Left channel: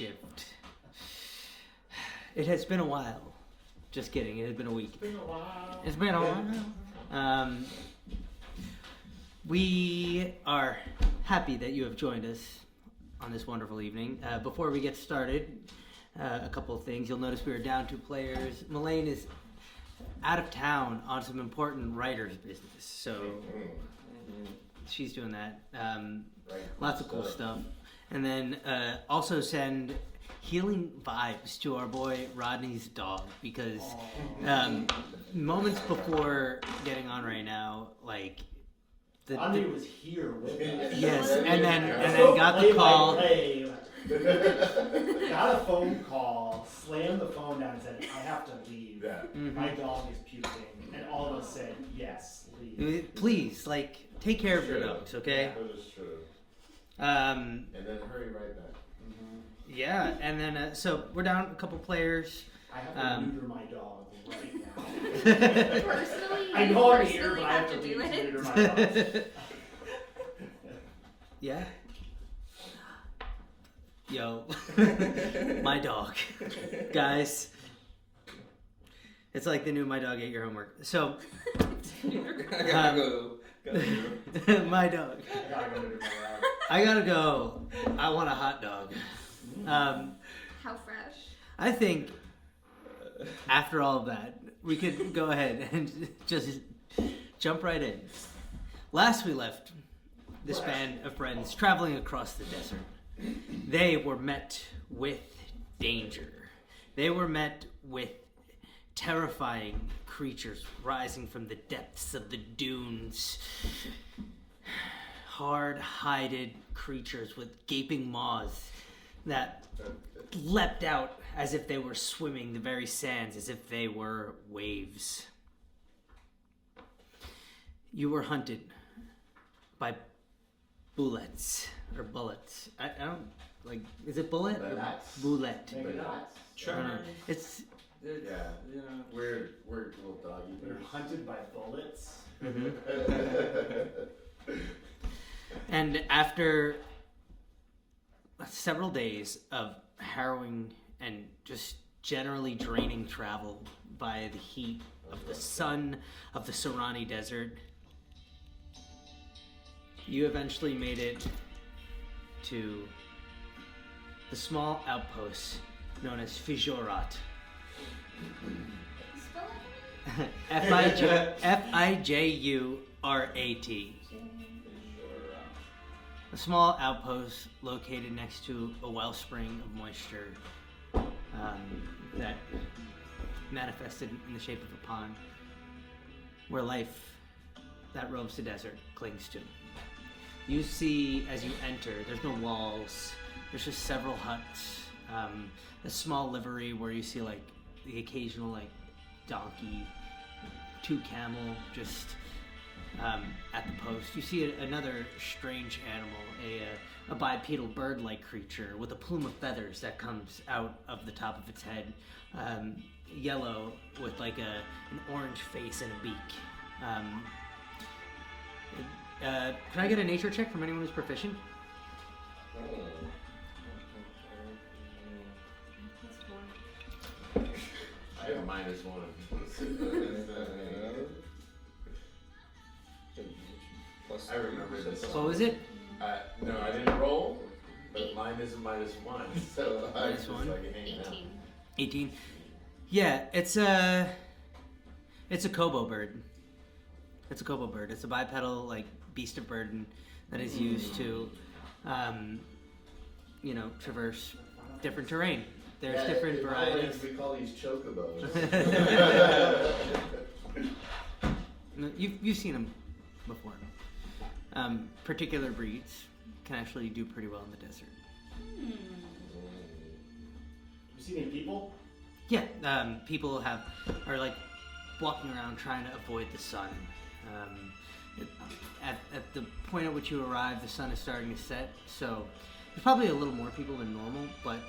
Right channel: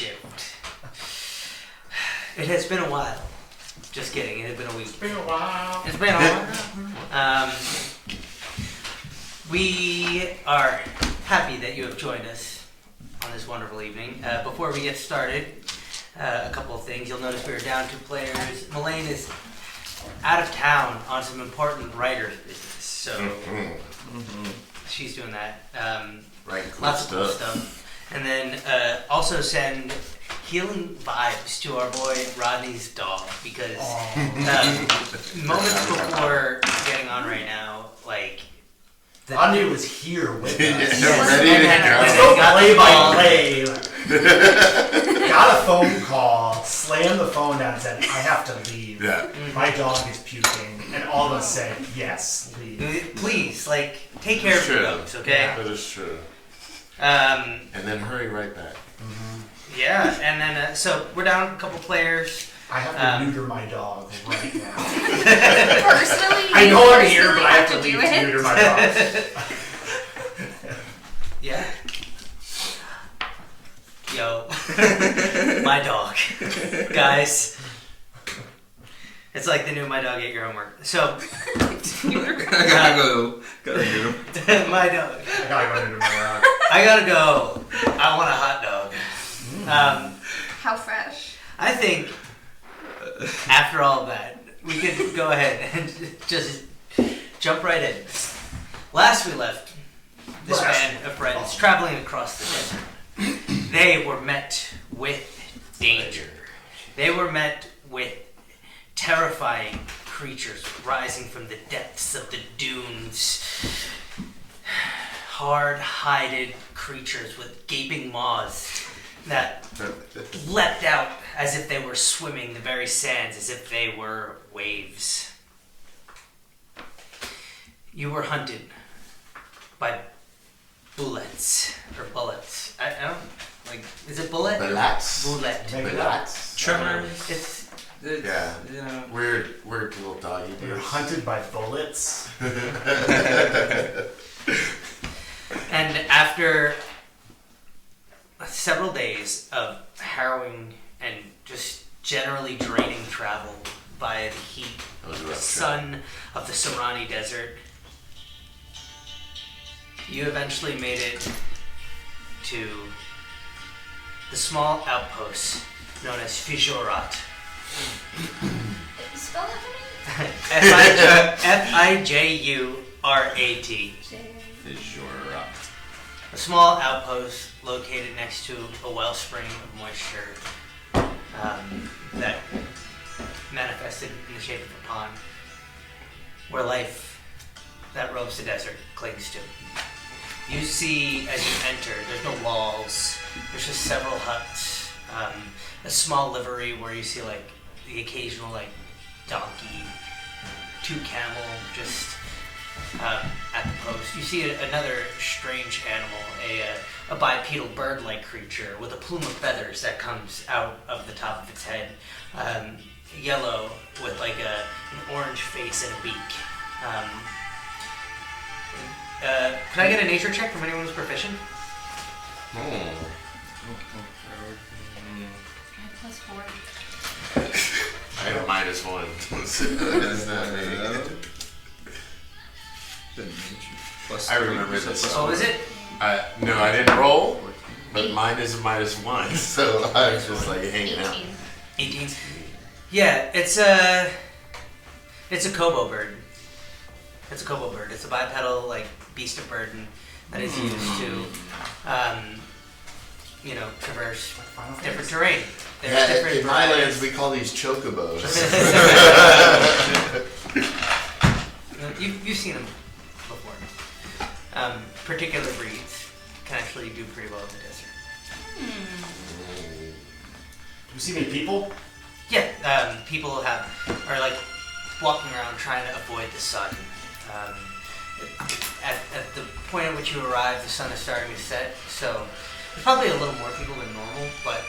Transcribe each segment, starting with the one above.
shift. It has been a while. Just kidding, it has been a week. It's been a while. It's been a while. We are happy that you have joined us on this wonderful evening. Before we get started, a couple of things. You'll notice we are down 2 players. Melaine is out of town on some important writer's business, so she's doing that. Right, lots of cool stuff. And then also send healing vibes to our boy Rodney's dog, because moments before getting on right now, like Rodney was here with us. Yes. Ready to Let's go play by play. Got a phone call, slammed the phone down and said, I have to leave. Yeah. My dog is puking. And all of us said, yes, leave. Please, like, take care of your dogs, okay? That is true. And then hurry right back. Yeah, and then, so we're down a couple players. I have to neuter my dog right now. Personally, I know I'm here, but I have to leave to neuter my dog. Yeah. Yo. My dog. Guys. It's like the new My Dog Ate Your Homework. So. I gotta go. My dog. I gotta go neuter my dog. I gotta go. I want a hot dog. How fresh? I think after all of that, we could go ahead and just jump right in. Last we left this band of friends traveling across the desert. They were met with danger. They were met with terrifying creatures rising from the depths of the dunes. Hard-hided creatures with gaping maws that leapt out as if they were swimming the very sands, as if they were waves. You were hunted by bullets. I don't, like, is it bullet? Bullets. Bullet. Bullets. Tremors. It's Yeah. You know. Weird little doggy. You're hunted by bullets. And after several days of harrowing and just generally draining travel by the heat, the sun of the Sorani Desert, you eventually made it to the small outpost known as Fijurat. Spell that for me? Fijurat. Fijurat. A small outpost located next to a wellspring of moisture that manifested in the shape of a pond, where life that roams the desert clings to. You see, as you enter, there's no walls, there's just several huts, a small livery where you see like the occasional like donkey, 2 camel just at the post. You see another strange animal, a bipedal bird-like creature with a plume of feathers that comes out of the top of its head, yellow with like an orange face and a beak. Can I get a nature check from anyone who's proficient? +4. I have -1. That's not me. I remember this. Oh, is it? No, I didn't roll, but mine is -1, so I was just like hanging out. 18. Yeah, it's a kobo bird. It's a kobo bird. It's a bipedal like beast of burden that is used to, traverse different terrain. There's different in my lands we call these chocobos. You've seen them before. Particular breeds can actually do pretty well in the desert. Do you see any people? Yeah, people are like walking around trying to avoid the sun. At the point at which you arrive, the sun is starting to set, so there's probably a little more people than normal, but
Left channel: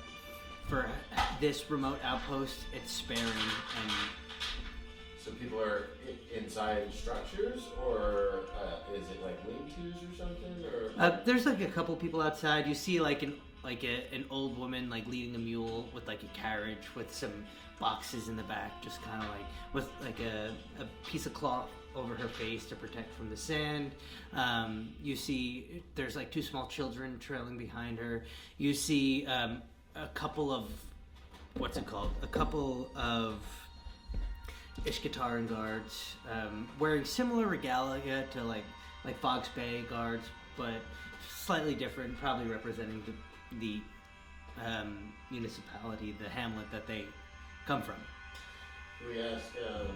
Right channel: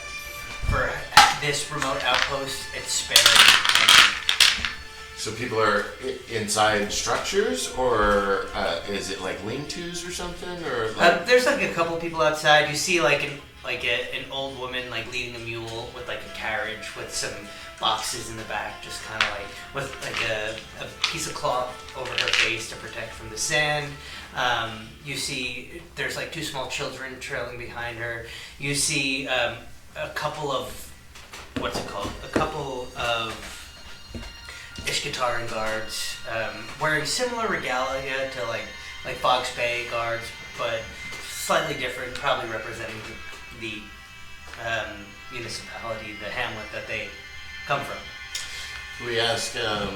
for this remote outpost, it's sparing. So people are inside structures, or is it like lean-tos or something, or? Like... There's like a couple people outside. You see like an old woman like leading a mule with like a carriage with some boxes in the back, just kind of like with like a piece of cloth over her face to protect from the sand. You see there's like 2 small children trailing behind her. You see a couple of Ishkataran guards wearing similar regalia to like Fox Bay guards, but slightly different, probably representing the municipality, the hamlet that they come from. We ask, I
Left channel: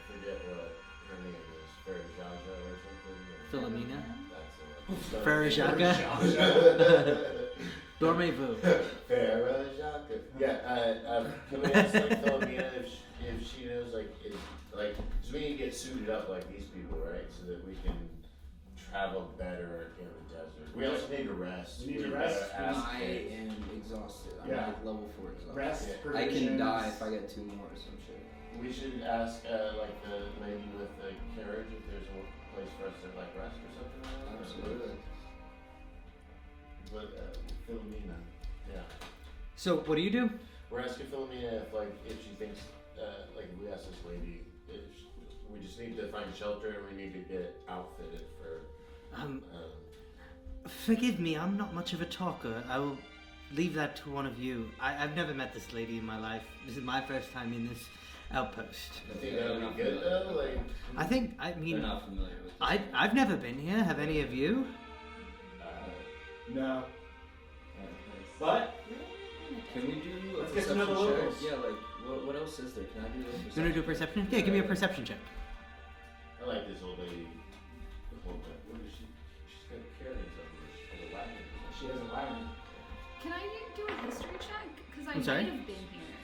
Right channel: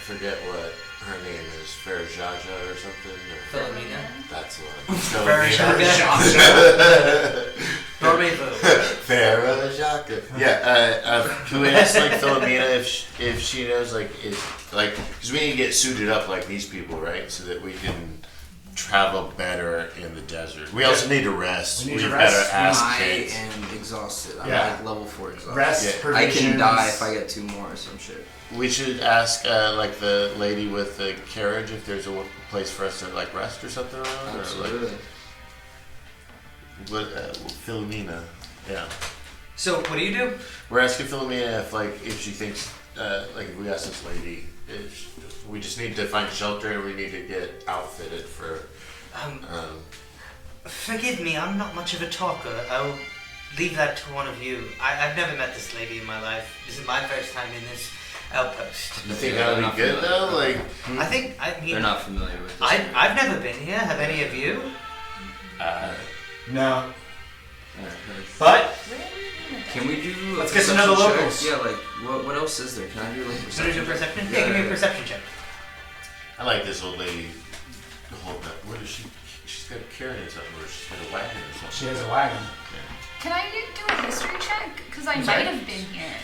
forget what her name is, Farajaja or something? Or Philomena? that's what. Farajaja. Dormez-vous. Farajaja. Yeah, can we ask like Philomena if she knows because we need to get suited up like these people, right? So that we can travel better in the desert. We also need to rest. We need to better rest. ask I kids. am exhausted. I'm Yeah. like level 4 exhausted. Rest, I provisions. can die if I get 2 more or some shit. We should ask like the lady with the carriage if there's a place for us to like rest or something around. Absolutely. Or like Philomena. Yeah. So what do you do? We're asking Philomena if she thinks if we ask this lady if we just need to find shelter and we need to get outfitted for. Forgive me, I'm not much of a talker. I'll leave that to one of you. I've never met this lady in my life. This is my first time in this outpost. You think Yeah, that would not be good familiar. though? Like, I mean, They're not familiar with this. I've never been here. Have any of you? No. Yeah, But Can we do a Let's get to know the perception check? locals. Yeah, like what else is there? Can I do like So there's a perception? Yeah, Yeah, give me yeah. a perception check. I like this old lady. Hold up. What is she? She's got a carrying something, or she's got a wagon or something. she has a wagon. Can I do a history check? Because I I'm sorry? might have been here.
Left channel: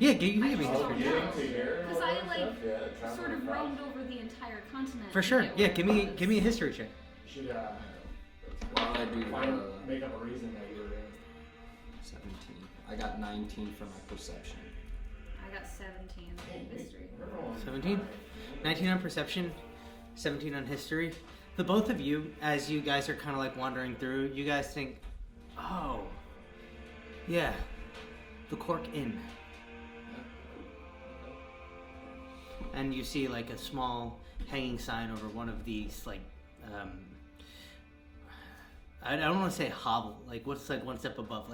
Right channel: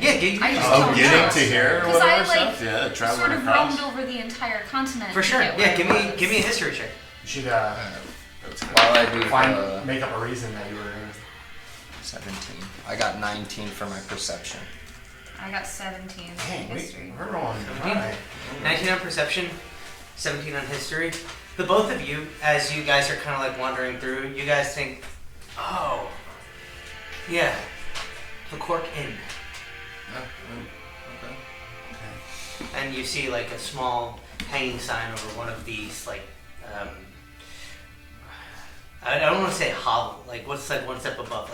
Yeah, give me I a just Oh, don't getting know. to here or 'Cause I, whatever like, stuff. Yeah, traveling Sort of across. roamed over the entire continent. For to sure. get Yeah, where give me a history check. You should That's good. While I do make up a reason that you were here. 17. I got 19 for my perception. I got 17 Dang, in history. we're going 17? high. 19 on perception, 17 on history. The both of you, as you guys are kind of like wandering through, you guys think, oh, yeah, the Cork Inn. And you see like a small hanging sign over one of these like I don't want to say hovel, like what's like one step above,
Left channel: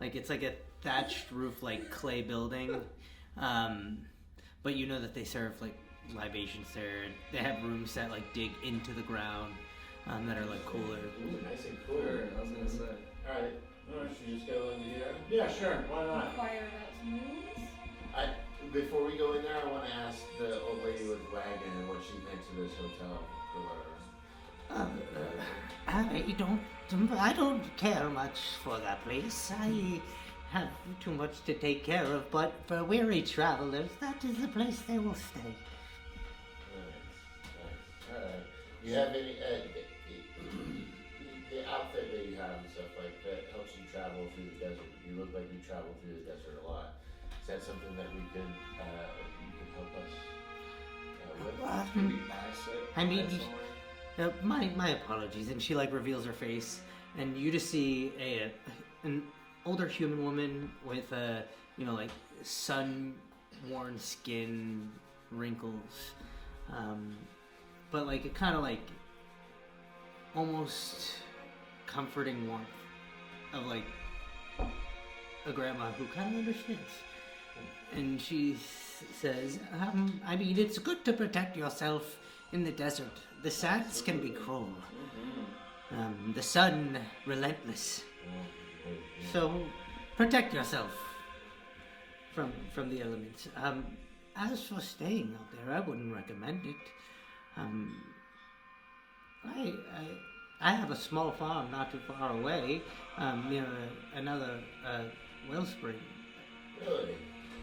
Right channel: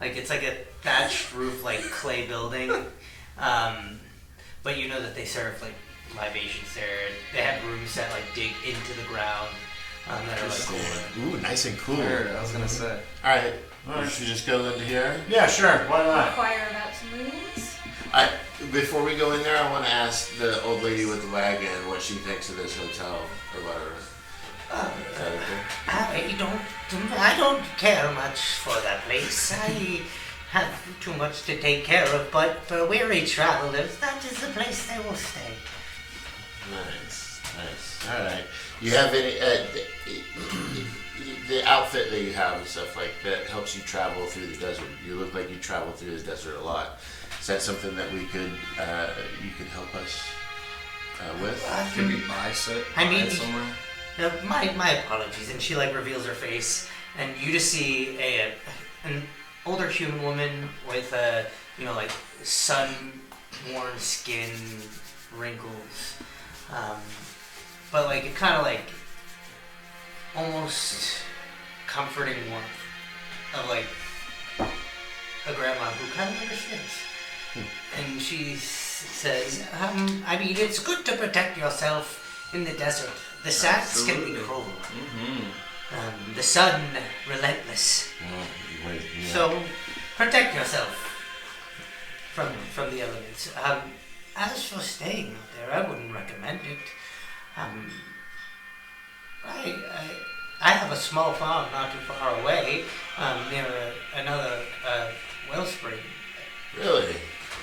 it's like a thatched roof like clay building, but you know that they serve like libations there. They have rooms that like dig into the ground that are like open. Ooh, nice and cool. Sure, I was gonna say. All right, Alright. we should just go into here. Yeah, sure. Why not? Inquire about some rooms. Before we go in there, I want to ask the old lady with the wagon what she thinks of this hotel or whatever. Is that okay? I don't care much for that place. I have too much to take care of, but for weary travelers, that is the place they will stay. Nice. All right. You have any the outfit that you have and stuff like that helps you travel through the desert. You look like you travel through the desert a lot. Is that something that we could you could help us with? Can we buy it? I mean- buy it somewhere? My apologies. And she like reveals her face, and you just see an older human woman with like sun-worn skin, wrinkles, but like a kind of like almost comforting warmth of like a grandma who kind of understands. And she says, I mean, it's good to protect yourself in the desert. The sands can be cruel. Mm-hmm. The sun, relentless. So, protect yourself from the elements. As for staying out there, I wouldn't recommend it. I have a small farm not too far away, near another wellspring. Really?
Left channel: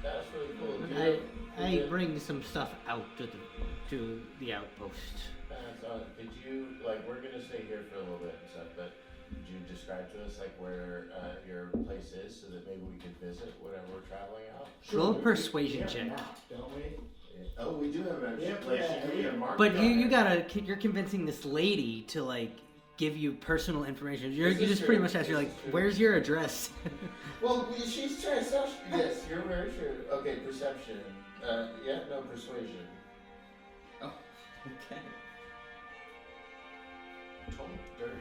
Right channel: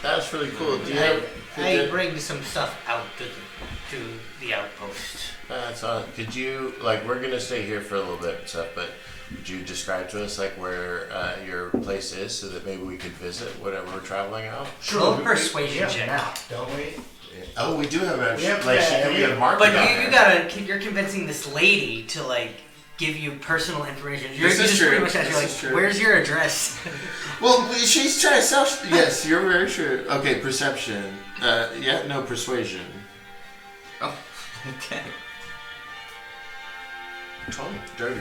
That's really cool. Do you I bring some stuff out to the outpost. That's could you we're gonna stay here for a little bit and stuff, but would you describe to us where your place is so that maybe we could visit whenever we're traveling out? Roll we- persuasion we have a check. map, don't we? Oh, we do have a Yeah, she yeah, can yeah. be a mark. But you're convincing this lady to give you personal information. You This is just true. pretty much ask, This you're is like, true. where's your address? Well, she's trying to sell. Yes, you're very true. Okay, perception. No, persuasion. Oh, okay. 20 dirty.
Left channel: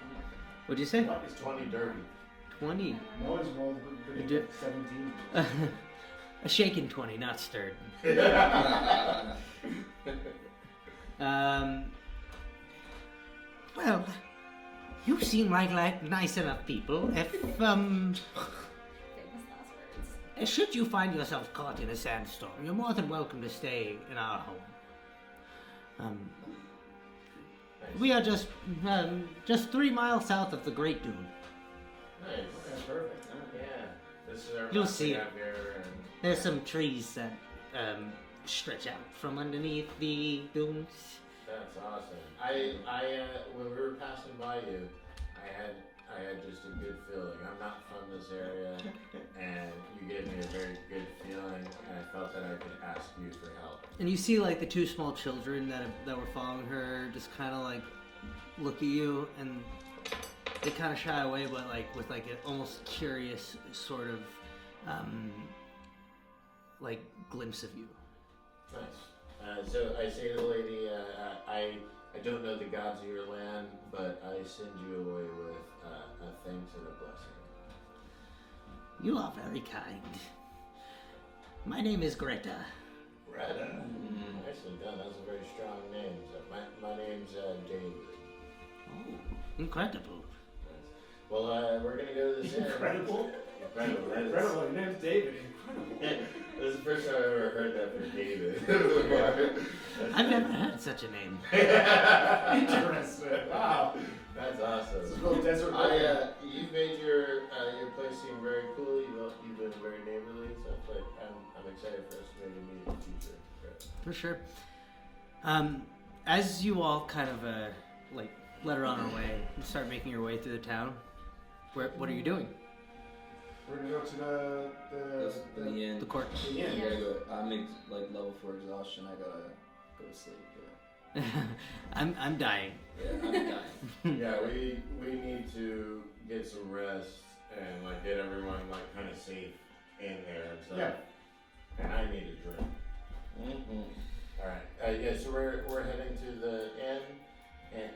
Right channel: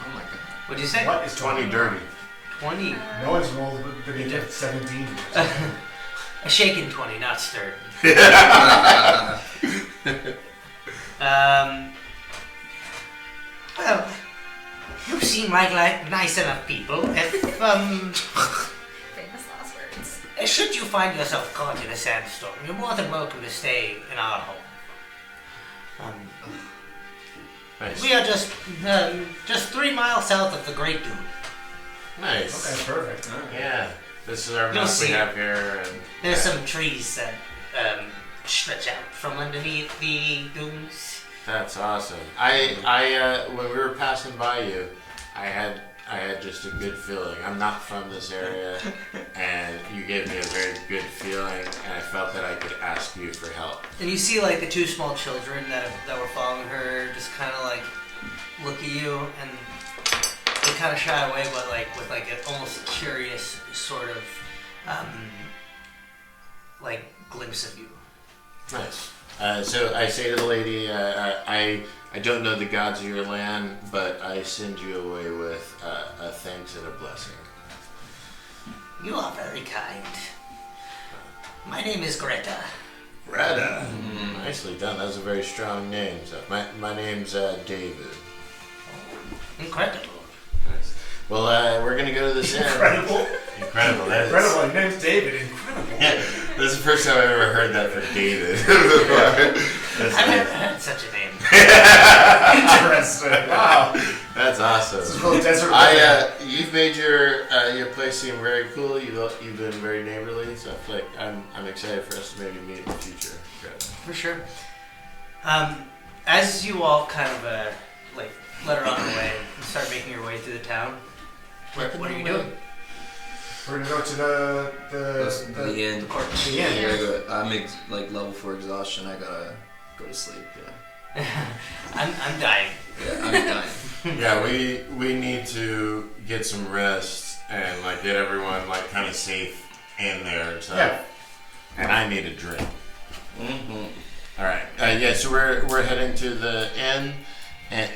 Oh my god. What'd you say? What is 20 dirty. 20. No one's rolled but he did 17. A shaken 20, not stirred. Well, you seem like nice enough people. If, Famous last words. should you find yourself caught in a sandstorm, you're more than welcome to stay in our home. Nice. We are just 3 miles south of the Great Dune. Nice. Okay, perfect. Yeah. This is our You'll map we see. have here. And There's some trees that stretch out from underneath the dunes. That's awesome. When we were passing by you, I had just a good feeling. I'm not from this area, and you gave me a very good feeling, and I felt that I could ask you for help. And you see like the 2 small children that were following her just kind of like look at you, and they kind of shy away, but like with like an almost curious sort of like glimpse of you. Nice. So I say to the lady, I don't know the gods of your land, but I send you away with a thanks and a blessing. You are very kind. My name is Greta. Greta. Nicely done. That was a very strong name. So my name's David. Incredible. Nice. Well, we're gonna go to this inn. Incredible. Incredible. That is. Incredible. Your name's David. Incredible. Yeah, this is the first time I've ever heard that from David. That's I've nice. never heard such a name. Interesting. Wow. That's awesome. This is real desert. You've made your place seem very cool. You've been very neighborly, so I feel like I'm excited for us to maybe meet in the future. For sure. As you all kind of like let her on her way and start making your way through the town, what are you doing? We're gonna go to The end. the inn. I gotta go. I'm like level 4 exhaustion. I gotta go to sleep. Yeah. I'm dying. Yeah, I'm dying. Yeah, we need to get some rest and like get everyone like kind of safe in there. So, Yeah. and I need a drink. Mm-hmm. All right. Yeah. So we're heading to the inn, and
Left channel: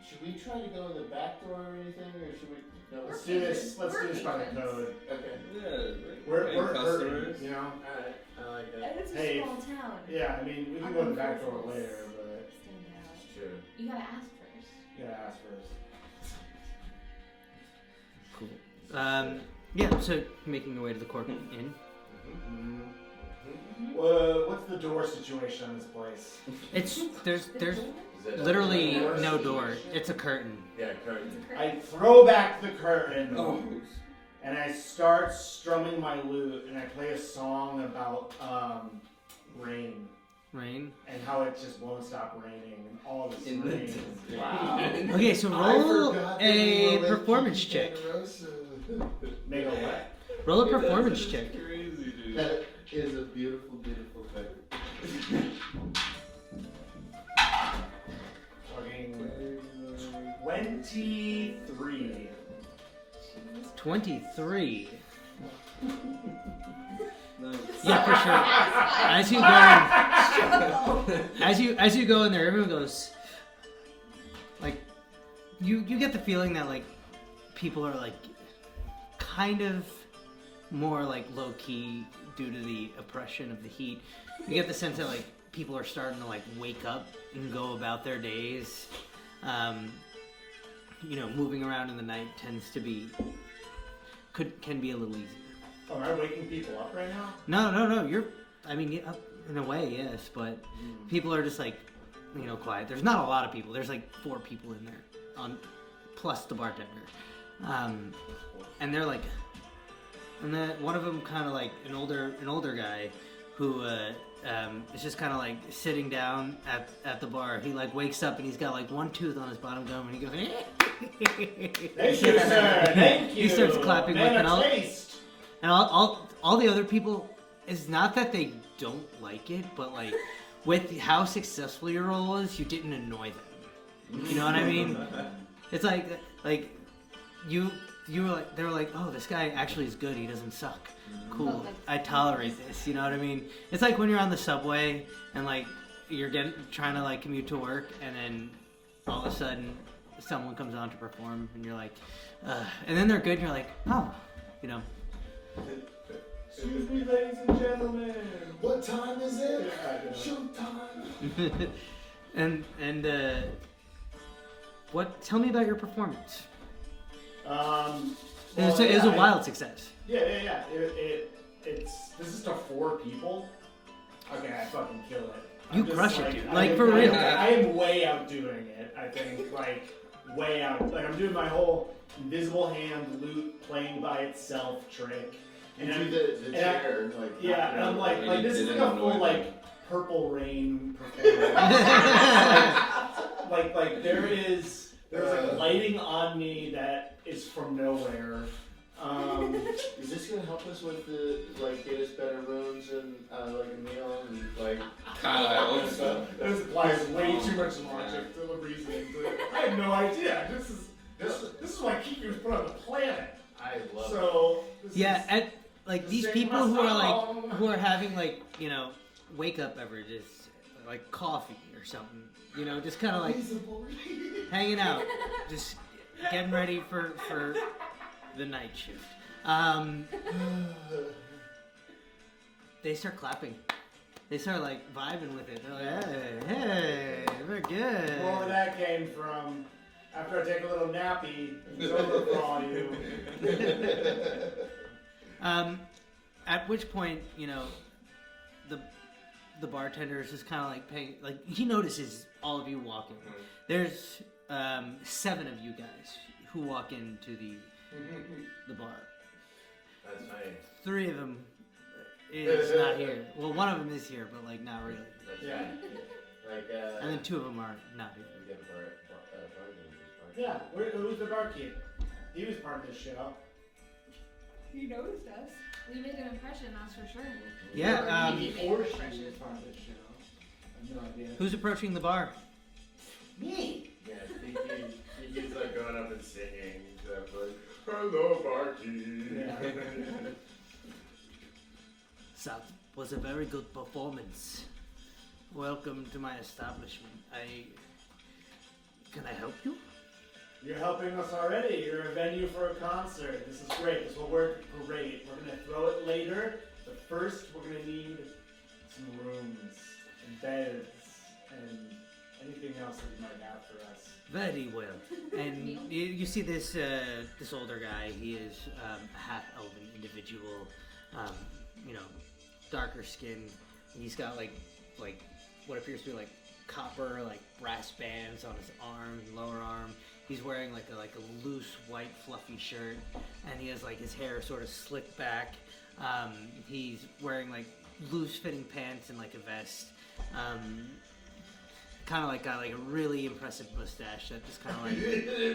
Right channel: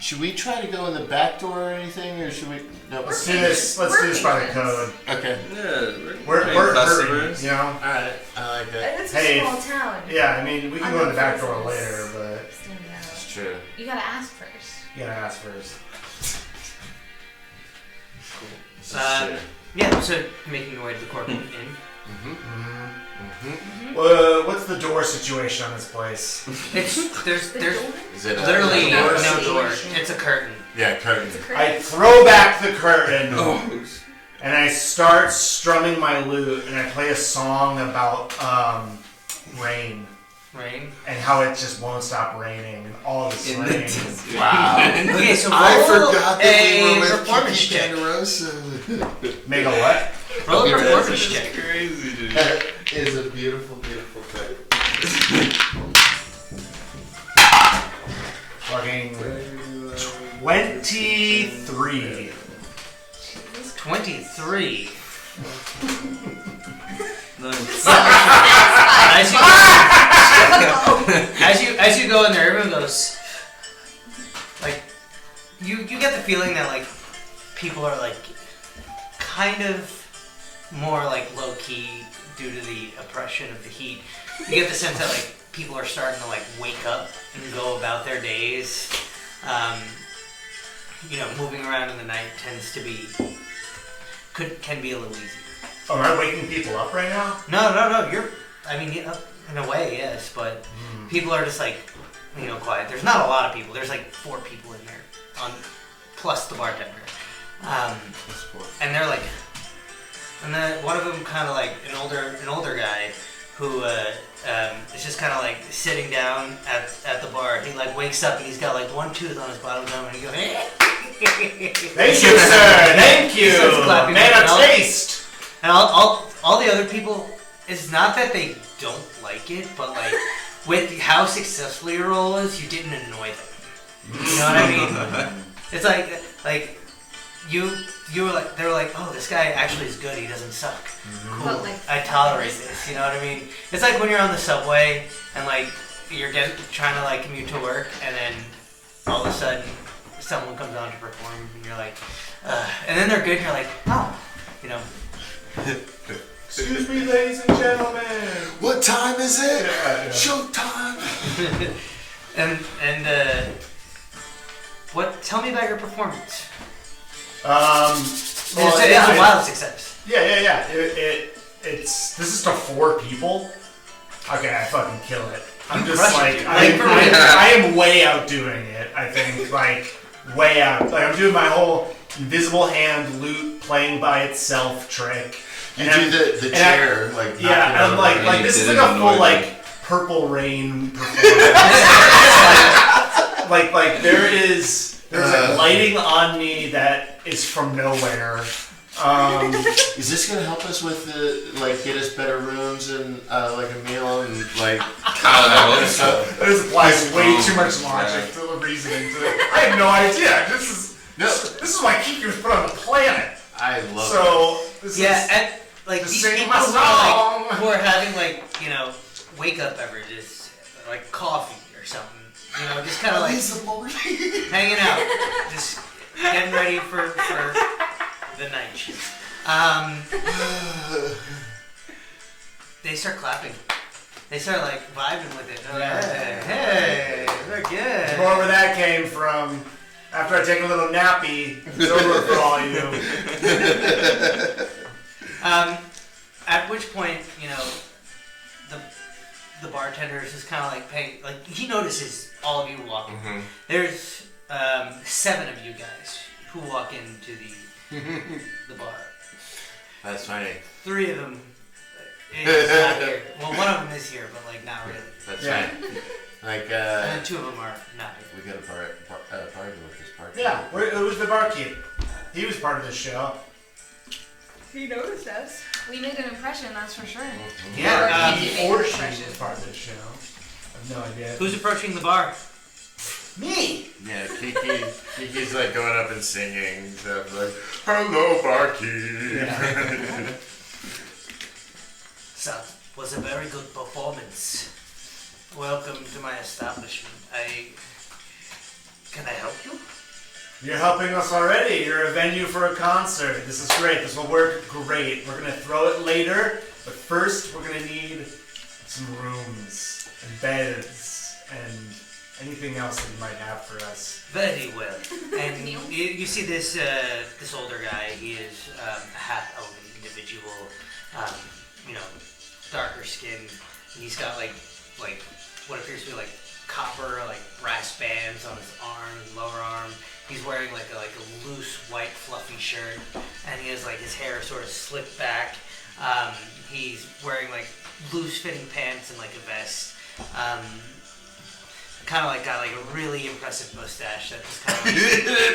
should we try to go in the back door or anything, or should we? No. Let's do this. Let's do this by the code. Okay. Yeah, We're hurting, customers. you know. All right. I like it. It's Hey, a small town. Yeah, I mean, we can go in the back door later, but Stand out. It's true. You gotta ask first. you gotta ask first. This is true. Yeah, so you're making your way to the corporate inn. What's the door situation on this place? There's Is it literally door? no door. It's a curtain. Yeah, curtain. I throw back the curtain Oh. and I start strumming my lute and I play a song about rain Rain. and how it just won't stop raining and all this In the rain. desert. Wow. Okay, so roll I forgot that we a were with performance Kiki check. Make a what? Roll a Okay, performance That's check. crazy, dude. That is a beautiful, beautiful thing. Fucking 23. 23. Nice. As you go in there, everyone goes like you get the feeling that like people are like kind of more like low key due to the oppression of the heat. You get the sense that like people are starting to like wake up and go about their days. Moving around in the night tends to be can be a little easy. Oh, am I waking people up right now? No. In a way, yes, but people are just like, quiet. There's not a lot of people. There's like 4 people in there, plus the bartender. And they're like, and then one of them kind of like an older guy who is just kind of like sitting down at the bar. He like wakes up and he's got like one tooth on his bottom gum and he goes, Thank you, sir. Thank you. He starts clapping Man back. of taste. And all the other people, it's not that they don't like it, but like with how successful your role is, you didn't annoy them. You know what I mean? It's like you were like, they were like, oh, this guy actually is good. He doesn't suck. Cool. But, like, I tolerate this. You know what I mean? It's like when you're on the subway and like you're trying to like commute to work, and then all of a sudden someone comes on to perform, and you're like, and then they're good. And you're like, oh, you know. Excuse me, ladies and gentlemen. What time is it? Yeah. Showtime. and what? Tell me about your performance. Well, It's a wild success. Yeah. This is to 4 people. Okay, I fucking kill it. I'm You just crush like, it. I am way outdoing it. I think like way out. Like I'm doing my whole invisible hand loot playing by itself trick. You And do the chair, Yeah, I'm like this is like a full like Purple Rain performance. like there's like lighting on me that is from nowhere. Is this gonna help us with get us better rooms and like a meal and like? This applies way too much logic to the reasoning to it. I have no idea. This is why Kiki was put on the planet. I love it. So this is Like just these sing people my who song. who are having like, you know, wake up beverages, like coffee or something. You know, just kind of like hanging out, just getting ready for the night shift. They start clapping. They start like vibing with it. They're like, hey, we're good. Wherever that came from. After I take a little nappy, it's over for all you. At which point, you know, the bartender is just kind of like paying, like he notices all of you walking. Mm-hmm. There's 7 of you guys who walk into the bar. That's funny. 3 of them is not here. Well, one of them is here, but like not really. That's Yeah. funny. Like And then 2 of them are not here. we got a party with this party. Yeah, who's the barkeep? He was part of the show. He noticed us. We made an impression, that's for sure. Yeah. He or she was part of the show. I have no idea. Who's approaching the bar? Me? Yeah, Kiki's like going up and singing stuff like, "Hello, barkeep." Yeah. So, was a very good performance. Welcome to my establishment. Can I help you? You're helping us already. You're a venue for a concert. This is great. This will work great. We're gonna throw it later, but first we're gonna need some rooms and beds and anything else that you might have for us. Very well. And you see this older guy. He is a half-elven individual, you know, darker skinned. And he's got like what appears to be like copper, like brass bands on his arm, lower arm. He's wearing like a loose white fluffy shirt, and he has like his hair sort of slicked back. He's wearing like loose fitting pants and like a vest. Kind of like got like a really impressive mustache that just kind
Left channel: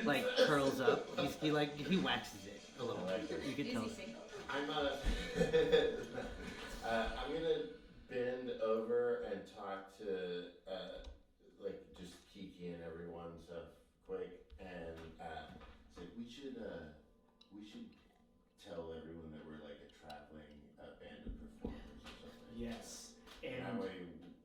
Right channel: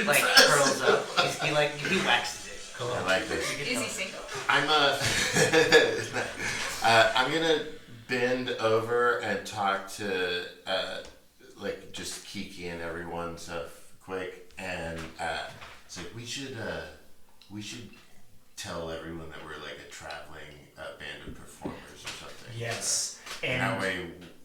of like curls up. He waxes it. Cool. I like this. Is he single? I'm gonna bend over and talk to like just Kiki and everyone stuff quick, and it's like we should tell everyone that we're like a traveling band of performers or something. Yes. And And that way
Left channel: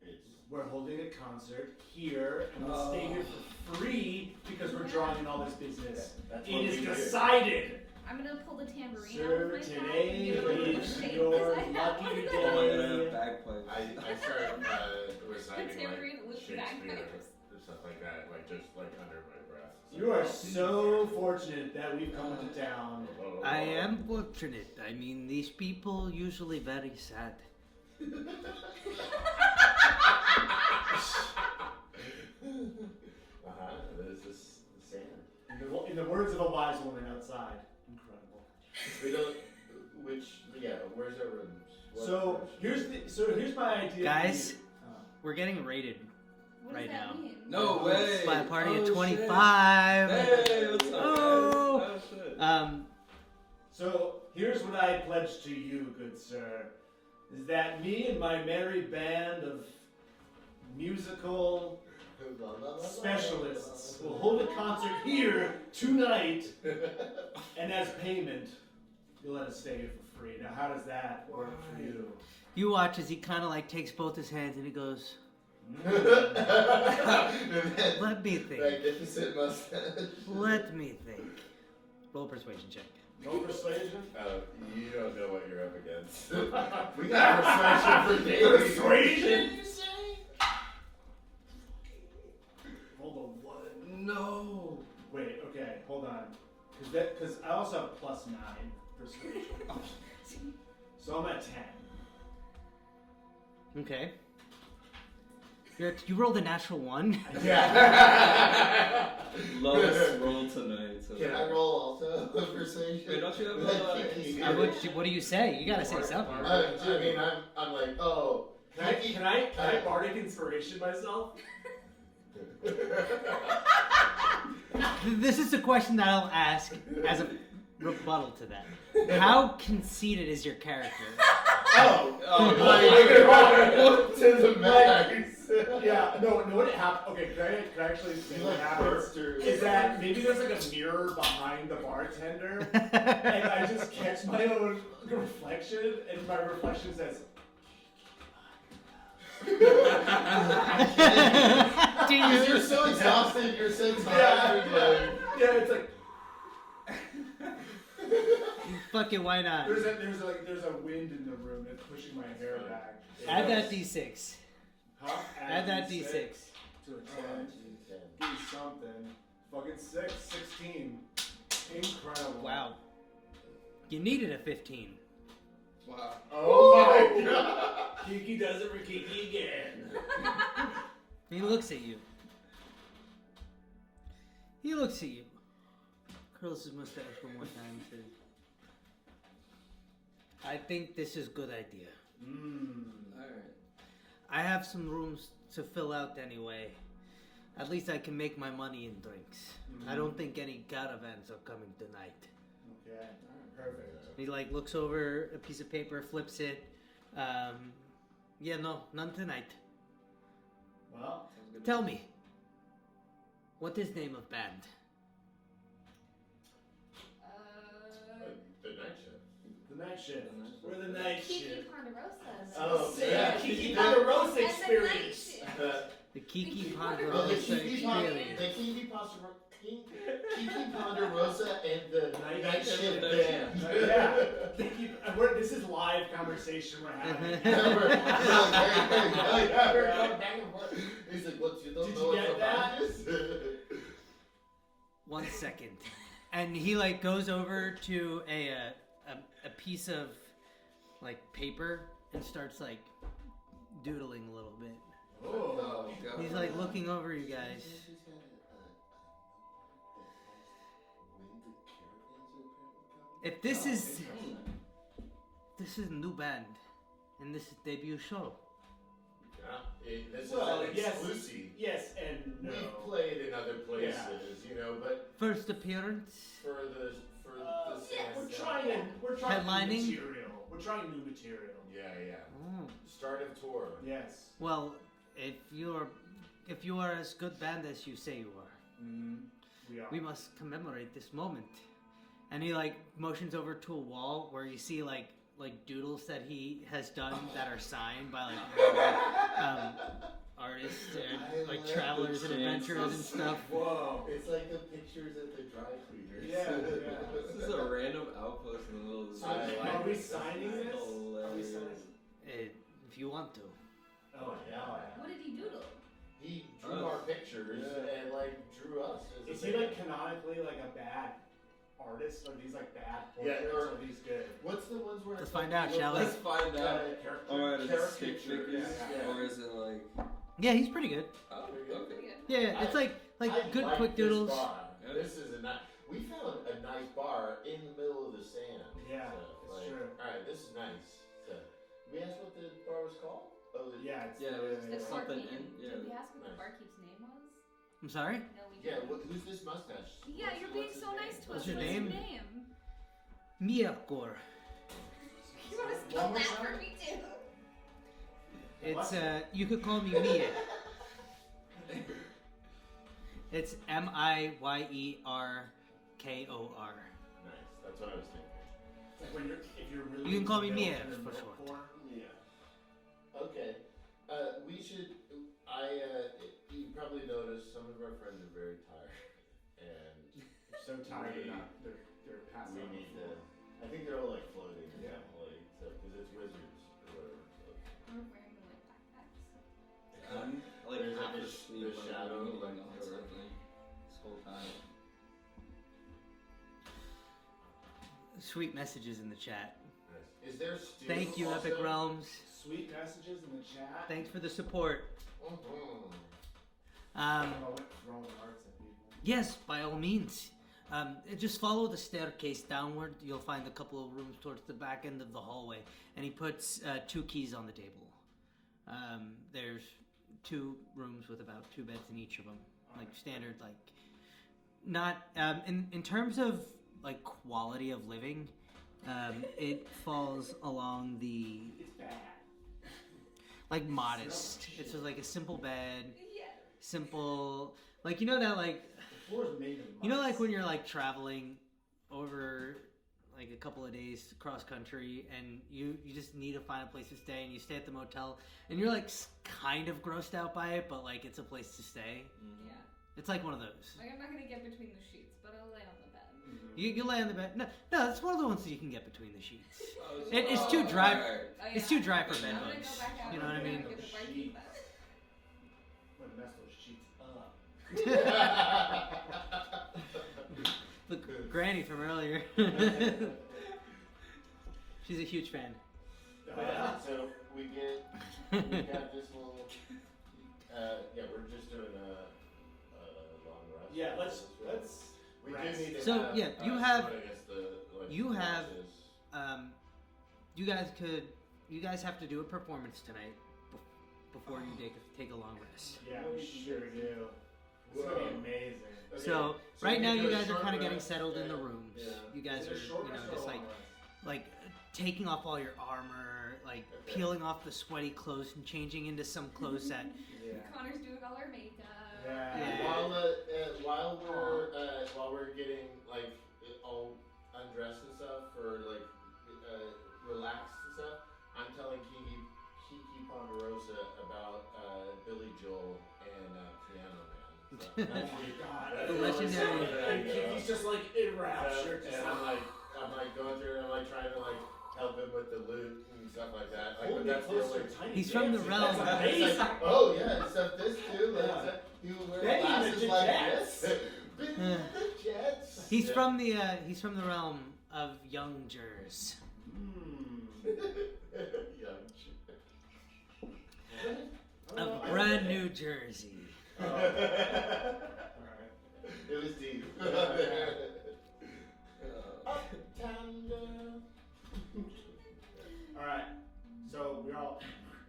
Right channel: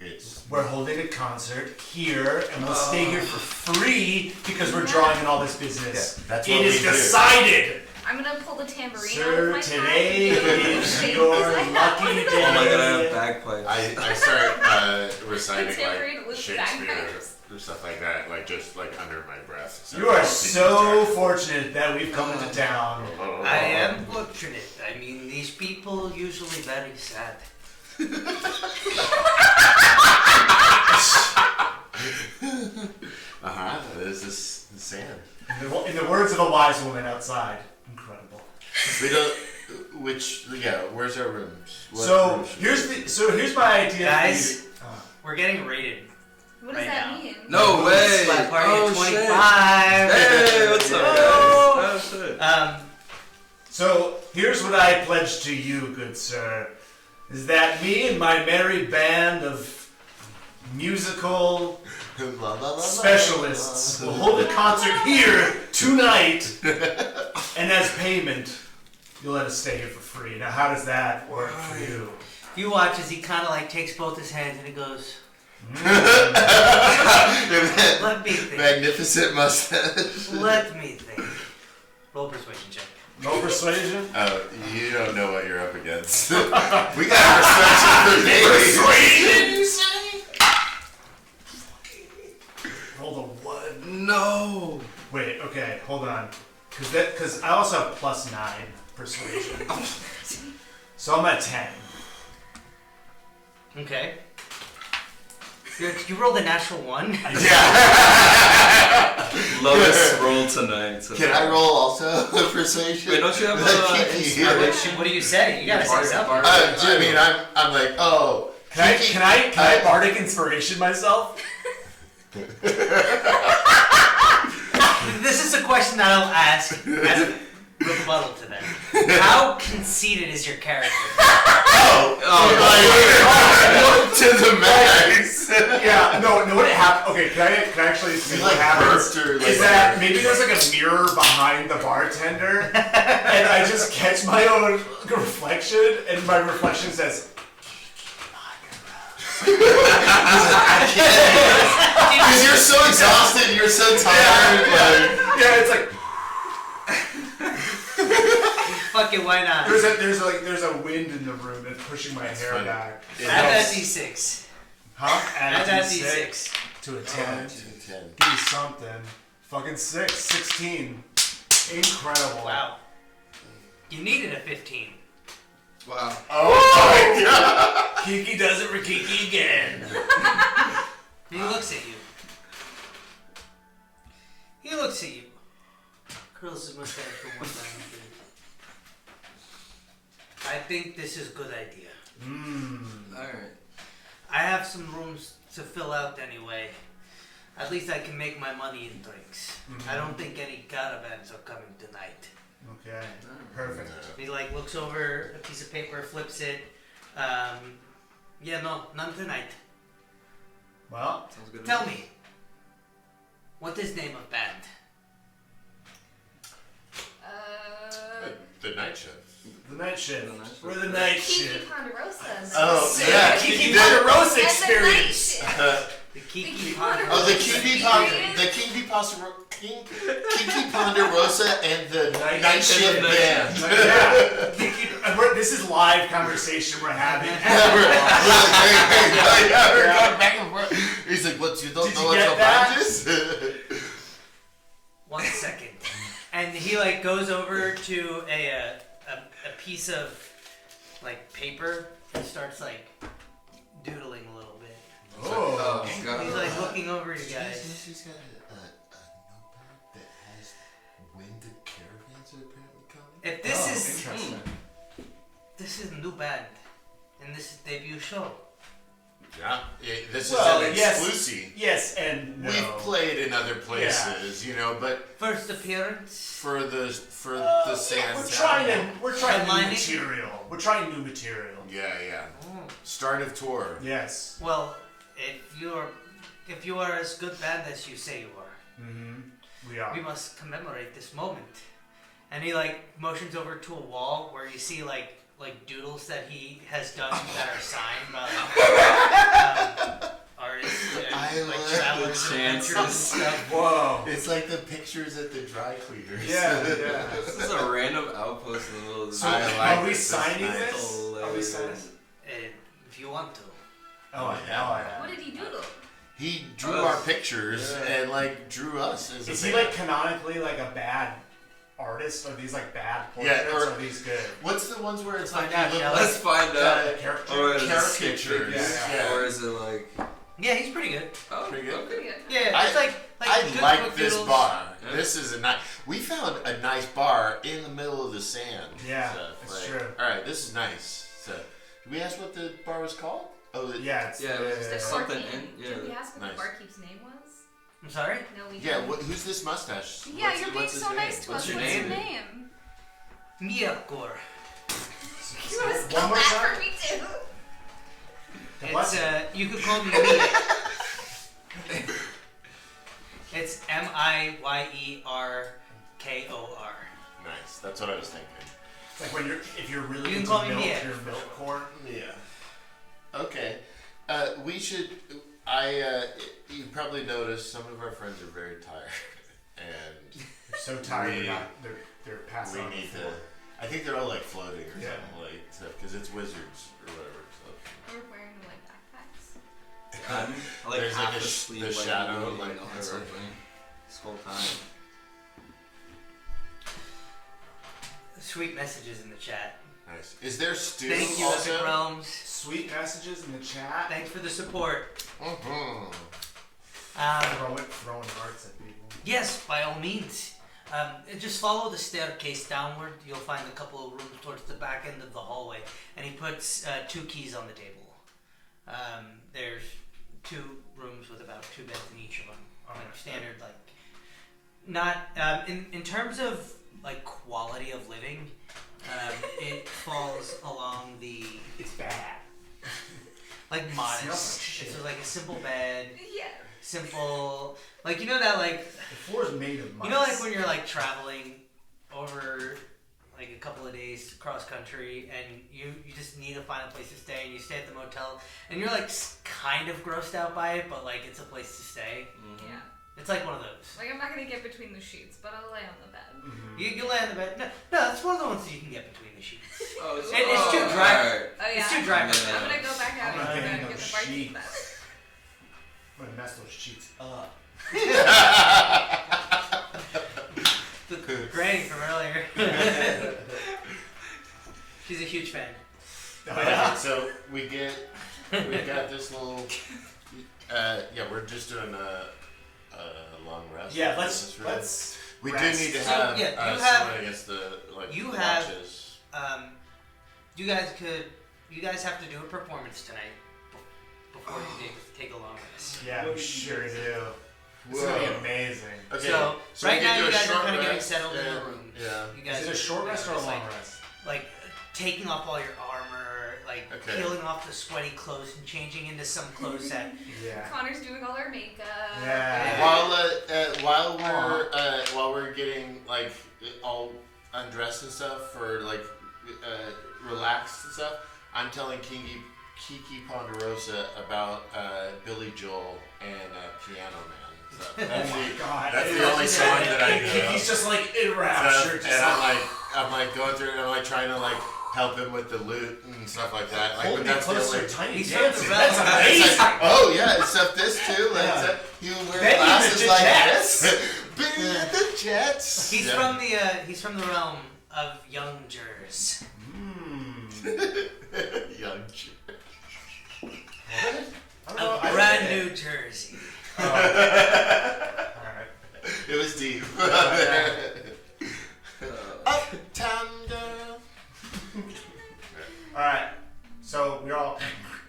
it's we're holding a concert here, and we'll stay here for free because we're drawing in all this business. Yeah, that's It what is we do. decided. I'm gonna pull the tambourine Sir, out of my today pack. is your lucky day. Oh my god, I have bagpipes. I start reciting The tambourine with Shakespeare bagpipes. or stuff like that, like just like under my breath. So You are I'll so sing fortunate that we've come into town. I am fortunate. I mean, these people usually very sad. This is sand. In the words of a wise woman outside, incredible. We don't. Where's our rooms? What So rooms? here's my idea. Guys. For you. We're getting rated. What does Right that now. mean? No way! Slap party Oh, at 25. shit. Hey, what's up, guys? Oh, shit. So here's what I pledge to you, good sir, is that me and my merry band of musical La, la, la, la, specialists la, will la, hold a la. concert here tonight, and as payment, you'll let us stay here for free. Now, how does that work for you? You watch as he kind of like takes both his hands and he goes, let me think. Magnificent mustache. Let me think. Roll persuasion check. No persuasion? Oh, you don't know what you're up against. We got persuasion for days. Persuasion, you say? Rolled a 1. No. Wait, okay, hold on. Because I also have +9 persuasion. So I'm at 10. Okay. You rolled a natural 1. Yeah. Lowest roll tonight. So Can I roll also persuasion? Wait, don't you have Kiki. inspiration? What do you say? You gotta say something. I mean, I'm like, oh. Can I bardic inspiration myself? This is a question that I'll ask as a rebuttal to that. How conceited is your character? To the max. Yeah, no, what happened? Okay, can I actually say what happens? Is that maybe there's like a mirror behind the bartender, and I just catch my own reflection, and my reflection says, Because you're so exhausted, you're so tired. yeah, it's like Fuck it, why not? there's a wind in the room that's pushing my hair funny. back. Add that D6. Huh? Add that D6. To a 10. 10. Give me something. Fucking 16. Incredible. Wow. You needed a 15. Wow. Oh my god. Kiki does it for Kiki again. He looks at you. He looks at you. Curls his mustache for one time. I think this is a good idea. Alright. I have some rooms to fill out anyway. At least I can make my money in drinks. I don't think any caravans are coming tonight. Okay. Perfect. He like looks over a piece of paper, flips it. Yeah, no, none tonight. Well, Sounds good. Tell me, what is name of band? The night shift. the night shift. The night shift. We're the night Kiki shift. Ponderosa. Oh, Sick. yeah. Kiki the- Ponderosa That's the night experience. shift. The Kiki Kiki Ponderosa. Oh, the Kiki Ponderosa and the night shift band. Yeah. Kiki, this is live conversation we're having. We're going back and forth. He's like, "What? You don't Did know you what get your that? band is?" 1 second. And he like goes over to a piece of like paper and starts like doodling a little bit. Oh. God. He's like looking over you guys. She's got a notepad that has when the caravans are apparently coming. If this is a new band and this is debut show. Yeah, this Well, is an yes. exclusive. Yes and no. We've played in other places, you know, but First appearance. for the sand. We're trying new Headlining? material. We're trying new material. Yeah. Oh. Start of tour. Yes. Well, if you are as good band as you say you are, We are. we must commemorate this moment. And he like motions over to a wall where you see like doodles that he has done that are signed by artists and like travelers and adventurers and stuff. Whoa. It's like the pictures at the dry cleaners. Yeah. This is a random outpost in the middle of the So I like are we this. This is signing nice. this? Are we signing? If you want to. Oh hell yeah. What did he doodle? He drew our pictures and like drew us as Is a he band. like canonically like a bad artist? Are these like bad Yeah, portraits? or- Or are these good? What's the ones where it's Find like out, you look shall like Let's find out. Character? Or is it caricatures? Yeah. Or is it like? Yeah, he's pretty good. Oh, Pretty good. okay. Pretty good. Yeah, I- it's like I good like quick this doodles. bar. Yeah. This is a nice. We found a nice bar in the middle of the sand. Yeah, So, it's like, true. All right, this is nice. So, did we ask what the bar was called? Oh, Yeah, it's Yeah, The There's something barkeep. in- yeah, Did we ask what nice. the barkeep's name was? I'm sorry? No, we yeah. didn't. Who's this mustache? Yeah, What's- you're being what's his so name? nice to What's us. your What's name? your name? Miyakor. You want to One spell more that time? for me too? It's you could call me Mia. Miyerkor. Nice. That's what I was thinking. It's like when if you're really You can into call me milk, Mia. you're milk core. Yeah. Okay. We should. You probably noticed some of our friends are very tired, and They're so tired. They're passed we on the need floor. to. I think they're all like floating or Yeah. something like stuff because it's wizards or whatever. We're wearing like backpacks. So. Like There's half like the the sleeve, shadow, like like on or- something this whole time. Sweet messages in the chat. Nice. Is there stew Thank you, also? Epic Realms. Sweet messages in the chat. Thanks for the support. Mhm. Throwing hearts at people. Yes, by all means. Just follow the staircase downward. You'll find a couple of rooms towards the back end of the hallway. And he puts 2 keys on the table. There's 2 rooms with about 2 beds in each of them. Like standard, like not in terms of like quality of living. It falls along the It's bad. like Smells like modest. shit. It's like a simple bed, Yeah. simple. Like you know that like. The floor is made of mice. You know, like when you're like traveling over like a couple of days cross country, and you just need to find a place to stay, and you stay at the motel, and you're like kind of grossed out by it, but like it's a place to stay. Yeah. It's like one of those. Like I'm not gonna get between the sheets, but I'll lay on the bed. Mhm. You lay on the bed. No, that's one of the ones that you can get between the sheets. Oh, It's too dry. alright. Oh yeah. It's too dry for Yeah. I'm that. gonna go back out I'm and not get getting the those barkeep sheets. bed. I'm gonna mess those sheets up. The granny from earlier. She's a huge fan. Oh, yeah. So we got this little. Yeah, we're just doing a long rest. Yeah, This let's is really- let's. We rest. do need to So, have. yeah, you someone have- against the like. you the have- watches. You guys have to do a performance tonight before you take a long rest. Yeah, we sure do. It's gonna be amazing. Okay, So, we right can now do you a guys are short kind of getting rest settled in and- your rooms. Yeah. You guys Is it a are, short rest or a just, long like, rest? Like taking off all your armor, like Okay. peeling off the sweaty clothes and changing into some clothes that. Yeah. Connor's doing all our makeup. Yeah. While we're getting like all undressed and stuff for like relaxed and stuff, I'm telling Kiki Ponderosa about Billy Joel and Piano Man. So that's Oh my god. that's the only song that I know. He's just like enraptured. And I'm like going through it and I'm like trying to like help him with the loot and stuff like that. Like, Hold but me that's the closer, only. tiny He's from the dancing. realm. That's It's amazing. like, oh yeah, except this too. Like, Yeah. except he would wear Benny glasses the like Jets. this. Benny the Jets. He's Yeah. he's from the realm of young Jers. Young Jew. Of brand New Jersey. Alright. It was deep. Uptown girl. Alright. So we're all.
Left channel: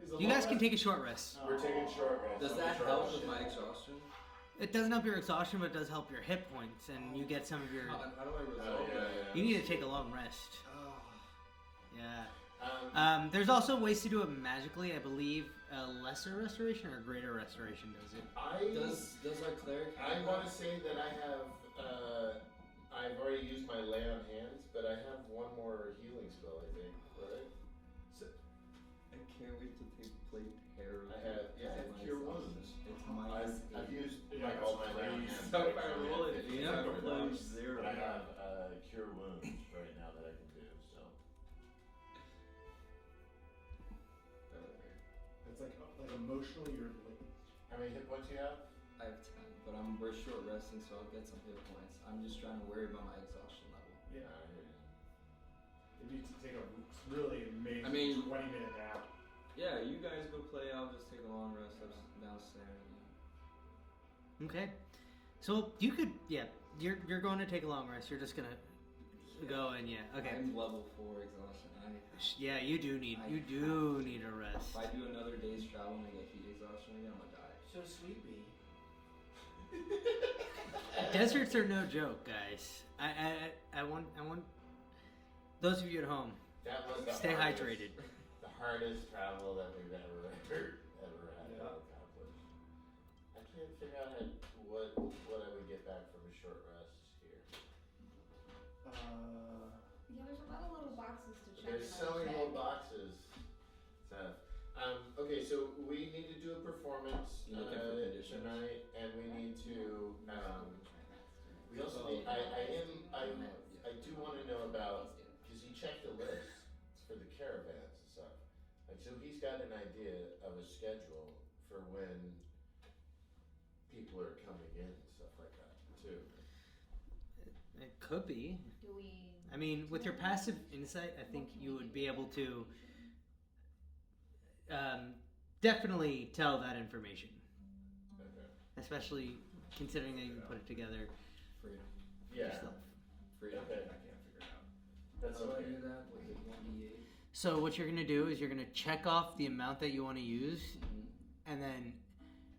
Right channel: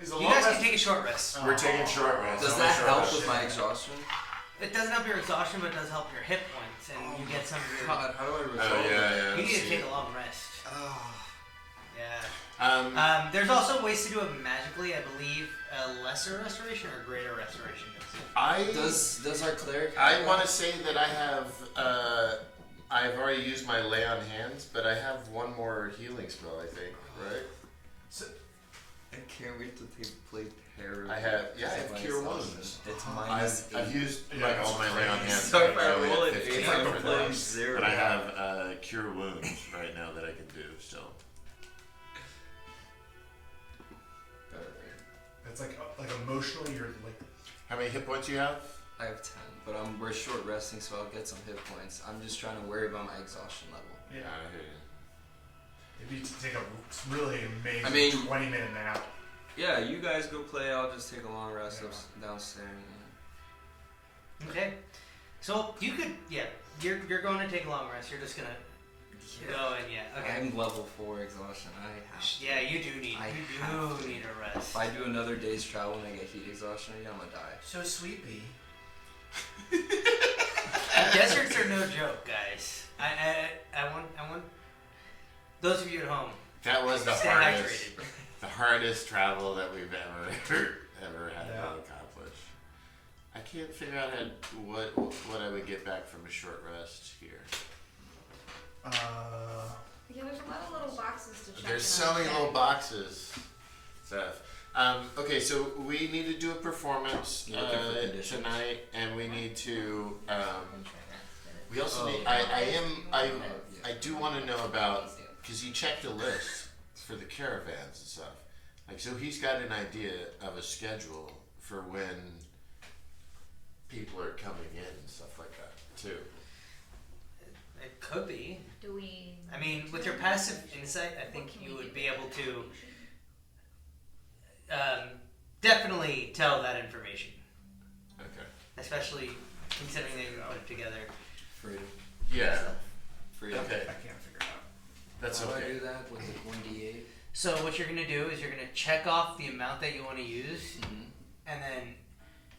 Is a You long guys can rest? take a short rest. We're taking short rest. Does Only that short help rest. with my exhaustion? It doesn't help your exhaustion, but it does help your hit points, and you get some of your. God, how do I resolve Oh yeah. You need to see. take a long rest. Oh. Yeah. There's also ways to do it magically. I believe lesser restoration or greater restoration does it. Does our cleric? I want to say that I have. I've already used my lay on hands, but I have one more healing spell. I think, right? I can't wait to play Terror. I have. Yeah, I have Minus cure exhaustion. wounds. It's minus I've eight. used Yeah, like that's all my lay on crazy. hands. So if I I only roll have an 15 8, for I'm those. playing 0. But I have cure wounds right now that I can do still. It's like emotionally, you're like. How many hit points you have? I have 10, but we're short resting, so I'll get some hit points. I'm just trying to worry about my exhaustion level. Yeah. I hear you. Maybe to take a really amazing I mean- 20-minute nap. Yeah, you guys go play. I'll just take a long rest downstairs. Okay. So you could, yeah, you're going to take a long rest. You're just gonna go and okay. I'm level 4 exhaustion. I have to. Yeah, you do need I you have do need a rest. If I do another day's travel and I get heat exhaustion again, I'm gonna die. So sleepy. Deserts are no joke, guys. I want those of you at home. That was the Stay hardest. hydrated. The hardest travel that we've ever had Yeah. to accomplish. I can't can't figure out what I would get back from a short rest here. Yeah, there's a lot of little boxes to check. There's in so our many bag. little boxes. Stuff. Okay, so we need to do a performance You're looking for conditions. tonight, and we need to. We also need. I do want to know about, because he checked a list for the caravans and stuff. Like, so he's got an idea of a schedule for when people are coming in and stuff like that too. It could be. Do we? I mean, with your passive insight, I think you would be able to definitely tell that information, Okay. especially considering they put it together. Freedom. Yeah. Freedom. Okay. I can't figure it out. That's How do I okay. do that with the 1d8? So what you're gonna do is you're gonna check off the amount that you want to use, Mm-hmm. and then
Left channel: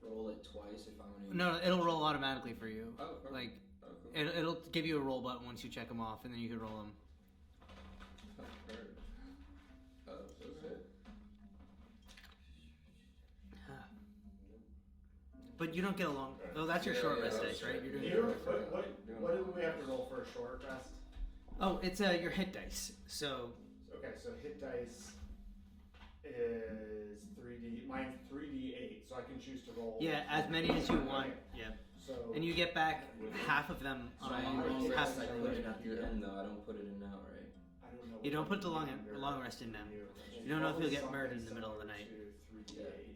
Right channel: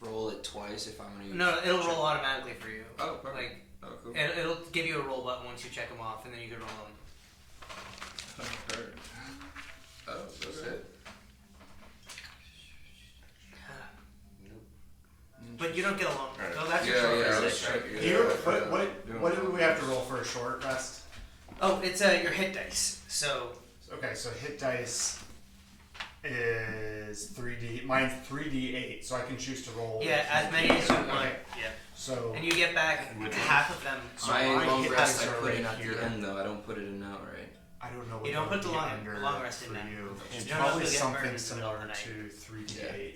Roll it twice if I'm gonna use no, it'll roll automatically for you. Oh, perfect. Like Oh, cool. it'll give you a roll button once you check them off, and then you can roll them. Oh, that's it. But you don't get a long. Right. So that's your Yeah, short yeah, rest. that's right. What do we have to roll for a short rest? Oh, it's your hit dice. So Okay, so hit dice is 3D. Mine's 3D8, so I can choose to roll. yeah, as many as you want. Okay. Yeah, So and you get back half of them. So My my long hit rest dice I are put in right at here. the end though. I don't put it in now, right? I don't know what You don't put the long under rest in for now. you. It's You don't know if probably you'll get something burned in the middle of similar the night. to 3D8.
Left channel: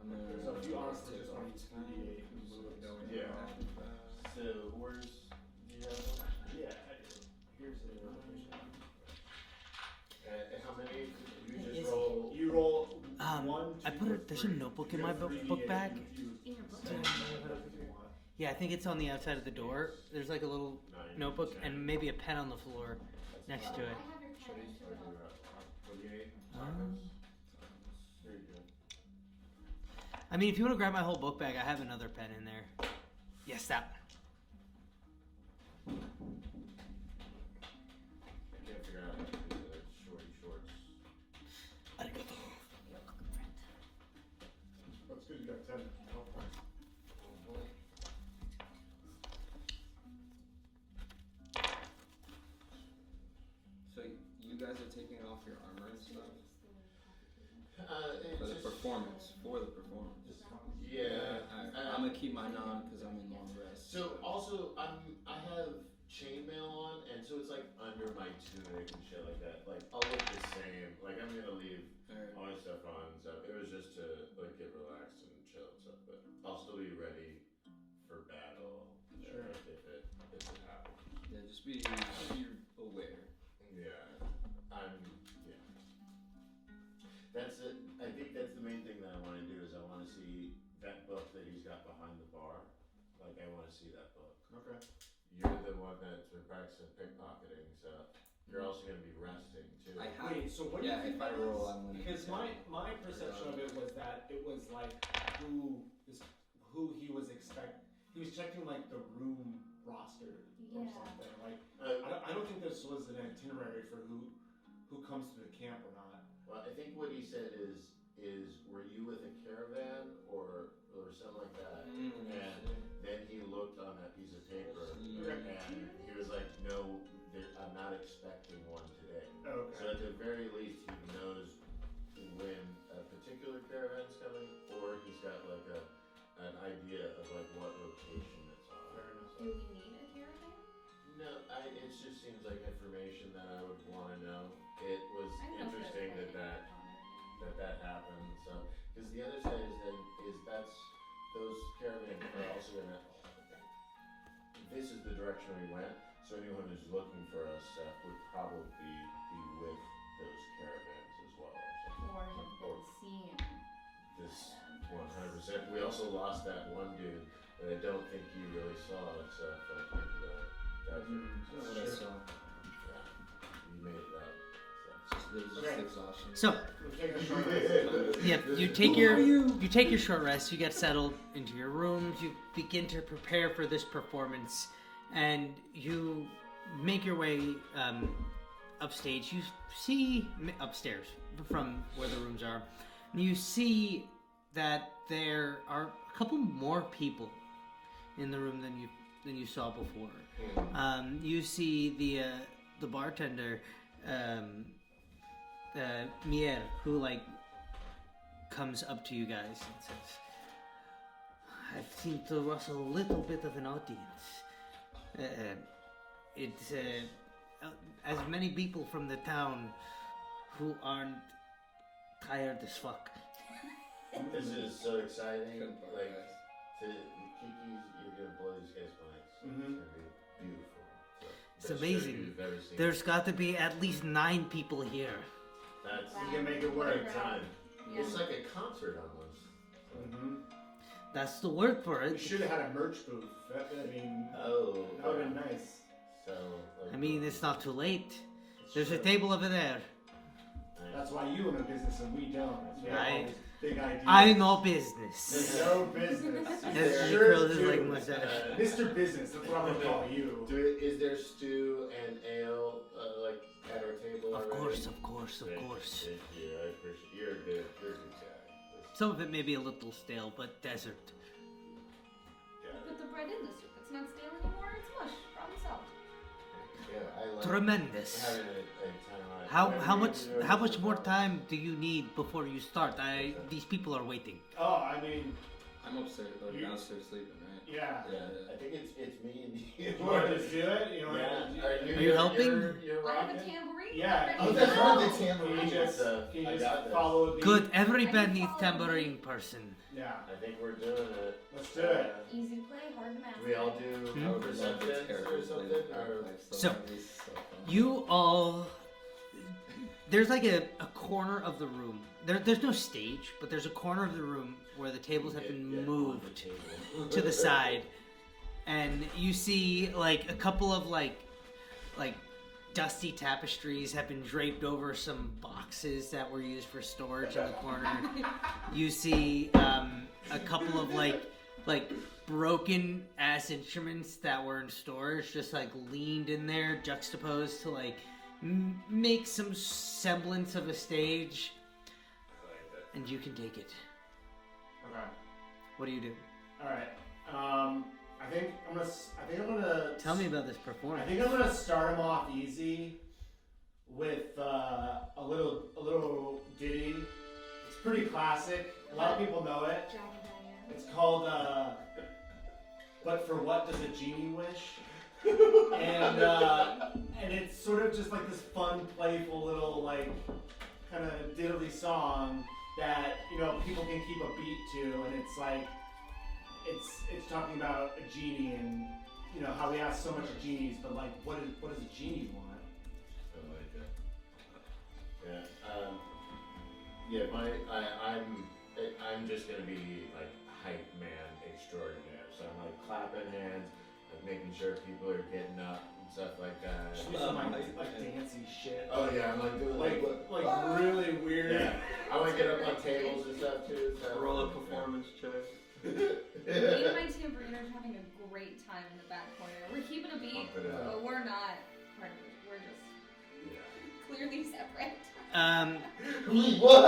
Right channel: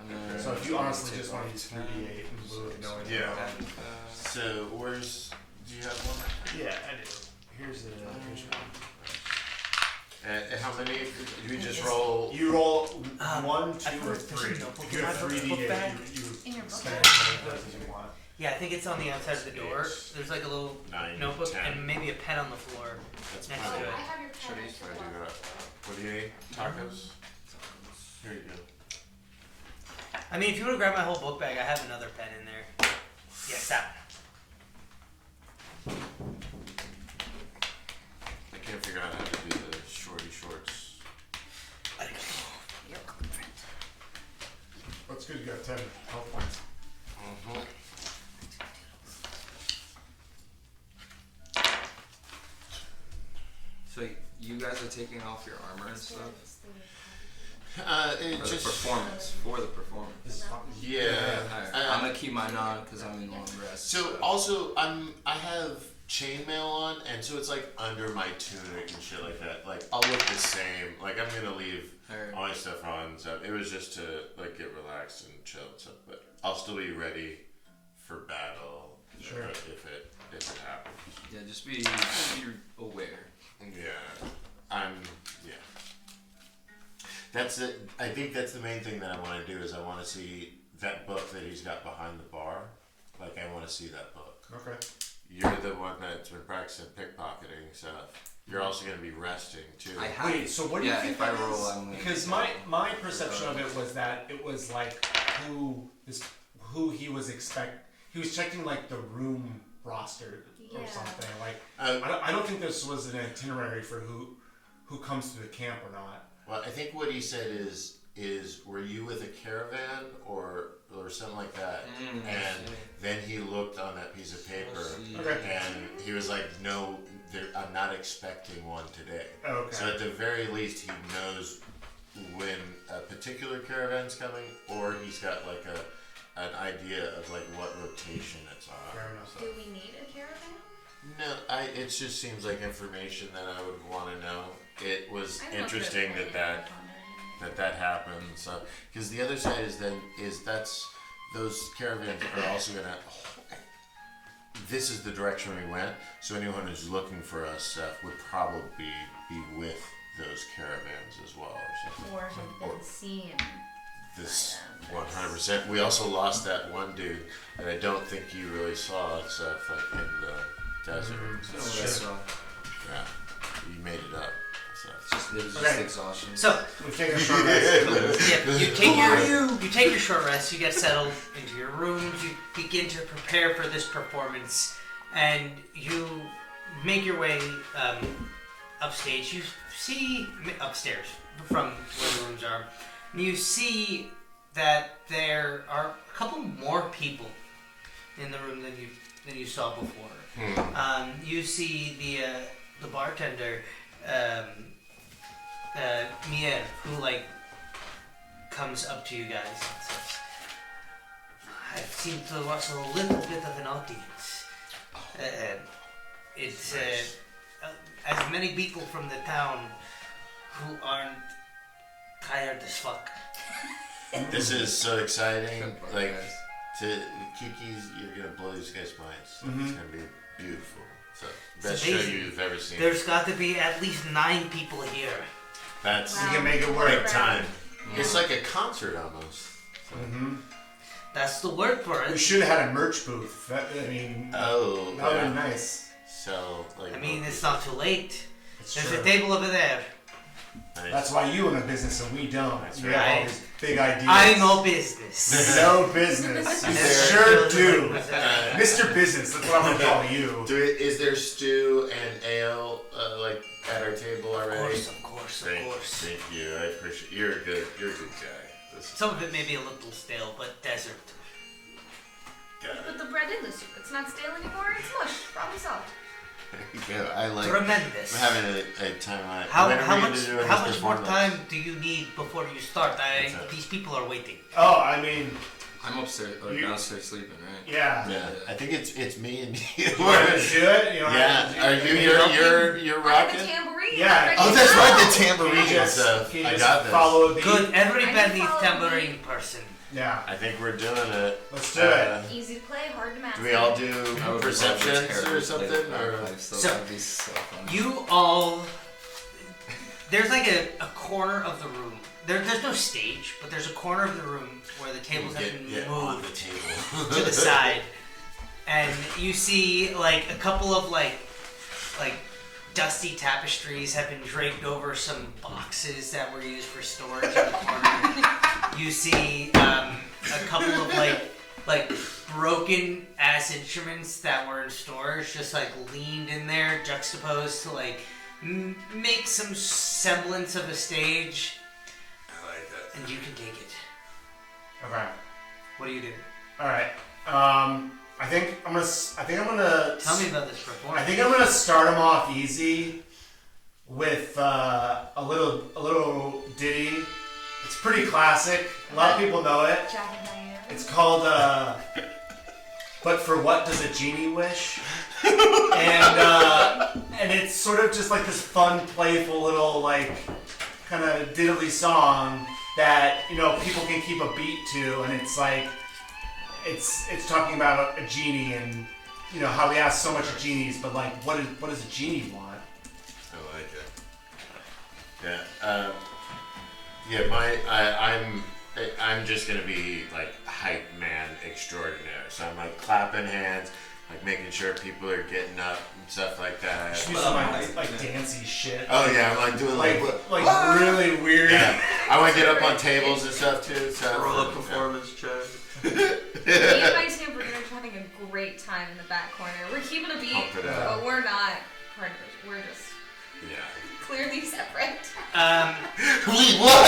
I'm gonna So if you honestly take just want to off use 3D8 in lieu of knowing Yeah. about- So where's? Do you have one? Yeah, I do. Here's one. How many? Do you just roll? You roll Um, 1, 2, I or put- there's 3. a notebook If in you my have book 3D8, bag. you In your book spend bag? as many of those as you want. Yeah, I think it's on the outside of the door. There's like a little 9, notebook 10. and maybe a pen on the floor That's next fine. to I it. have your Should pen. I do that? What do you need? Tacos? Here you go. I mean, if you want to grab my whole book bag, I have another pen in there. Yes, that one. I can't figure out how to do the shorty shorts. That's good, you got 10 health points. Mm-hmm. So you guys are taking off your armor and stuff It for the just performance. For the performance. This is fun. yeah. Alright, I'm gonna keep mine on because I'm in long rest. So also I have chainmail on, and so it's like under my tunic and shit like that. Like I'll look the same. Like I'm gonna leave Alright. all my stuff on and stuff. It was just to like get relaxed and chill and stuff. But I'll still be ready for battle Sure. if it happens. Yeah, just be aware. Yeah, yeah. That's it. I think that's the main thing that I want to do is I want to see that book that he's got behind the bar. Like I want to see that book. Okay. You're the one that's been practicing pickpocketing stuff. You're also going to be resting too. I have. Wait, so what do you Yeah, think if I that roll, is? I'm gonna Because get my perception of it was that it was like who he was he was checking like the room roster or Yeah. something. Like Uh, I don't think this was an itinerary for who comes to the camp or not. well, I think what he said is were you with a caravan or something like that? And then he looked on that piece of paper Okay. and he was like, no, I'm not expecting one today. Okay. So at the very least, he knows when a particular caravan's coming, or he's got like an idea of like what rotation it's on. Fair enough. Do we need a caravan? No, it just seems like information that I would want to know. It was I don't know if interesting there's that anything that happened. So because the other side is that's those caravans are also gonna. This is the direction we went. So anyone who's looking for us would probably be with those caravans as well, or something. Or have been seen. This 100%. We also lost that one dude, and I don't think you really saw it stuff in the desert. So Sure. yeah, you made it up. So. It was Okay. just exhaustion. So We've taken a short rest. yeah, you take your short rest. You get settled into your rooms. You begin to prepare for this performance, and you make your way upstage. You see upstairs from where the rooms are. And you see that there are a couple more people in the room than you saw before. You see the bartender, Miel, who like comes up to you guys and says, "I seem to watch a little bit of an audience. It's as many people from the town who aren't tired as fuck." This is so exciting. Good part, Like, guys. to Kiki's, you're gonna blow these guys' minds. Mhm. It's gonna be beautiful. So, It's best show amazing. you've ever seen. There's got to be at least 9 people here. That's We can make it work. right time. Yeah. It's like a concert almost. Mm-hmm. That's the word for We it. should have had a merch booth. I mean, Oh, that would yeah. have been nice. So, like, I mean, it's not too late. It's There's true. a table over there. nice. That's why you own a business and we don't. That's We have all right. these big ideas. I know business. No business. You Is sure there- do. Uh, Mr. Business, that's what I'm gonna call you. Is there stew and ale like at our table Of already? course, of course, of course. Thank you. I appreciate. You're a good guy. This Some of it may be a little stale, but desert. got Put the bread in the soup. It's not stale anymore. It's mush. Problem solved. it. Yeah, I like. Tremendous. We're having a time on it. How When are we gonna much do this how much more performance? time do you need before you start? What's that? These people are waiting. Oh, I mean, I'm upstairs or You- downstairs sleeping, right? yeah. Yeah, I think it's me and you. You want to do it? You wanna- Yeah, are you? You're I have rocking. the tambourine. Yeah. Ready Oh, to that's go. right, the tambourine Can you and just, stuff. can you I just got this. follow a beat? Good. Every I band can needs follow tambourine person. Yeah. I think we're doing it. Let's do it. Easy to play, hard to master. Do we all do I would perceptions love to or something? Or So- that'd be so fun. You all. There's like a corner of the room. There's no stage, but there's a corner of the room where the tables have been get on moved the table. to the side, and you see like a couple of like dusty tapestries have been draped over some boxes that were used for storage in the corner. You see a couple of like broken ass instruments that were in storage, just like leaned in there, juxtaposed to like make some semblance of a stage, I like that. and you can take it. Okay. What do you do? All right. I think I'm gonna. Tell me about this I performance. think I'm gonna start them off easy with a little ditty. It's pretty classic. A lot of people know it. Jack and Diane. It's called "But for What Does a Genie Wish?" and it's sort of just like this fun, playful little like kind of diddly song that people can keep a beat to, and it's like it's talking about a genie and how we ask so much of genies, but like what does a genie want? I like it. Yeah. Yeah. I'm just gonna be like hype man extraordinaire. So I'm like clapping hands, like making sure people are getting up and stuff like that. Just do some like dancey shit. Oh yeah, I'm like doing like like really weird. yeah. I want to get up on tables and stuff too. So Roll up performance check. Me and my tambourine are having a great time in the back corner. We're keeping a beat, Pump it up. but we're not partners. We're just Yeah. clearly separate. Wait, what?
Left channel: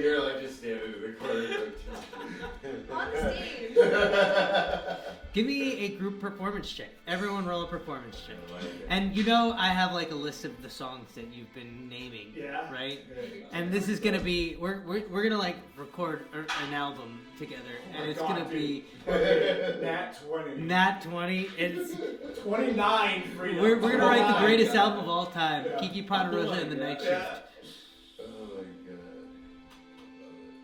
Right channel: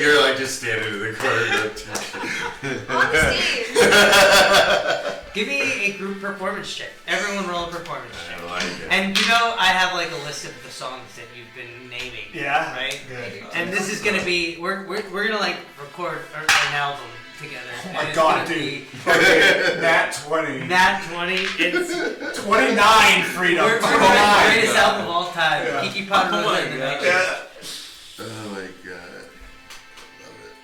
You're like just standing in the corner. On the stage. Give me a group performance check. Everyone roll a performance check. I like it. And I have like a list of the songs that you've been naming. Yeah. Right? Good. And this is gonna be we're gonna like record an album together. Oh And my it's god, gonna dude. Okay, Nat 20. be Nat 20. It's 29 freedom. we're doing the 29. greatest album of all time. Yeah. Kiki Potter Oh my in the God. next. Yeah. Oh my god. Love it.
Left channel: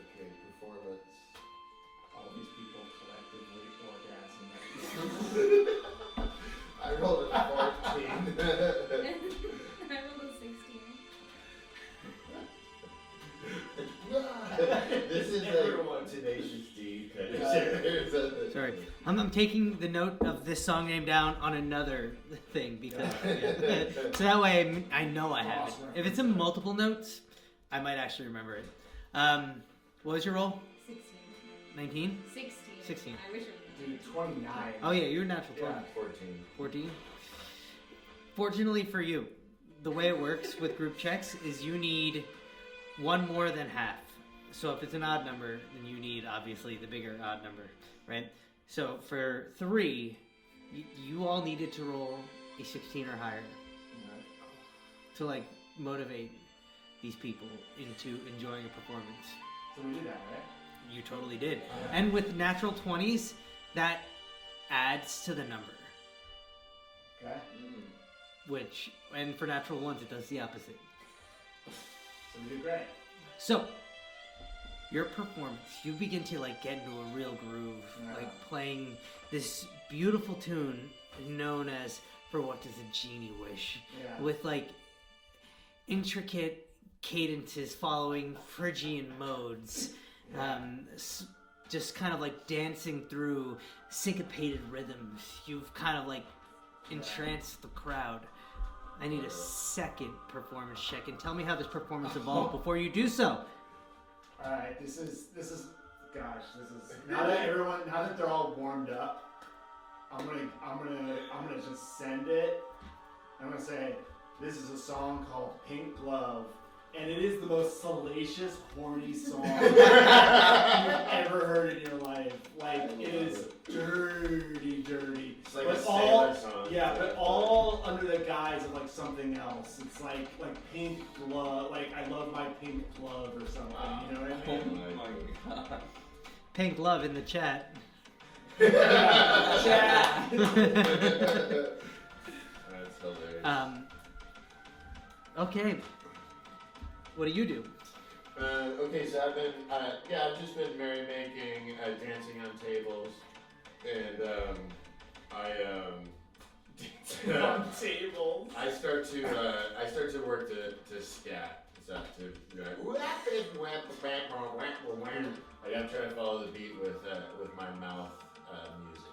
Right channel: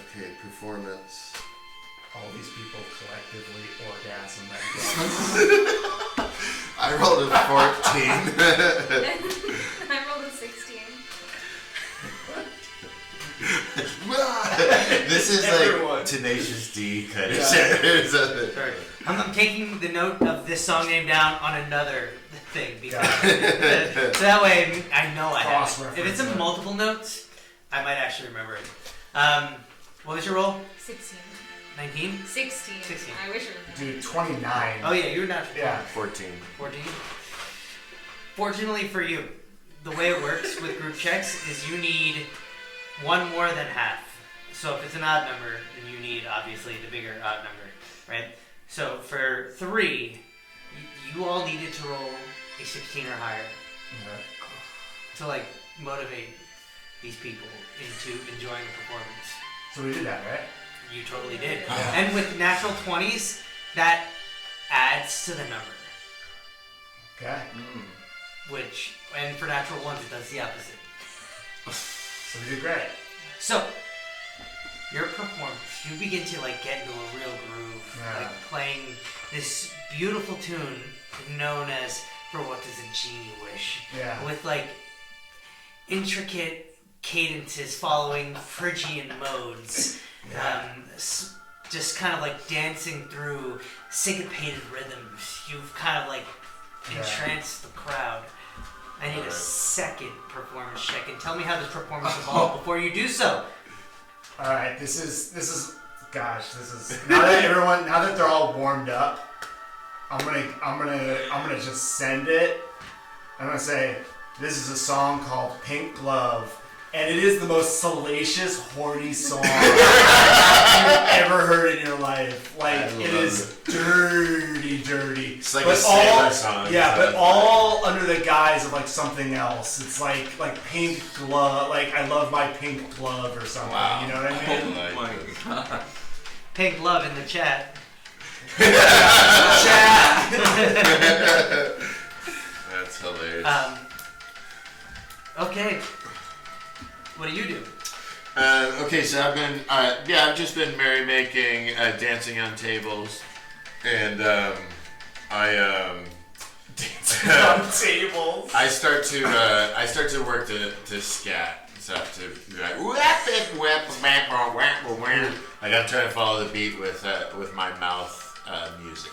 Okay, performance. All these people collectively orgasm that I rolled a 14. I rolled a 16. This is Everyone. like Tenacious D kind of Yeah. shit. Something. Sorry. I'm taking the note of this song name down on another thing because so that way I know I have it. If it's in Cross-reference it. multiple notes, I might actually remember it. What was your roll? 16. 19? 16. 16. I wish it was. Dude, 29. Oh yeah, you're not. Yeah. 14. 14. Fortunately for you, the way it works with group checks is you need one more than half. So if it's an odd number, then you need obviously the bigger odd number, right? So for 3, you all needed to roll a 16 or higher to like motivate these people into enjoying the performance. So we did that, right? You totally did. And with natural 20s, that adds to the number. Okay. Which, and for natural 1s, it does the opposite. So we did great. So, your performance, you begin to like get into a real groove, like playing this beautiful tune known as "For What Does a Genie Wish," with like intricate cadences following Phrygian modes, just kind of like dancing through syncopated rhythms. You've kind of like entranced the crowd. I need a second performance check, and tell me how this performance evolved before you do so. All right, this is now that they're all warmed up, I'm gonna just send it. I'm gonna say this is a song called "Pink Glove," and it is the most salacious, horny song you've ever heard in your life. Like it is dirty. It's like a sailor song. Yeah, but all under the guise of like something else. It's like pink glove, like I love my pink glove or something. Wow. You know what I mean? Oh my god. Pink Glove in the chat. Chat. That's hilarious. Okay. What do you do? Okay, so I've just been merrymaking, dancing on tables, and Dancing on tables. I start to work to scat stuff to be like like I'm trying to follow the beat with my mouth music.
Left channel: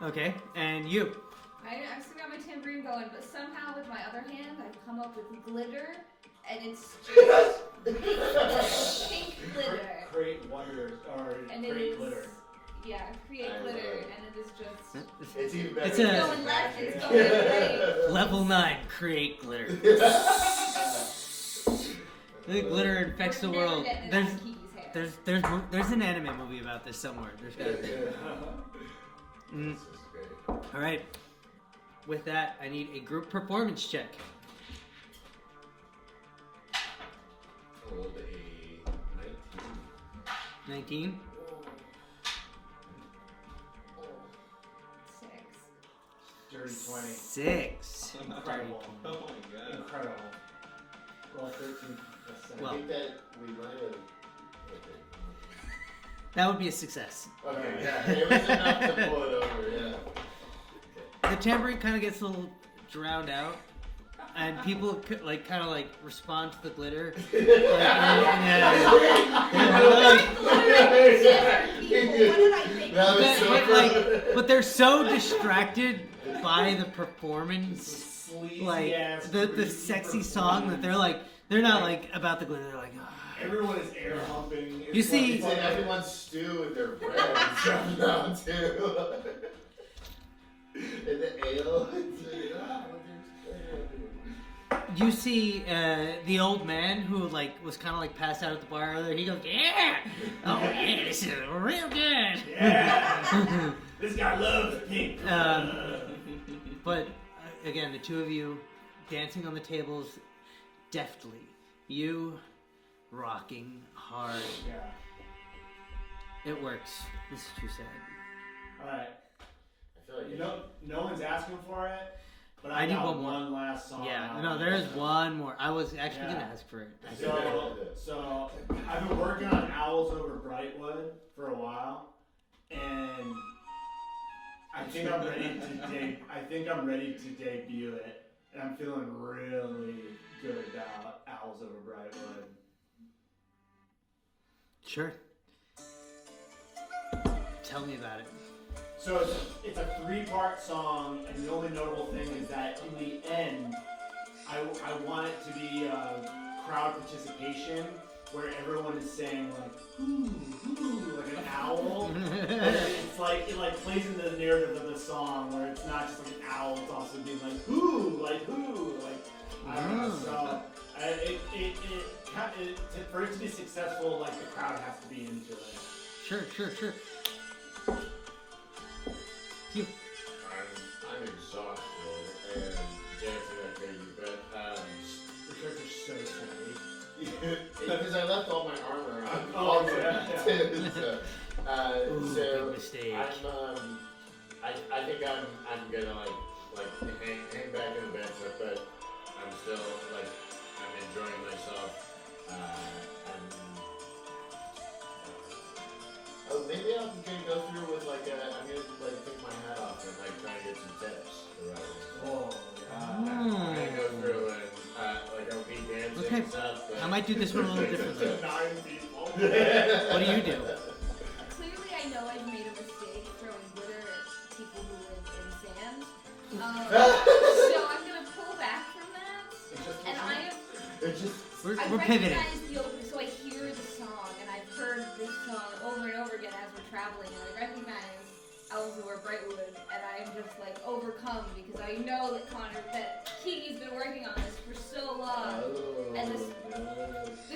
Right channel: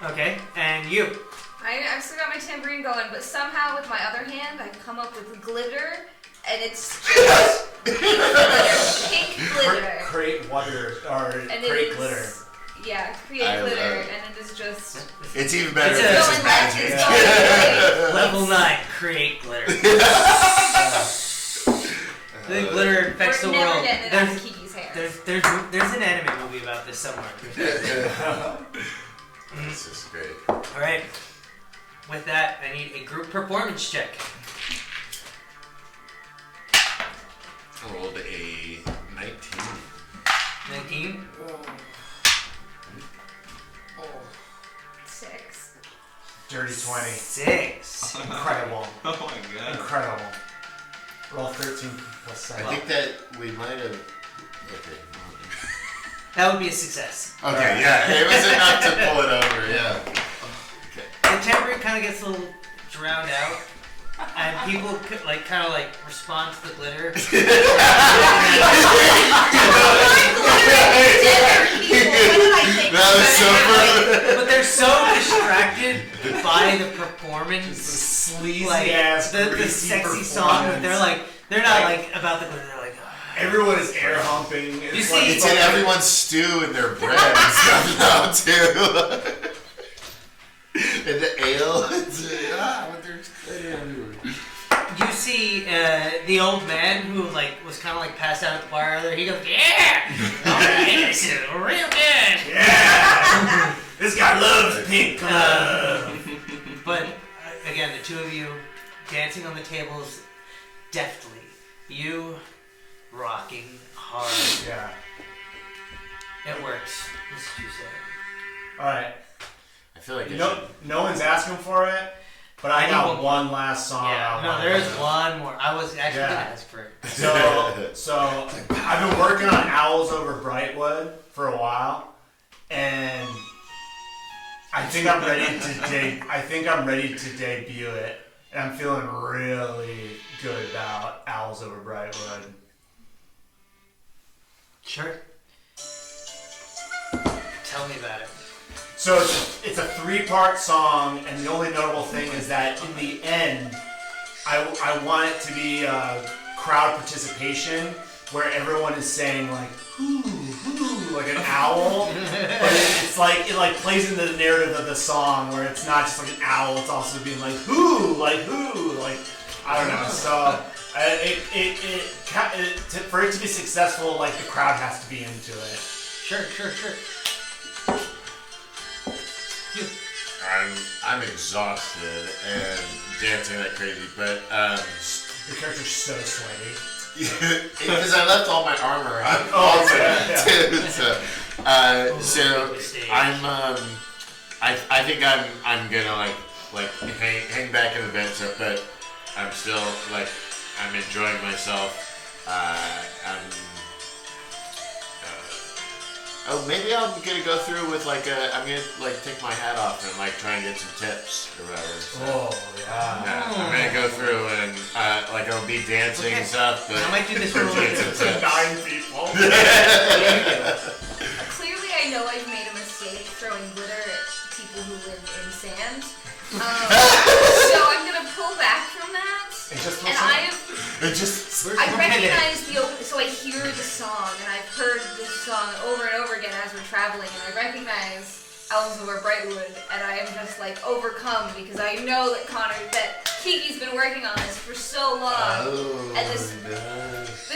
So, Okay, and you. I've still got my tambourine going, but somehow with my other hand, I come up with glitter, and it's just pink glitter. Create water or And create it is, glitter. Yeah, create I glitter, love it. and it is just. It's even better It's if a- this going is back, magic. it's going Level 9, create glitter. The glitter infects We're the never world. getting it out of Kiki's hair. There's an anime movie about this somewhere. This is great. All right. With that, I need a group performance check. I rolled a 19. 19. 6. Dirty 20. 6. Incredible. Oh my god. Incredible. Roll 13 plus 7. I think that we might have. Okay. That would be a success. Okay, yeah, it was enough to pull it over, yeah. The tambourine kind of gets a little drowned out, and people kind of respond to the glitter. That was so funny. But they're so distracted by the performance, Sleazy like the greasy sexy song. That performance. they're not about the glitter. They're like, Everyone is air humping. You see- It's in everyone's stew and their bread and stuff now, too. And the ale. It's what they're you see the old man who was kind of passed out at the bar earlier. He goes, yeah, all right, this is real good. Yeah! This guy loves pink glove. But again, the two of you dancing on the tables deftly. You rocking hard. Yeah. It works. What did you say? Alright. I feel like No one's asking for it, but I I got need one last song. Yeah, no, there is one more. I was actually gonna ask for it. So I've been working on Owls Over Brightwood for a while, and I think I'm ready to debut it, and I'm feeling really good about Owls Over Brightwood. Sure. Tell me about it. So it's a 3-part song, and the only notable thing is that in the end, I want it to be crowd participation, where everyone is saying "hoo, hoo," like an owl, but it plays into the narrative of the song, where it's not just an owl, it's also being "hoo," I don't know. So For it to be successful, like the crowd has to be into it. Sure. You. I'm exhausted and dancing like crazy, but Your character's so sweaty. because I left all my armor. So I think I'm gonna like hang back in the bench, but I'm still like I'm enjoying myself. Maybe I'm gonna go through with I'm gonna take my hat off and try and get some tips or whatever. So, Yeah, I'm gonna go through and I'll be dancing and stuff. But I might do this for a little bit. 9 people. Clearly, I know I've made a mistake throwing glitter at people who live in sand. So I'm gonna pull back from that. And I recognize the open, so I hear the song, and I've heard this song over and over again as we're traveling, and I recognize Elzevir Brightwood, and I am just overcome because I know that Kiki's been working on this for so long, and the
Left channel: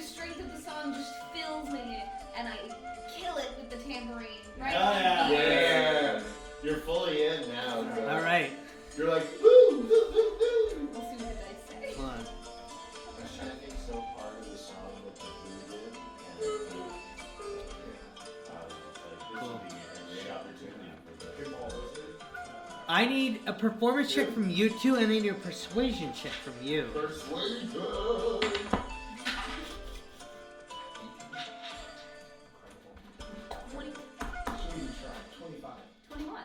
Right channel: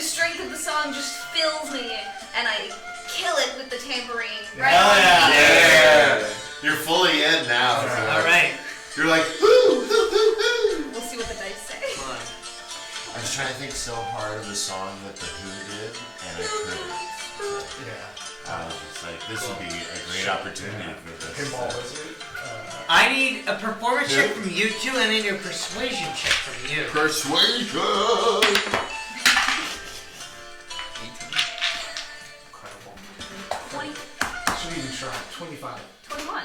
strength of the song just fills me, and I kill it with the tambourine. Right? Yeah! You're fully in now. So. All right. You're like, woo! We'll see what the dice say. Hold on. I was trying to think so hard of the song that the Who did, and I couldn't. I was just like, this would be a great opportunity for this. Pinball Wizard. I need a performance check from you two, and then a persuasion check from you. Persuasion! Incredible. 20, Should even try. 25. 21.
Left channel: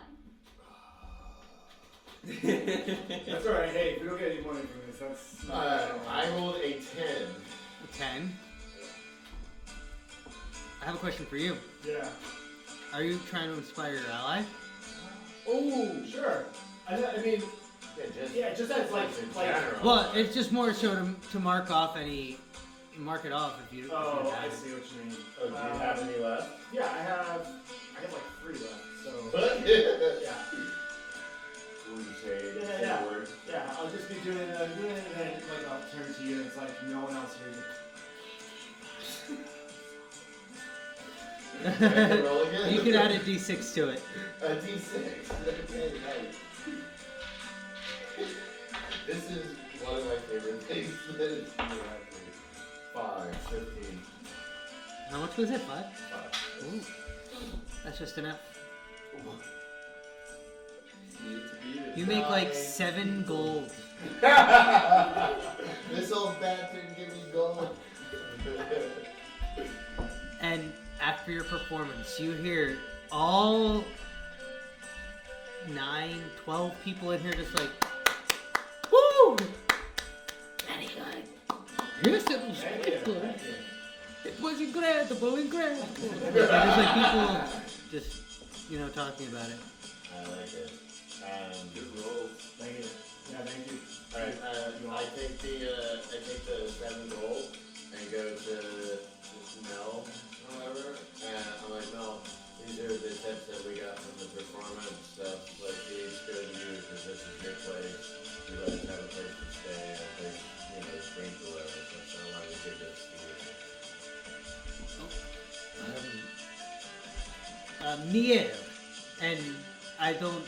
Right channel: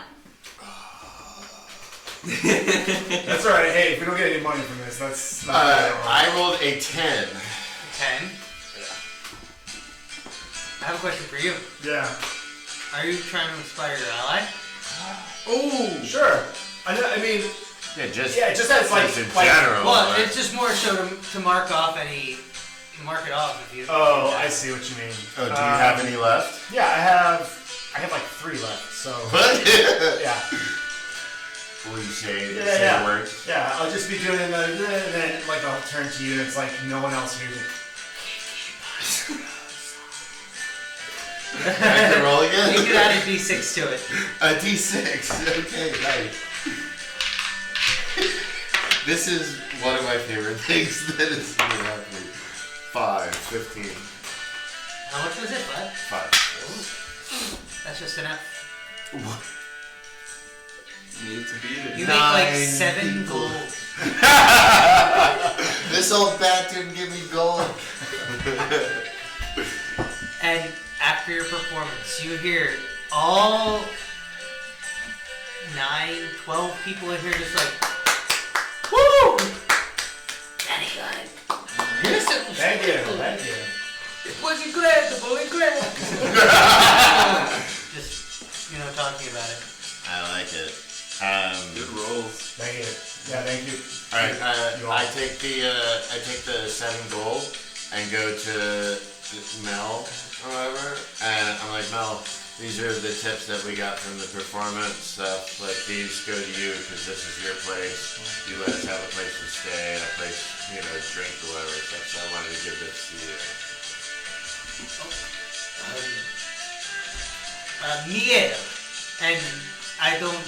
That's alright. Hey, if we don't get any money from this, that's not I rolled a 10. 10. I have a question for you. Yeah. Are you trying to inspire your ally? Oh, sure. I mean, Just as in general. Well, it's just more so to mark off mark it off if you. Oh, I see what you mean. Oh, do you have any left? Yeah, I have 3 left. So. What? Yeah. Will you say Yeah. words? Yeah, I'll just be doing and then I'll turn to you. It's like no one else hears it. I can roll again? You can add a d6 to it. A d6. Okay, nice. This is one of my favorite things that is happening. 5, 15. How much was it, bud? 5. That's just enough. You need to beat it. You make 7 gold. This old bastard give me gold. And after your performance, you hear all 9, 12 people in here just woo! Very good. Thank you. It was incredible. Just, talking about it. I like it. Good rolls. Thank you. Yeah, thank you. Alright, I take the 7 gold and go to Mel or whatever, and I'm like, Mel, these are the tips that we got from the performance stuff. These go to you because this is your place. You let us have a place to stay and a place, drink or whatever. So I wanted to give this to you. Miel, and I don't.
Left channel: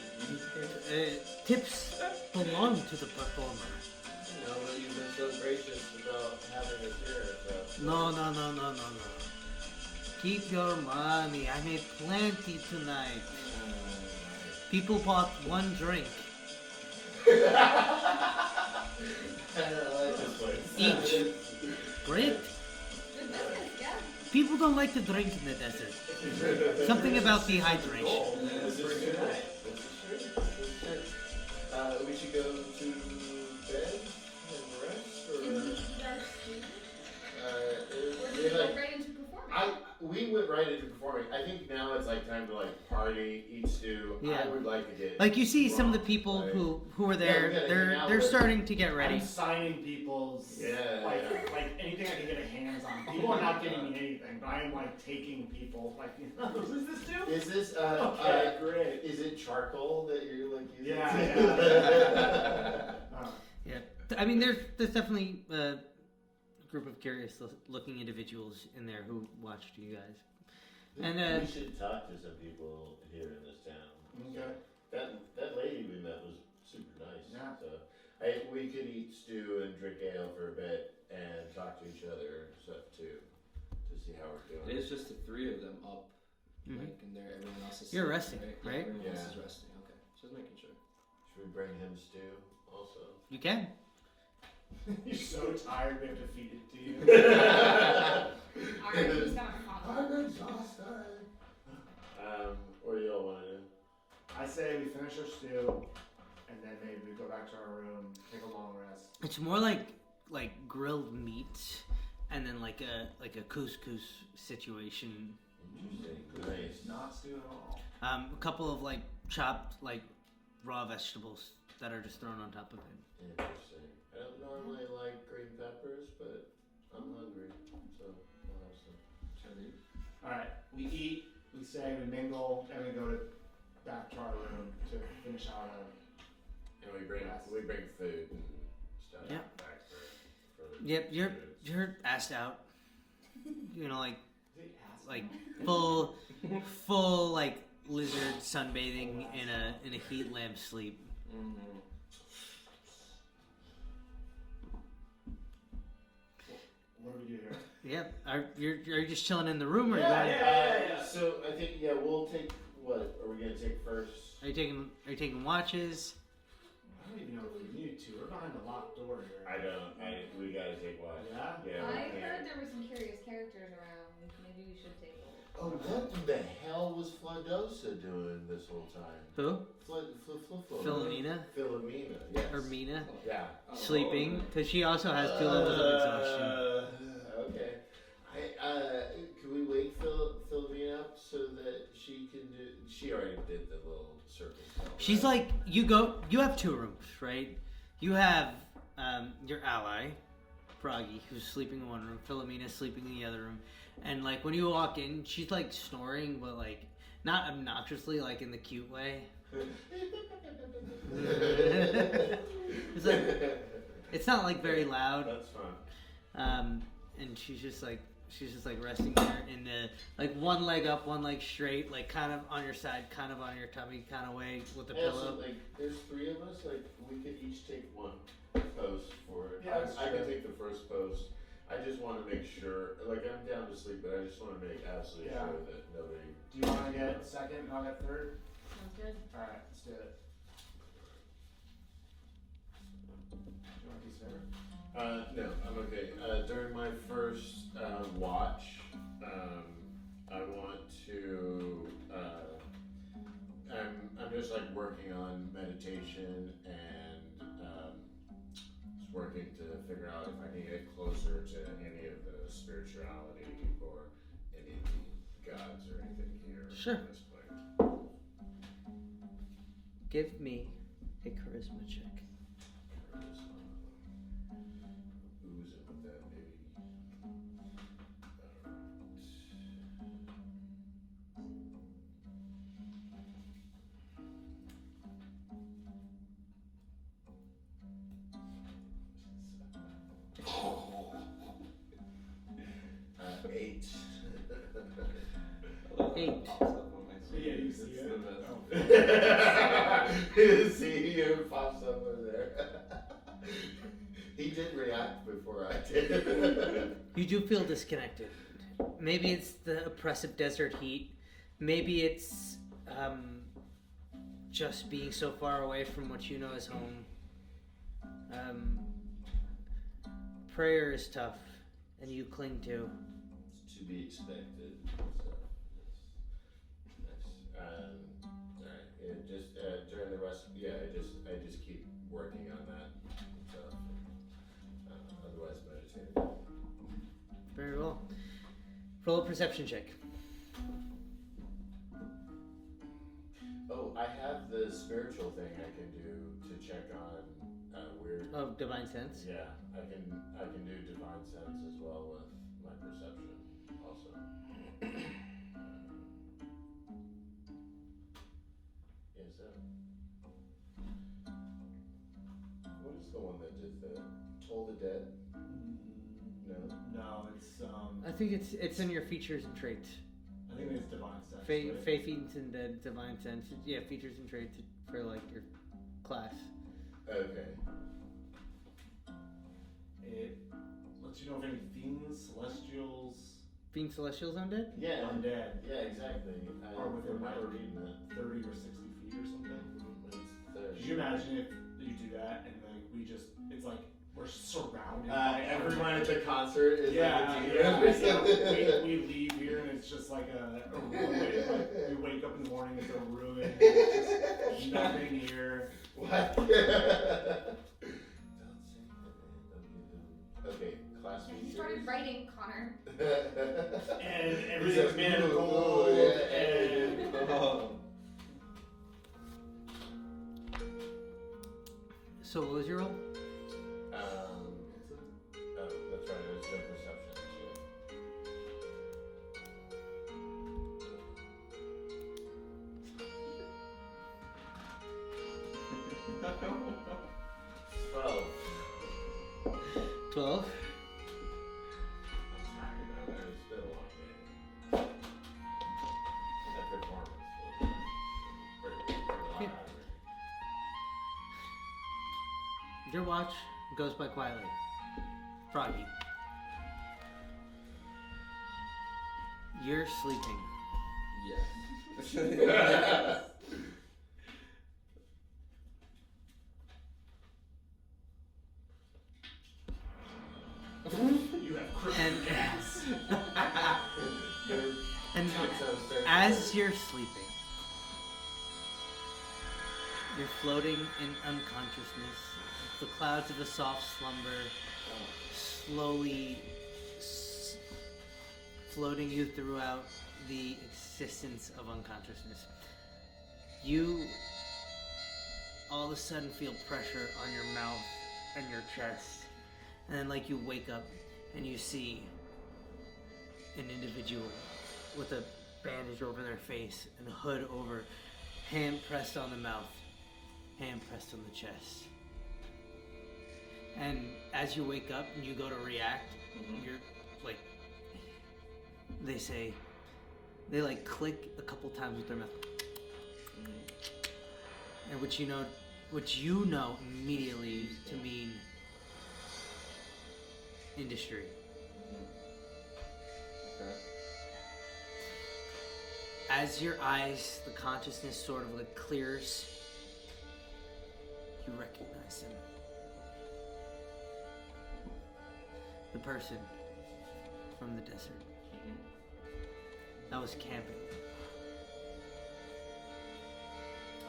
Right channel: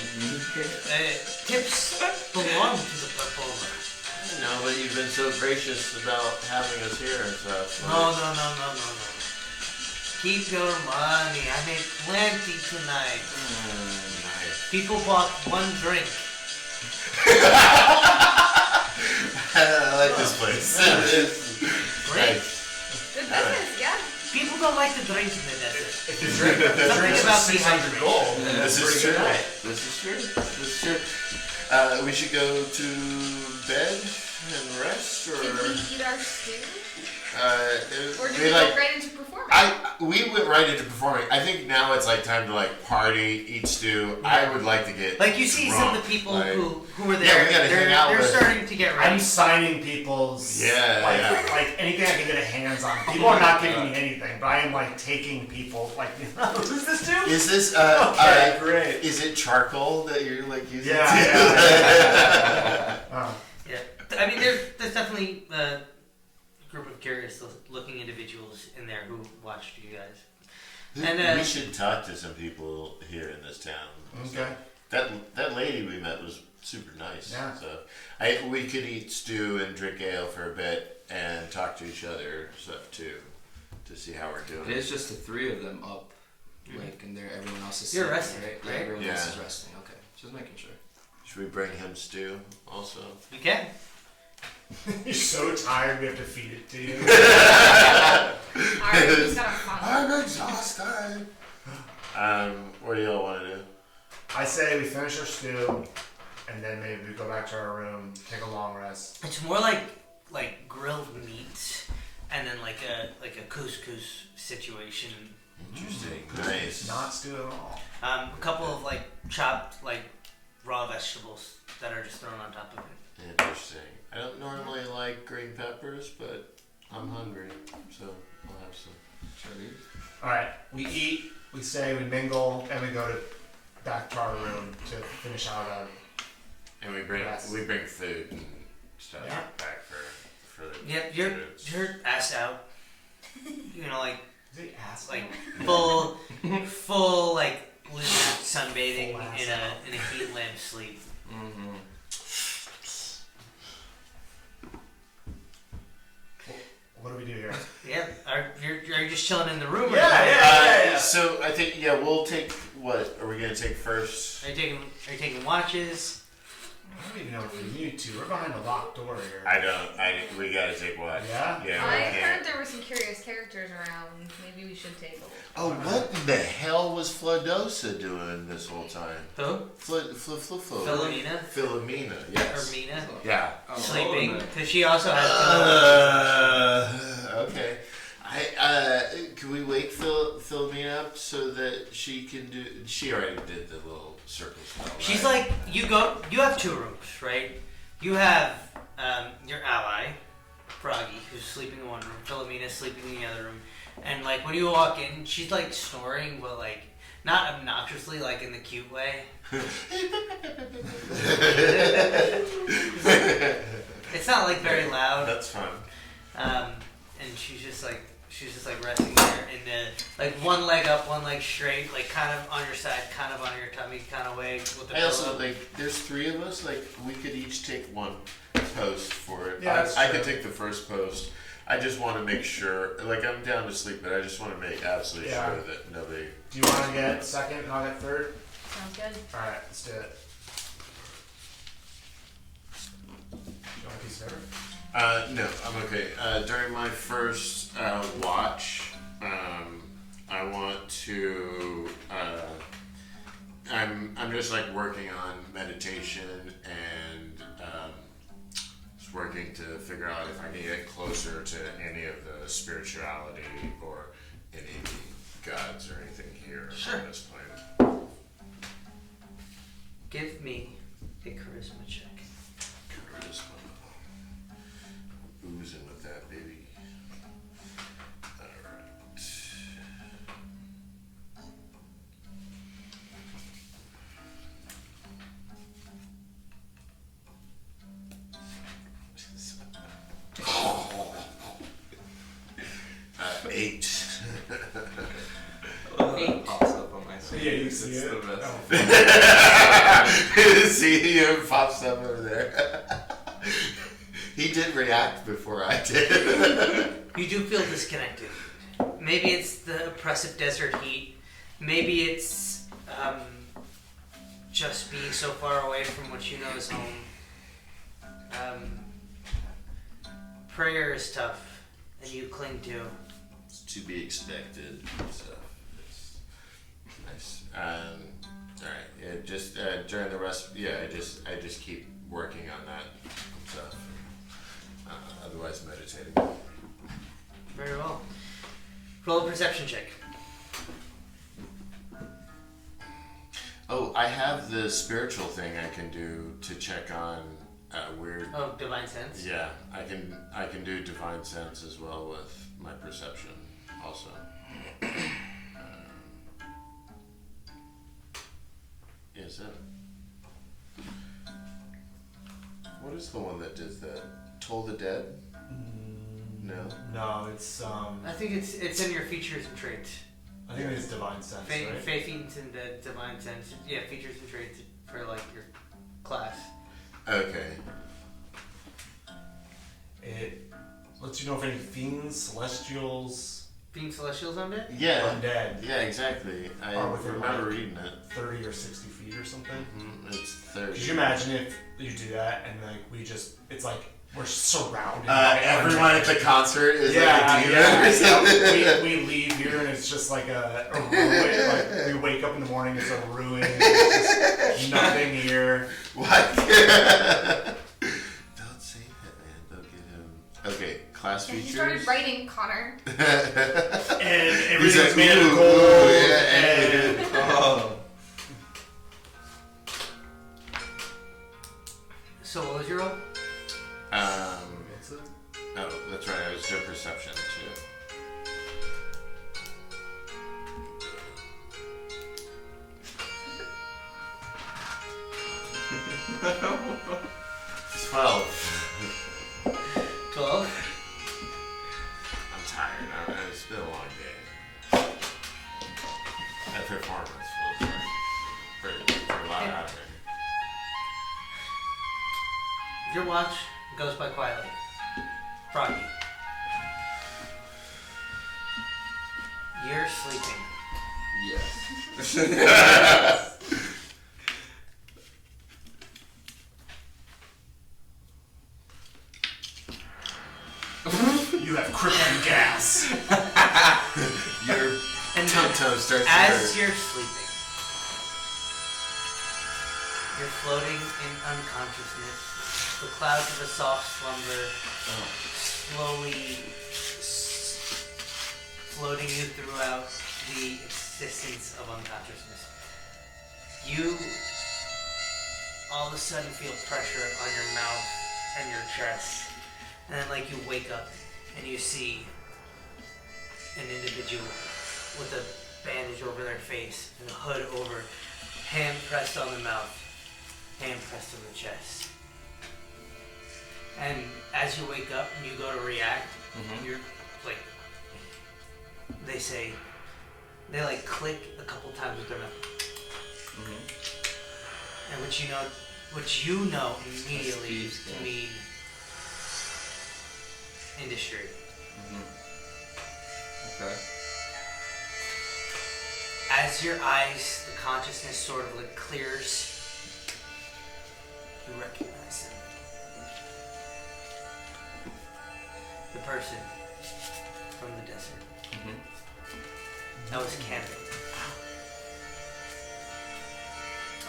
Tips belong to the performer. No, but you've been so gracious about having us here and stuff. No. Keep your money. I made plenty tonight. Nice. People bought 1 drink. I like this place. Great. Good business, yeah. People don't like to drink in the desert. If you drink, Something about $600 dehydration. gold. This is true. This is true. We should go to bed and rest, or Did we eat our stew? Or did we we go right into performance? we went right into performing. I think now it's time to party, eat stew. I would like to get You see drunk. some of the people who are Yeah, there. we gotta hang out they're with- starting to get ready. I'm signing people's anything I can get a hands on. People are not giving me anything, but I am taking people who's this dude? Is this Okay, great. Is it charcoal that you're using? Yeah. Yeah. I mean, there's definitely group of curious looking individuals in there who watched you guys. We And should talk to some people here in this town. Okay. That lady we met was super nice. Yeah. So we could eat stew and drink ale for a bit and talk to each other stuff too, to see how we're doing. It's just the three of them up, like, and there everyone else is. You're sleeping, resting, right? Yeah, everyone else Yeah. is resting. Okay, just making sure. Should we bring him stew also? you can. You're so tired we have to feed it to you. Alright, he's got a fun. I'm exhausted. What do y'all want to do? I say we finish our stew, and then maybe we go back to our room, take a long rest. It's more like grilled meat, and then like a couscous situation. Interesting. Nice. Not stew at all. A couple of like chopped like raw vegetables that are just thrown on top of it. Interesting. I don't normally like green peppers, but I'm hungry, so I'll have some. Shall we? Alright, we eat, we stay, we mingle, and we go back to our room to finish out And we bring Yes. food and stuff Yeah. back for the Yeah, you're students. ass out. You know, like the ass. like full like lizard sunbathing Full ass in a heat lamp sleep. Mm-hmm. What do we do here? Yeah, are you just chilling in the room? Or Yeah. So I think we'll take what are we gonna take first? Are you taking watches? I don't even know if we need to. We're behind a locked door here. We gotta take watch. Yeah? Yeah. I we heard can't. there were some curious characters around. Maybe we should take a look. Oh, what in the hell was Flodosa doing this whole time? Who? Philomena. Philomena Philomena. or Yes. Mina Yeah. sleeping because she also has. Okay. Can we wake Philomena up so that she can do? She already did the little circle spell. She's right? like, you have two rooms, right? You have your ally, Froggy, who's sleeping in one room. Philomena's sleeping in the other room. And like when you walk in, she's like snoring, but like not obnoxiously, like in the cute way. It's not like very loud. That's fun. And she's just like resting there in the like one leg up, one leg straight, like kind of on your side, kind of on your tummy, kind of way with the I also pillow. like. There's three of us. Like we could each take one post for it. Yeah, that's I true. could take the first post. I just want to make sure. Like I'm down to sleep, but I just want to make absolutely Yeah. sure that nobody. Do you want to get second and I'll get third? Sounds good. Alright, let's do it. You want a piece of paper? No, I'm okay. During my first watch, I want to. I'm just like working on meditation and just working to figure out if I can get closer to any of the spirituality or any gods or anything here Sure. on this planet. Give me a charisma check. Charisma. Oozing with that, baby. Alright. Eight. Eight. Pops up on my screen. Yeah, you It's see the it? best. See, you pops up over there. He did react before I did. You do feel disconnected. Maybe it's the oppressive desert heat. Maybe it's just being so far away from what you know is home. Prayer is tough, and you cling to. It's to be expected. So, it's nice. Alright, yeah, just during the rest, I just keep working on that stuff. Otherwise, meditating. Very well. Roll a perception check. Oh, I have the spiritual thing I can do to check on weird. Oh, divine sense. Yeah, I can do divine sense as well with my perception also. Is it? What is the one that does that? Toll the Dead? No. no, it's I think it's in your features and traits. I think it's divine sense, right? Fae feeds into divine sense. Yeah, features and traits for like your class. Okay. It lets you know if any fiends, celestials, Fiend celestials undead? Yeah. undead, Yeah, exactly. I Or within, remember like, reading it. 30 or 60 feet or something. It's 30. Could you imagine if you do that and like it's like we're surrounded by Everyone at the concert is like a demon yeah, or something. yeah. We leave here and it's just like a ruin. Like we wake up in the morning, it's a ruin. It's just nothing here. What? Don't say that, man. Don't get him. Okay, class And he features. started writing Connor. And He's everything's like, made of ooh, gold. yeah, and Oh. So what was your roll? What's it? Oh, that's right. I was doing perception too. 12. 12. I'm tired. It's been a long day. That performance was for a lot out here. Your watch goes by quietly. Froggy. You're sleeping. Yes. you have crippling gas. Your And toe starts to as hurt. you're sleeping, you're floating in unconsciousness. The clouds of a soft slumber slowly floating you throughout the existence of unconsciousness. You all of a sudden feel pressure on your mouth and your chest. And then like you wake up and you see an individual with a bandage over their face and a hood over, hand pressed on the mouth, hand pressed on the chest. And as you wake up and you go to react, you're like, they like click a couple times with their mouth. And which you know immediately to mean industry. Okay. As your eyes, the consciousness sort of like clears, you recognize him. The person from the desert. That was camping.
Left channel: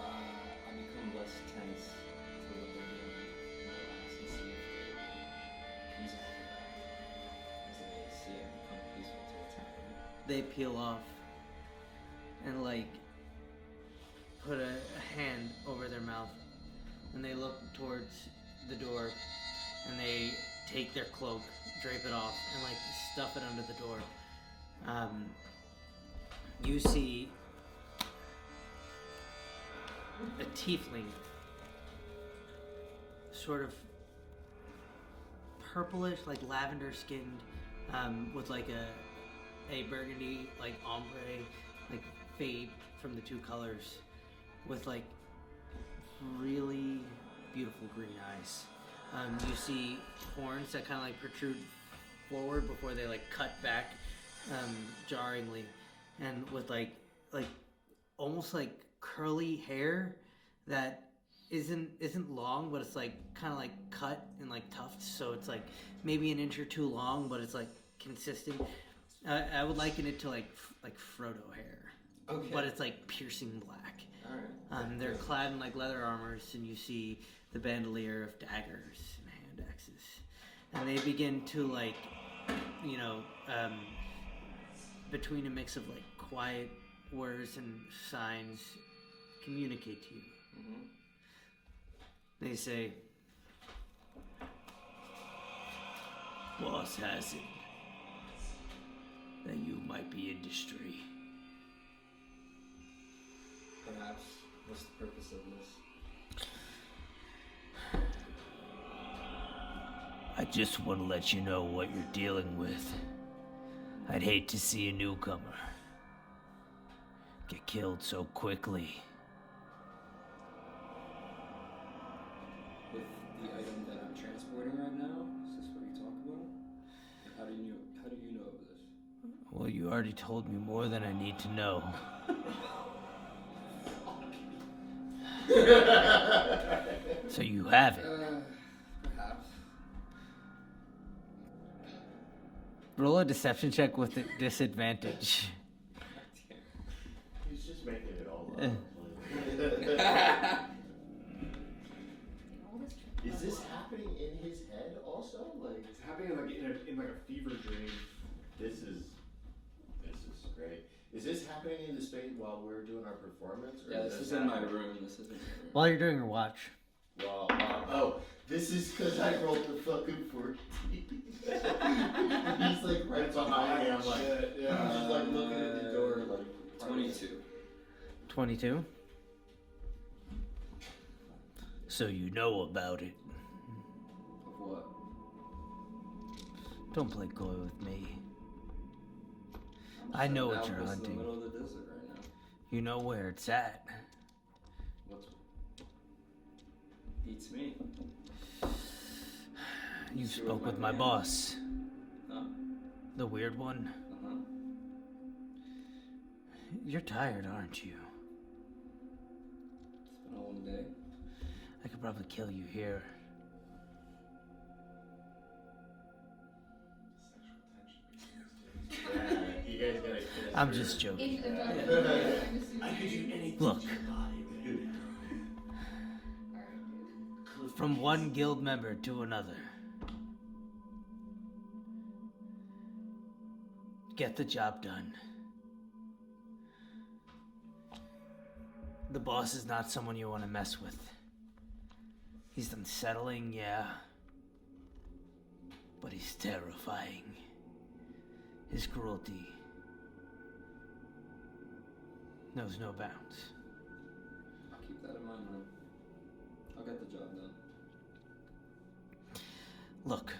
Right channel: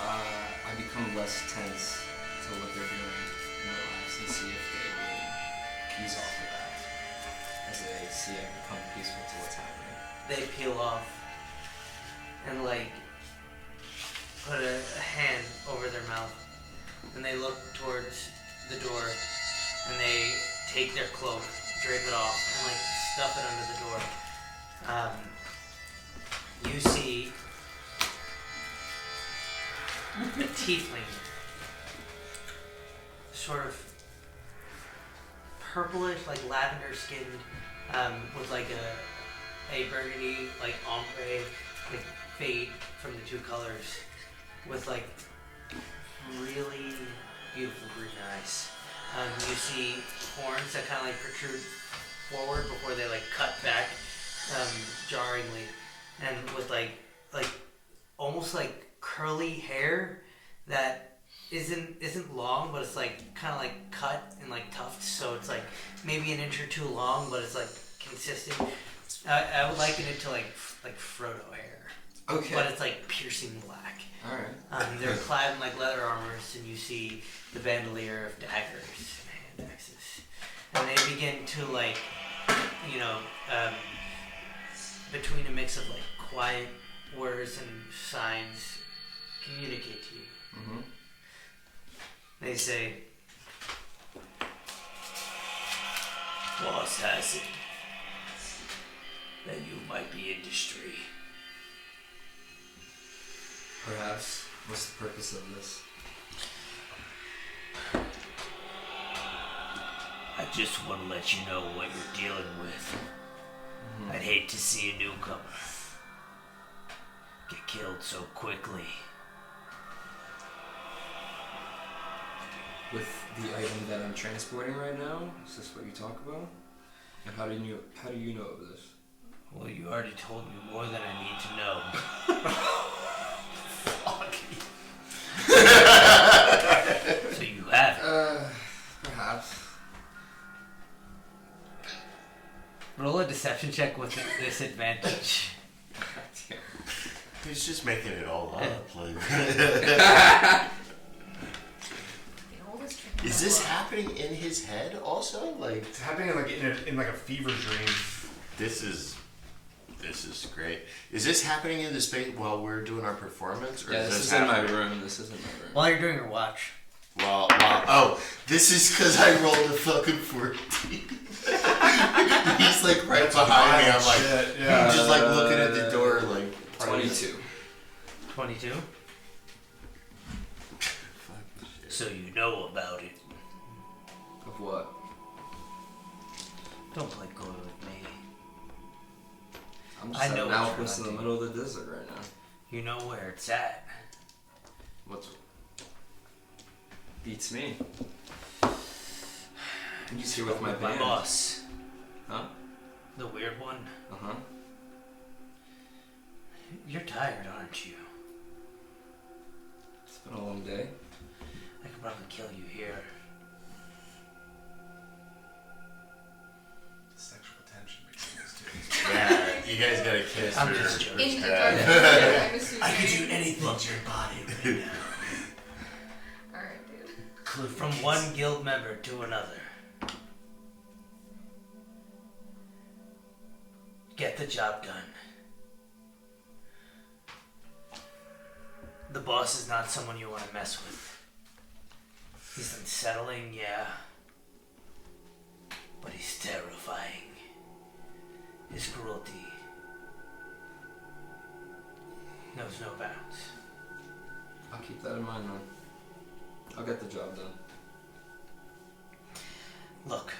I become less tense to what they're doing in their lives and see if they would ease off of that as they see I become peaceful to what's happening. They peel off and like put a hand over their mouth and they look towards the door and they take their cloak, drape it off, and like stuff it under the door. You see a tiefling, sort of purplish, like lavender skinned, with like a burgundy, like ombre, like fade from the two colors, with like really beautiful green eyes. You see horns that kind of like protrude forward before they like cut back, jarringly, and with like almost like curly hair that isn't long, but it's like kind of like cut and like tufts, so it's like maybe an inch or two long, but it's like consistent. I would liken it to like Frodo hair. Okay. But it's like piercing black. Alright. They're clad in like leather armors, and you see the bandolier of daggers and hand axes, and they begin to like, between a mix of like quiet words and signs, communicate to you. They say, "Boss has it that you might be industry." Perhaps. What's the purpose of this? I just want to let you know what you're dealing with. I'd hate to see a newcomer get killed so quickly. With the item that I'm transporting right now, is this what you talk about? And how do you know of this? Well, you already told me more than I need to know. So you have it. Perhaps. Roll a deception check with a disadvantage. He's just making it all up. Like. Is this happening in his head also? Like It's happening in like a fever dream. this is great. Is this happening in the space while we're doing our performance, or Yeah, is this this is in my happening? room. This is in my room. While you're doing your watch. Well, oh, this is because I rolled a fucking 14. He's like right behind me. I'm like, Shit, I'm just like looking at the door, like 22. 22. So you know about it. Of what? Don't play coy with me. I'm I just know an what you're outpost in the hunting. middle of the desert right now. You know where it's at. What's beats me? You see spoke with my with my band. boss. Huh? The weird one. Uh-huh. You're tired, aren't you? It's been a long day. I could probably kill you here. Sexual tension between these two. yeah, you guys gotta kiss. I'm or- just joking. In the Yeah. dark, I'm assuming. I could do anything to your body right now. Alright, dude. From one guild member to another. Get the job done. The boss is not someone you want to mess with. He's unsettling, yeah. But he's terrifying. His cruelty knows no bounds. I'll keep that in mind, man. I'll get the job done. Look,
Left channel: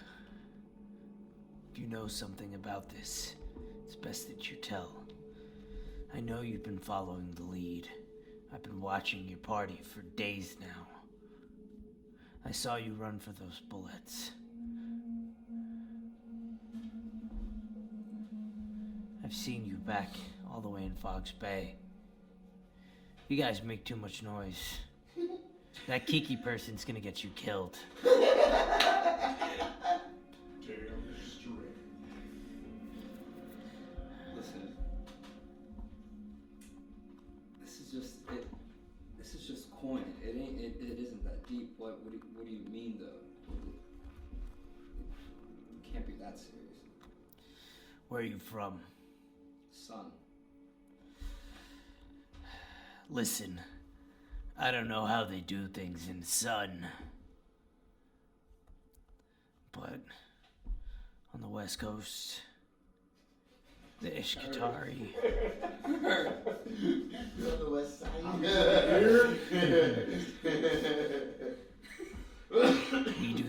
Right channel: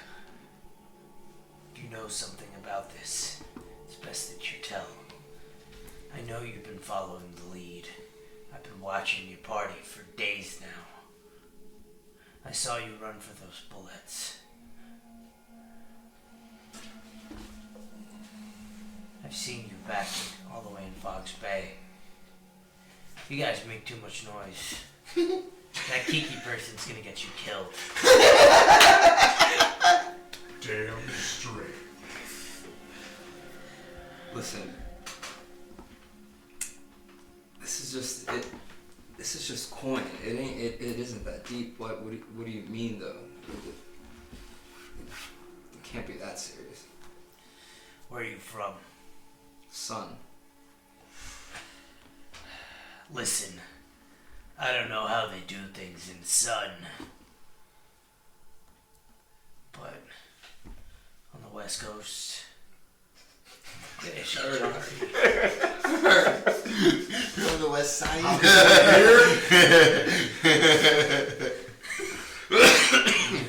if you know something about this, it's best that you tell. I know you've been following the lead. I've been watching your party for days now. I saw you run for those bullets. I've seen you back all the way in Fox Bay. You guys make too much noise. That Kiki person's gonna get you killed. Damn straight. Listen. This is just coin. It isn't that deep. What do you mean though? It can't be that serious. Where are you from? Son. Listen, I don't know how they do things in Sun, but on the West Coast, You're on the west side. do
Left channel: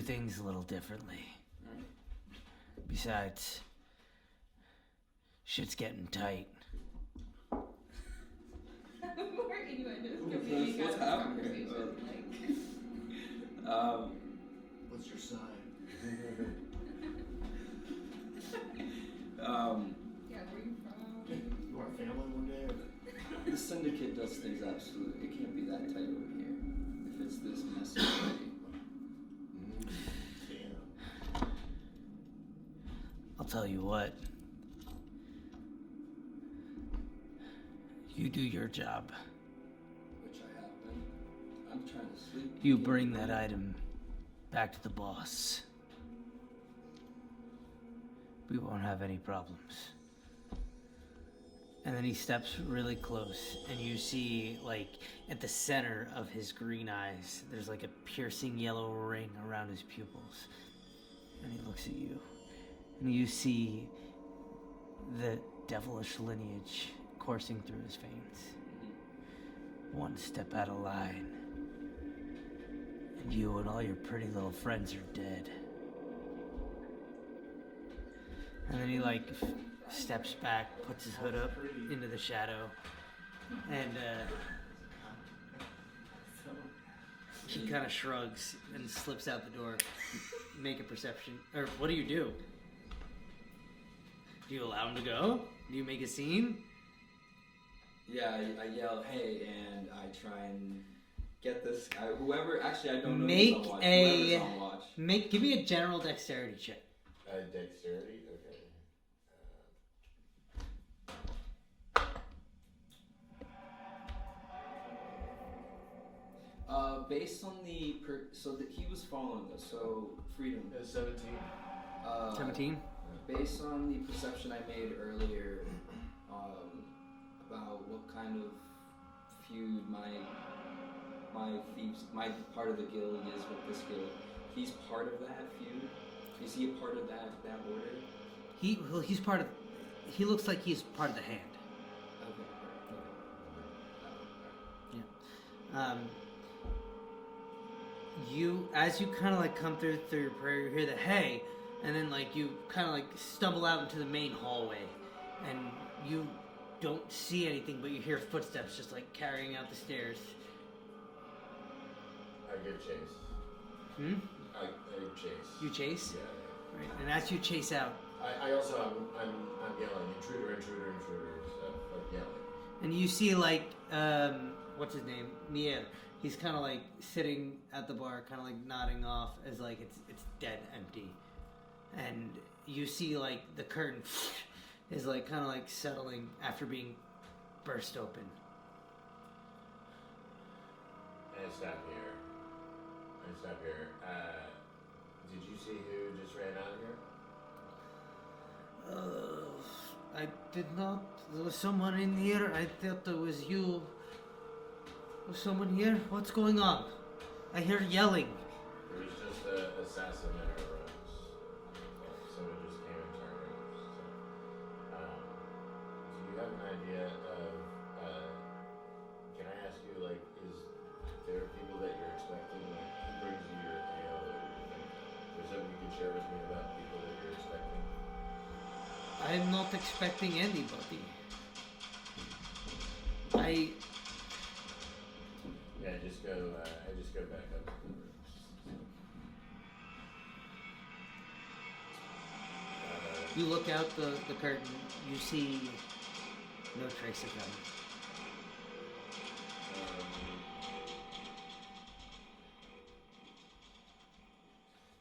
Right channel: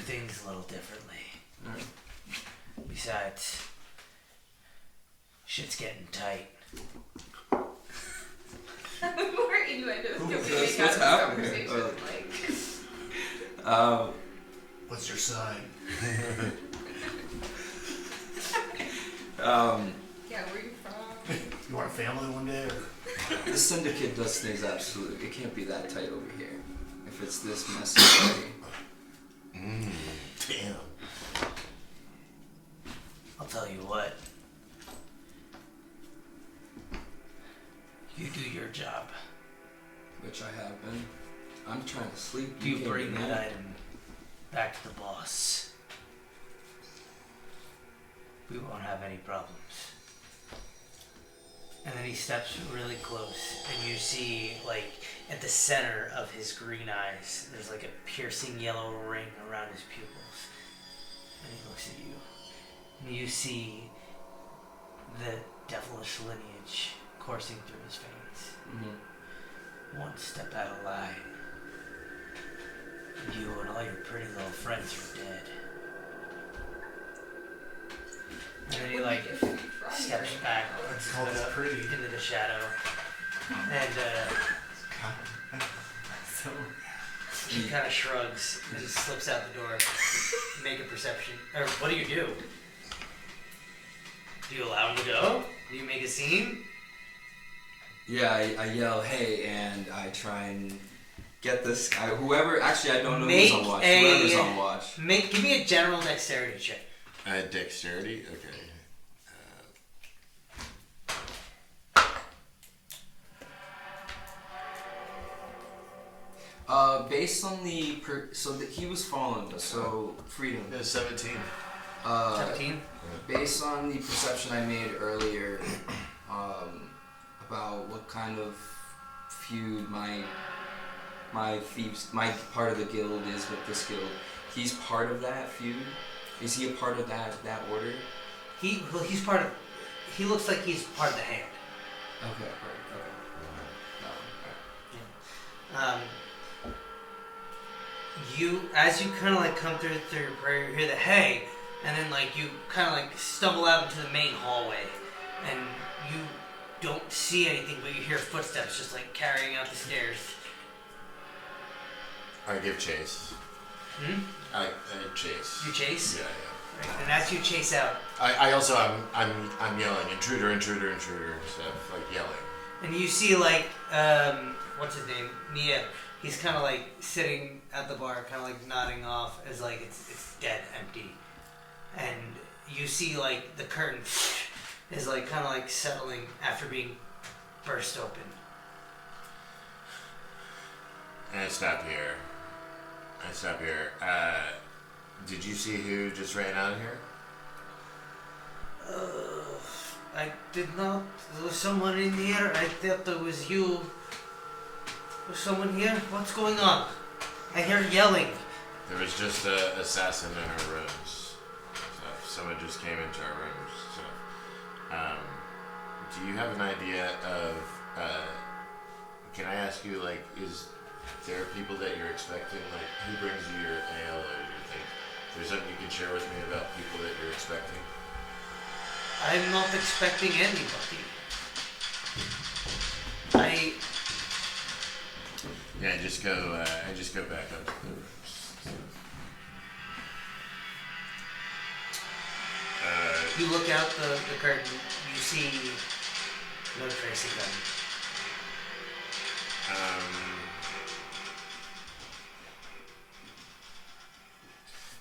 things a little differently. Besides, shit's getting tight. More innuendos can we What's make out of this happening? conversation? Like, What's your sign? yeah, where you from? You want a family one day? Or? The syndicate does things absolutely. It can't be that tight over here. If it's this messy already. Damn. I'll tell you what. You do your job. Which I have been. I'm trying to sleep. You can't bring do that item back to the boss. We won't have any problems. And then he steps really close, and you see, like, at the center of his green eyes, there's like a piercing yellow ring around his pupils. And he looks at you, and you see the devilish lineage coursing through his veins. Mm-hmm. One step out of line, you and all your pretty little friends are dead. And then he like steps back into the shadow, and So he kind of shrugs and slips out the door. Make a perception, or what do you do? Do you allow him to go? Do you make a scene? Yeah, I yell, hey, and I try and get this guy, whoever, actually I don't know Make who's on watch, a- whoever's on watch. Give me a general dexterity check. Dexterity? Okay. Based on the, he was following us, so freedom. 17. 17? Based on the perception I made earlier, about what kind of feud my thieves, my part of the guild is with this guild, he's part of that feud? Is he a part of that order? He's part of. He looks like he's part of the hand. Okay, right, okay. As you kind of like come through your prayer, you hear the hey, and then like you kind of like stumble out into the main hallway, and you don't see anything, but you hear footsteps just like carrying out the stairs. I give chase. I chase. You chase? Yeah. Right. And as you chase out, I also I'm yelling intruder, intruder, intruder stuff, like yelling. and you see like what's his name? Nia. He's kind of like sitting at the bar, kind of like nodding off as like it's dead empty, and you see like the curtain is like kind of like settling after being burst open. And I stop here. Did you see who just ran out of here? I did not. There was someone in here. I thought it was you. Was someone here? What's going on? I hear yelling. There was just an assassin in our rooms. So someone just came into our rooms. So, do you have an idea of? Can I ask you, like, is there people that you're expecting? Like, who brings you your ale or your things? Is there something you can share with me about people that you're expecting? I'm not expecting anybody. Yeah, I just go back up to the rooms. You look out the curtain. You see no trace of them.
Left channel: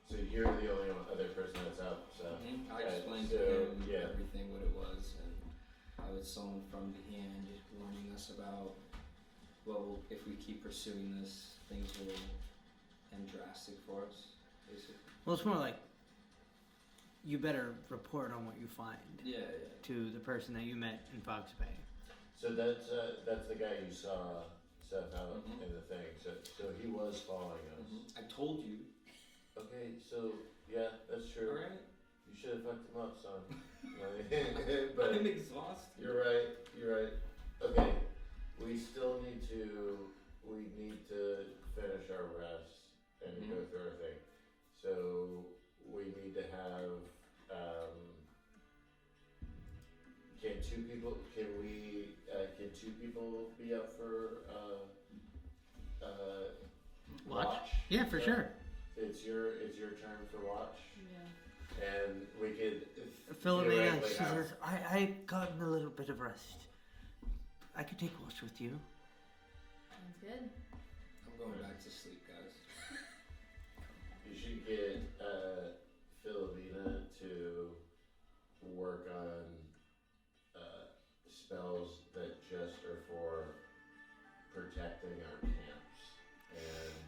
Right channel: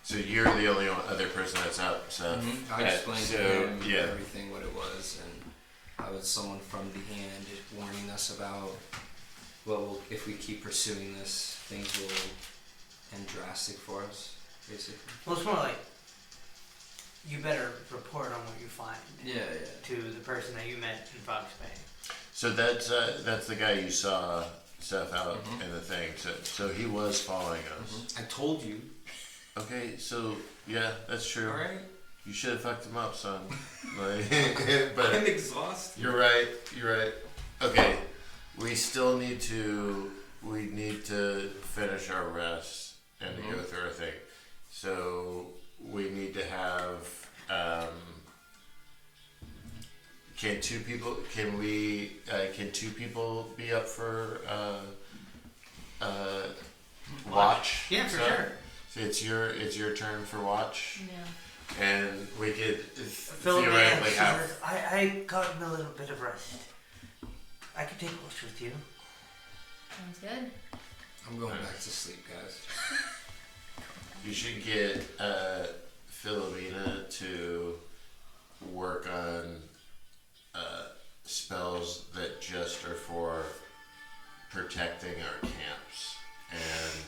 So you're the only other person that's out, so I explained so, to him yeah. everything, what it was, and I was someone from the hand warning us about, well, if we keep pursuing this, things will end drastic for us, basically. Well, it's more like you better report on what you find to the person that you met in Fox Bay. So that's the guy you saw stuff out in the thing. So he was following us. I told you. Okay, so yeah, that's true. All right. You should have fucked him up, son. Like, but I'm exhausted. You're right. Okay, we need to finish our rest and to go through our thing. So we need to have. Can two people be up for watch? Yeah, for So sure. It's your turn for watch. Yeah. And we could Philip, theoretically have. I gotten a little bit of rest. I could take watch with you. Sounds good. I'm going back to sleep, guys. You should get Philomena to work on spells that just are for protecting our camps and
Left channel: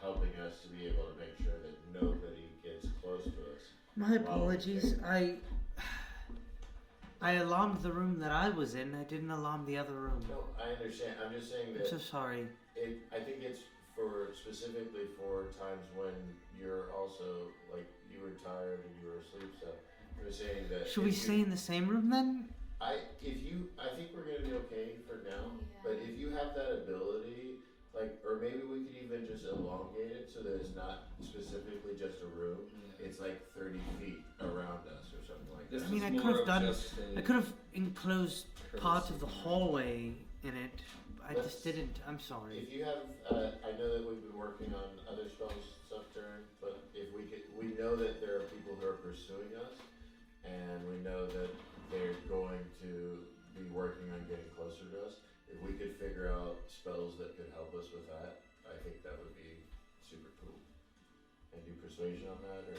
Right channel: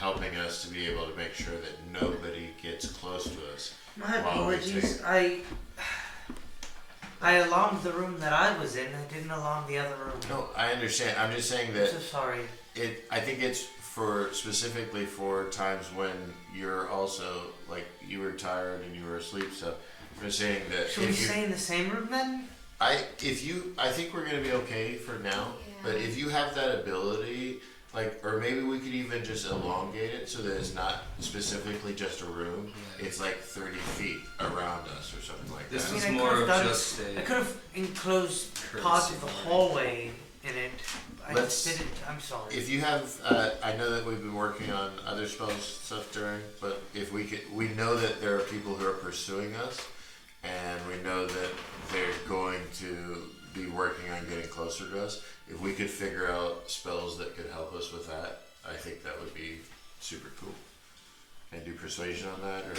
helping us to be able to make sure that nobody gets close to us. My apologies. I alarmed the room that I was in. I didn't alarm the other room. No, I understand. I'm just saying I'm that so sorry. I think it's specifically for times when you're also like you were tired and you were asleep. So I'm just saying that Should we stay in the same room then? I think we're gonna be okay for now. Yeah. But if you have that ability, like, or maybe we could even just elongate it so that it's not specifically just a room. It's like 30 feet around us or something like This that. I mean, is I more could've of done- just I a. could have enclosed part of the hallway in it. I Let's- just didn't. I'm sorry. If you have, I know that we've been working on other spells stuff during, but if we could, we know that there are people who are pursuing us, and we know that they're going to be working on getting closer to us. If we could figure out spells that could help us with that, I think that would be super cool. And do persuasion on that, or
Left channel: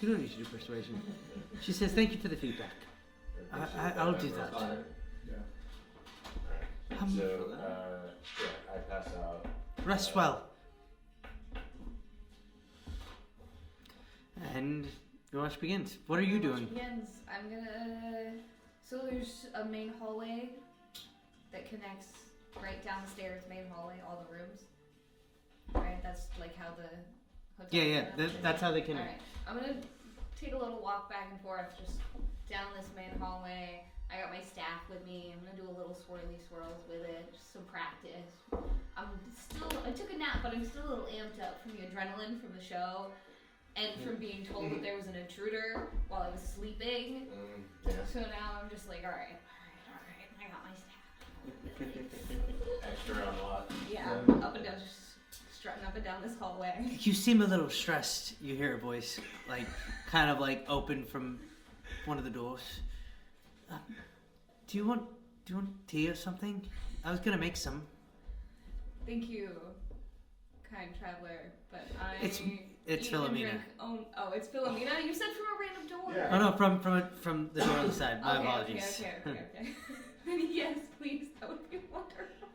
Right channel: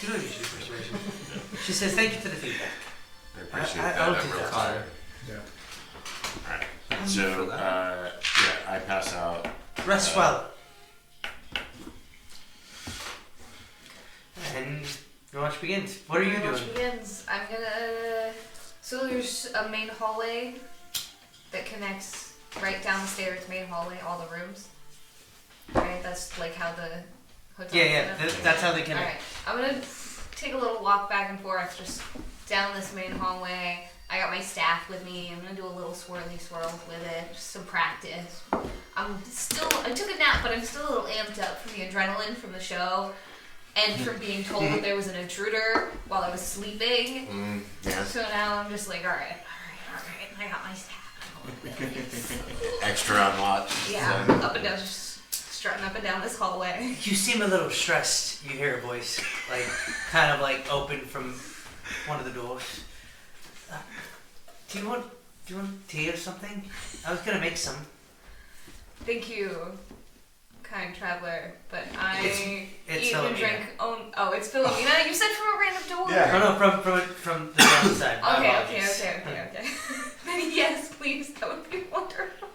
You don't use your persuasion. She says, "Thank you for the feedback." I appreciate I that. don't I'm do real that. tired. Yeah. Alright. For So, that. yeah, I pass out. Rest well. And your watch begins. What are you My watch doing? begins. I'm gonna. So there's a main hallway that connects right down the stairs. Main hallway, all the rooms. Right. That's like how the hotel. Yeah, set up. that's how they All connect. right. I'm gonna take a little walk back and forth, just down this main hallway. I got my staff with me. I'm gonna do a little swirly swirls with it, just some practice. I took a nap, but I'm still a little amped up from the adrenaline from the show, and from being told that there was an intruder while I was sleeping. Yeah. So now I'm just like, all right. I got my staff. Extra on watch. Yeah, So- up and down, just strutting up and down this hallway. You seem a little stressed. You hear a voice, like, kind of like open from one of the doors. Do you want tea or something? I was gonna make some. Thank you, kind traveler, but I It's eat and Philomena. drink. Oh, it's Philomena. You said from a random door. Yeah. Oh no, from the other side. My Okay. apologies. Then yes, please. That would be wonderful.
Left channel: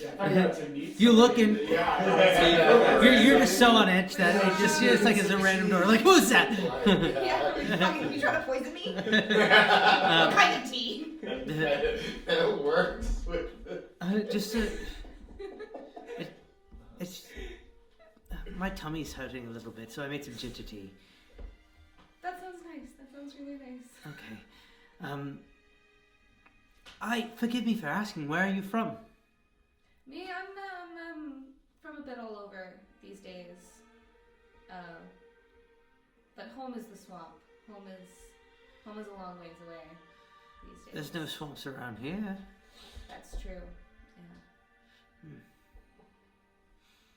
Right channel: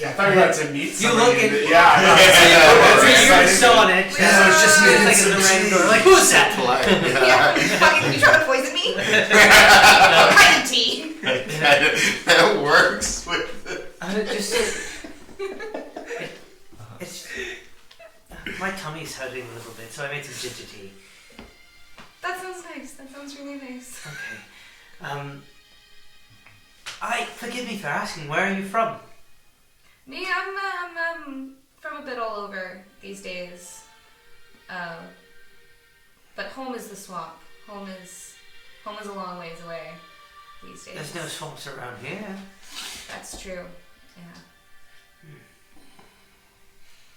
Yeah, I thought you were about to meet You somebody. looking- Yeah. You were so on edge. Yeah. So it's just Yeah. like a random door. Like, who's that? Polite. Yeah. You trying to poison me? What kind of tea? That works with It's my tummy's hurting a little bit, so I made some ginger tea. That sounds nice. That sounds really nice. Okay. Forgive me for asking. Where are you from? Me, I'm from a bit all over these days. But home is the swamp. Home is a long ways away these days. There's no swamps around here. That's true. Yeah.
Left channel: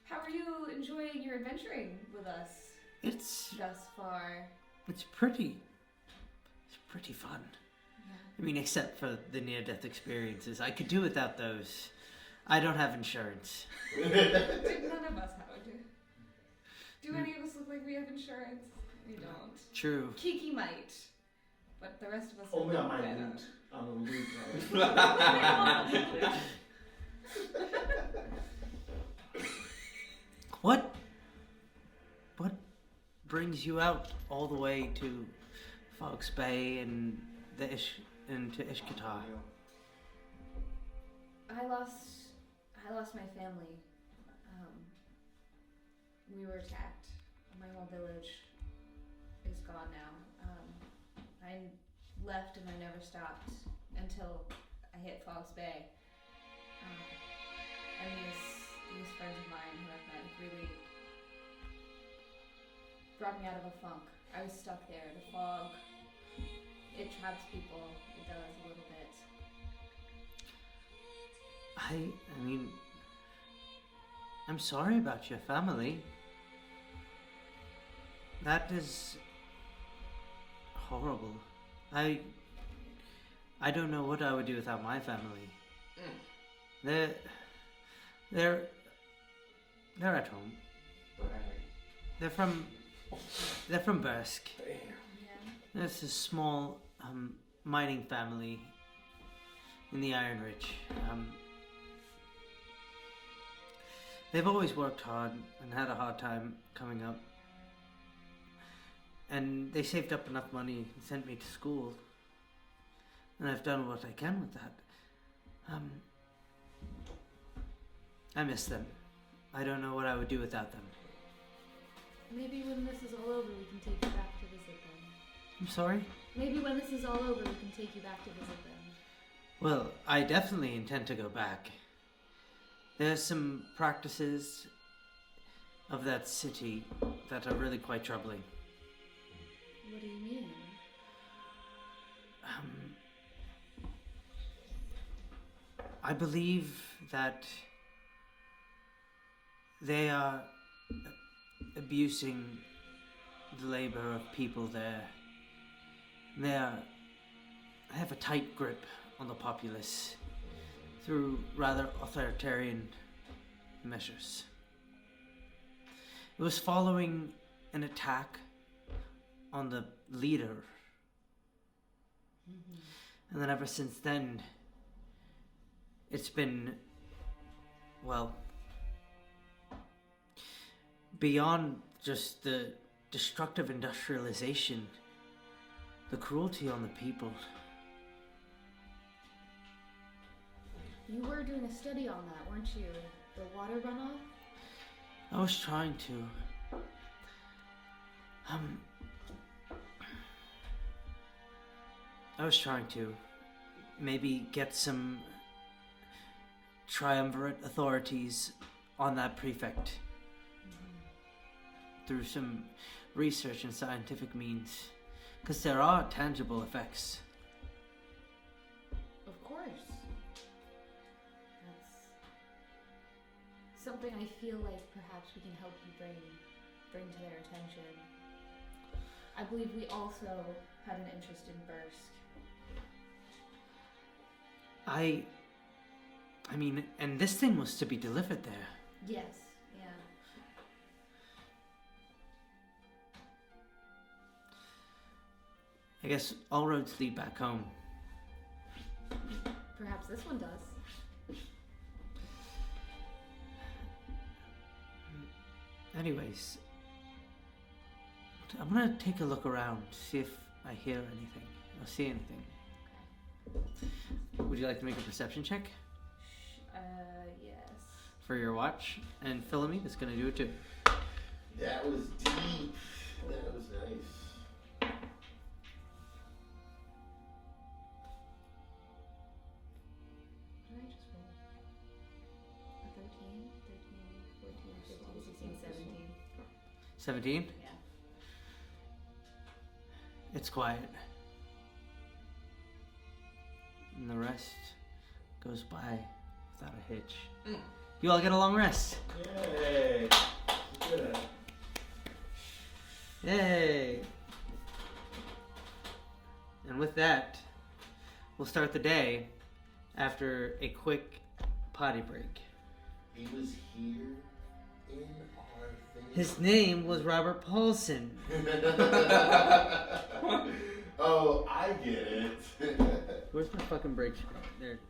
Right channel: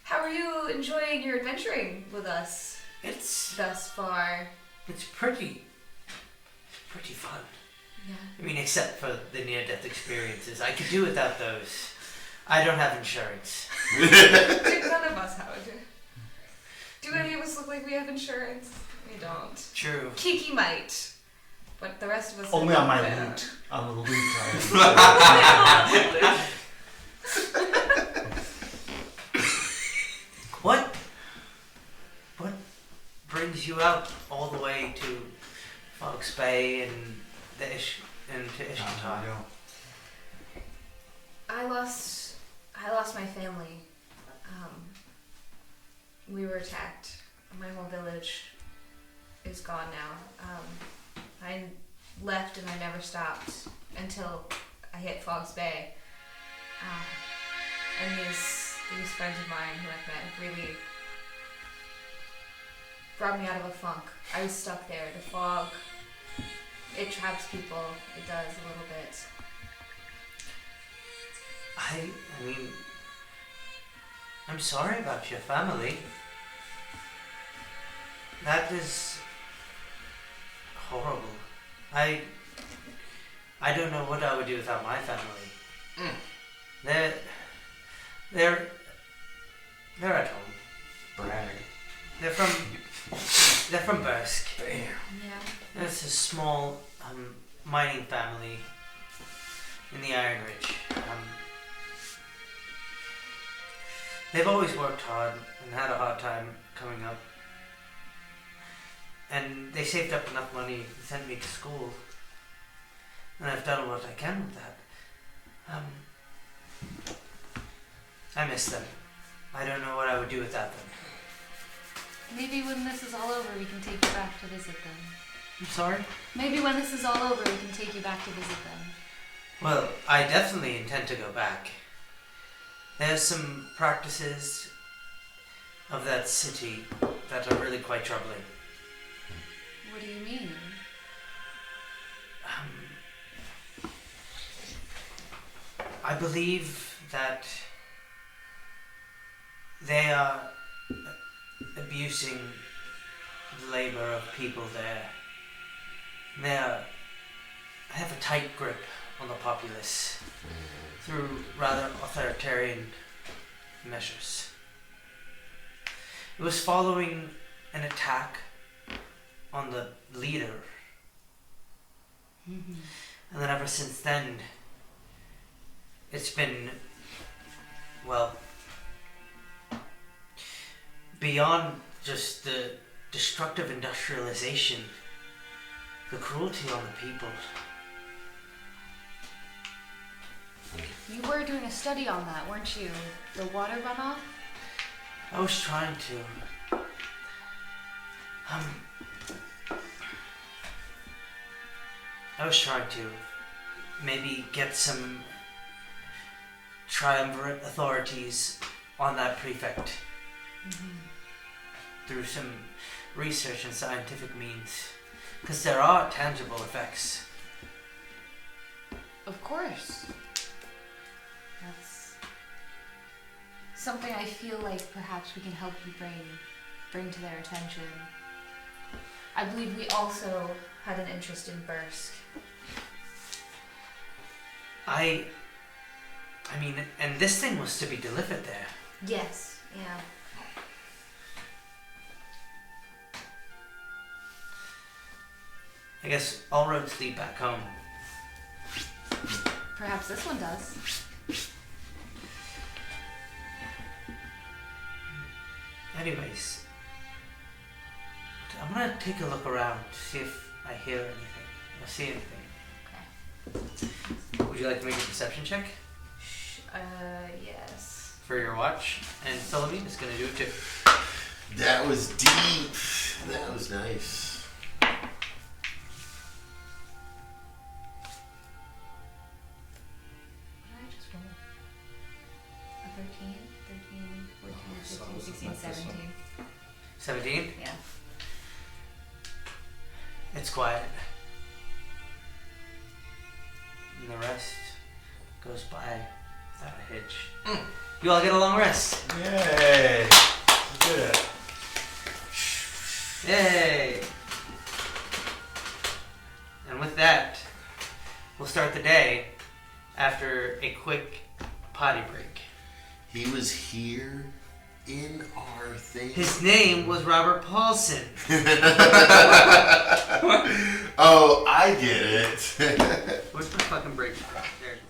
How are you enjoying your adventuring with us It's thus far? pretty fun. Yeah. I mean, except for the near-death experiences. I could do without those. I don't have insurance. None of us have. Do any of us look like we have insurance? We don't. True. Kiki might, but the rest of us Only on my don't. loot. On the loot. I What brings you out all the way to Fox Bay and to Ishkantar? I lost my family. We were attacked. My whole village is gone now. I left and I never stopped until I hit Fox Bay. And these friends of mine who I've met really brought me out of a funk. I was stuck there. The fog, it traps people. It does a little bit. I mean, I'm sorry about your family. That is horrible. I don't know what I would do without my family. They're at home. brag. They're from Bursk. Yeah. It's a small mining family in the Iron Ridge. They've always worked hard and had a hard time coming up. And they saved up enough money and sent me to school. And I've done what I can with that. I miss them. I don't know what I would do without them. Maybe when this is all over, we can take you back to visit them. I'm sorry? Maybe when this is all over, we can take you back to visit them. Well, I definitely intend to go back. There's some practices of that city that are really quite troubling. What do you mean? I believe that they are abusing the labor of people there. They have a tight grip on the populace through rather authoritarian measures. It was following an attack on the leader. And then ever since then, it's been, well, beyond just the destructive industrialization, the cruelty on the people. You were doing a study on that, weren't you? The water runoff? I was trying to. I was trying to maybe get some triumvirate authorities on that prefect through some research and scientific means, because there are tangible effects. Of course. That's something I feel like perhaps we can help you bring to their attention. I believe we also had an interest in Bursk. I mean, and this thing was to be delivered there. Yes, yeah. I guess all roads lead back home. Perhaps this one does. Anyways, I'm gonna take a look around, see if I hear anything or see anything. Would you like to make a perception check Yes. for your watch? And Philomena's gonna do it too. That was deep. That was nice. What did I just roll? A 13, 14, 15, 16, 17. 17? Yeah. It's quiet. And the rest goes by without a hitch. You all get a long rest. Yay! We did it. Yay! And with that, we'll start the day after a quick potty break. He was here in our thing. His name was Robert Paulson. Oh, I get it. Where's my fucking break? There it is.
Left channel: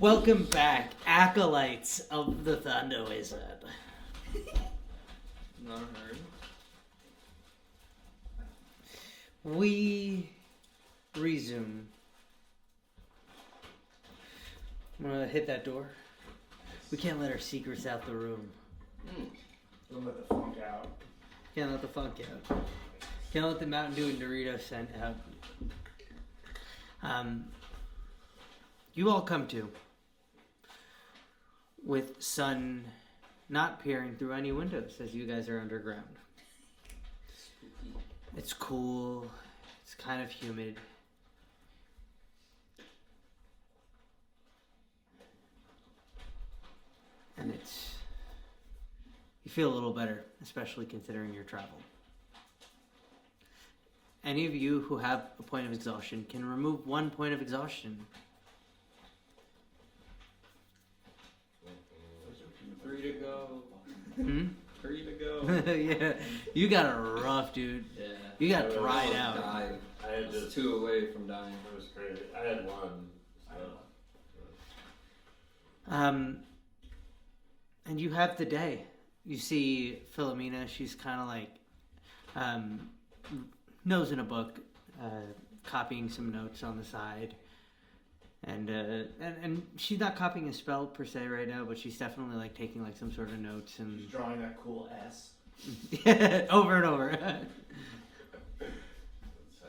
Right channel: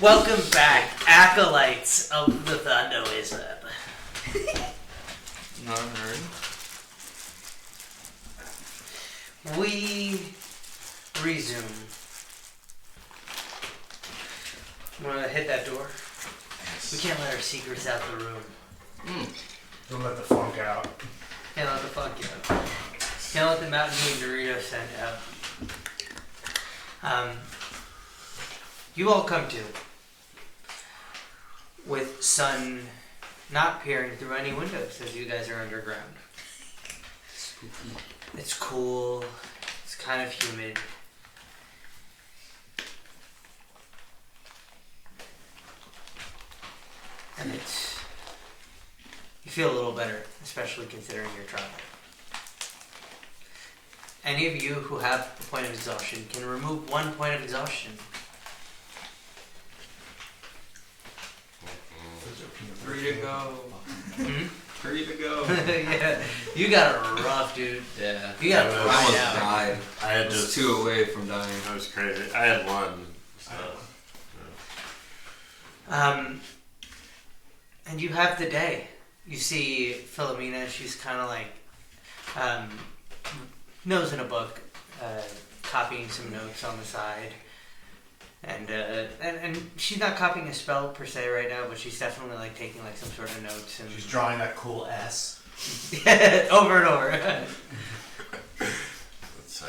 Welcome back, acolytes of the Thunder Wizard. Not heard. We resume. Wanna hit that door? We can't let our secrets out the room. Don't let the funk out. Can't let the funk out. Can't let the Mountain Dew and Dorito scent out. You all come to with sun not peering through any windows as you guys are underground. Spooky. It's cool. It's kind of humid. And you feel a little better, especially considering your travel. Any of you who have a point of exhaustion can remove 1 point of exhaustion. Free to go. Hmm? Free to go. Yeah, you got it rough, dude. Yeah. You got I to was- I ride almost out. died. I had I was just. 2 away from dying. That was crazy. I had one. So. And you have the day. You see Philomena, she's kind of like, nose in a book, copying some notes on the side. And she's not copying a spell per se right now, but she's definitely like taking like some sort of notes and She's drawing that cool S. over and over. Let's say.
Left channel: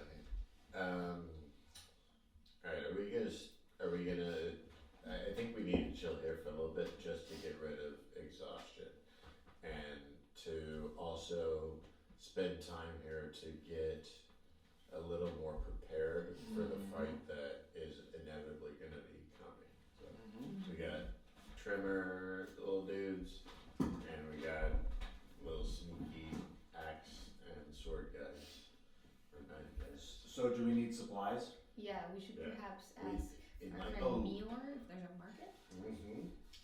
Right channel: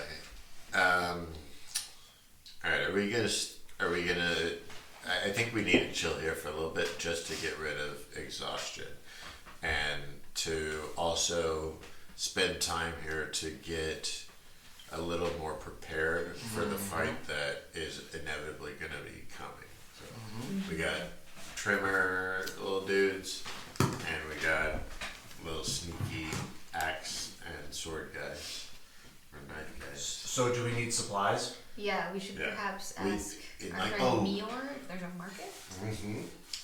All right. Are we gonna? I think we need to chill here for a little bit just to get rid of exhaustion, and to also spend time here to get a little more prepared for the fight that is inevitably going to be coming. So we got trimmer little dudes, and we got little sneaky axe and sword guys, or knife guys. So do we need supplies? Yeah, we should Yeah. perhaps We- ask it our might- friend oh. Mior if there's a market.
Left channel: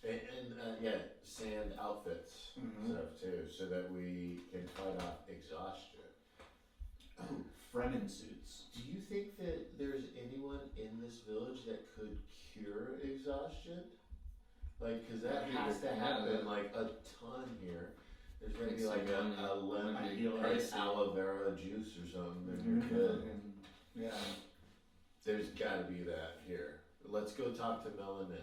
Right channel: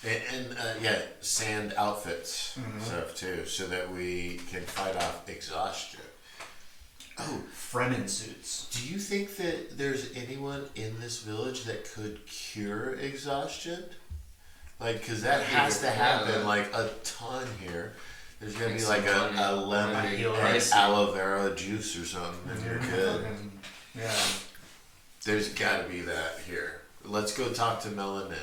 And yeah, sand outfits stuff too, so that we can fight off exhaustion. Oh, Fremen suits. do you think that there's anyone in this village that could cure exhaustion? Like, cause that has to happen like a ton here. There's gonna be like a lemon and Heal aloe vera juice or something, and you're good. Yeah. There's gotta be that here. Let's go talk to Melanin.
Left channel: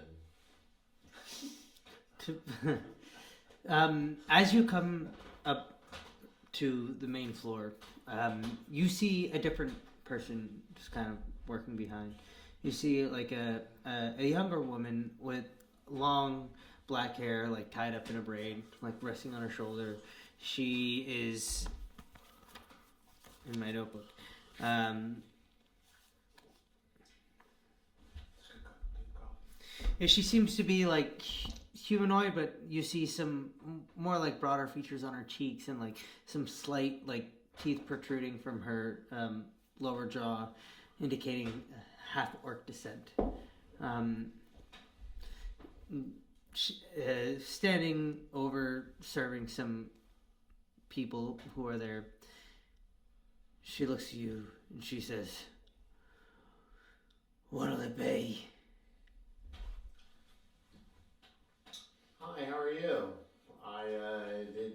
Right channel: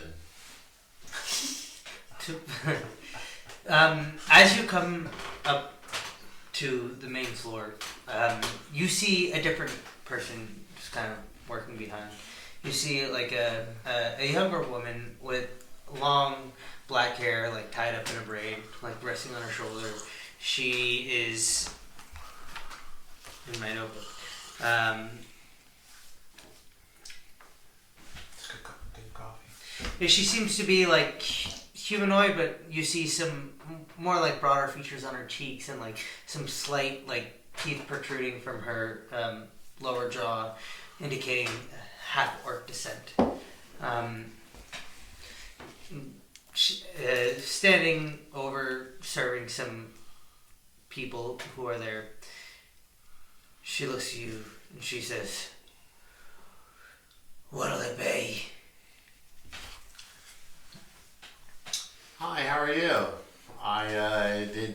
As you come up to the main floor, you see a different person just kind of working behind. You see like a younger woman with long black hair, like tied up in a braid, like resting on her shoulder. She is in my notebook. Good coffee. Yeah, she seems to be like humanoid, but you see some more like broader features on her cheeks and like some slight like teeth protruding from her lower jaw, indicating half orc descent. Standing over serving some people who are there, she looks at you and she says, "What'll it be?" Hi, how are you? I did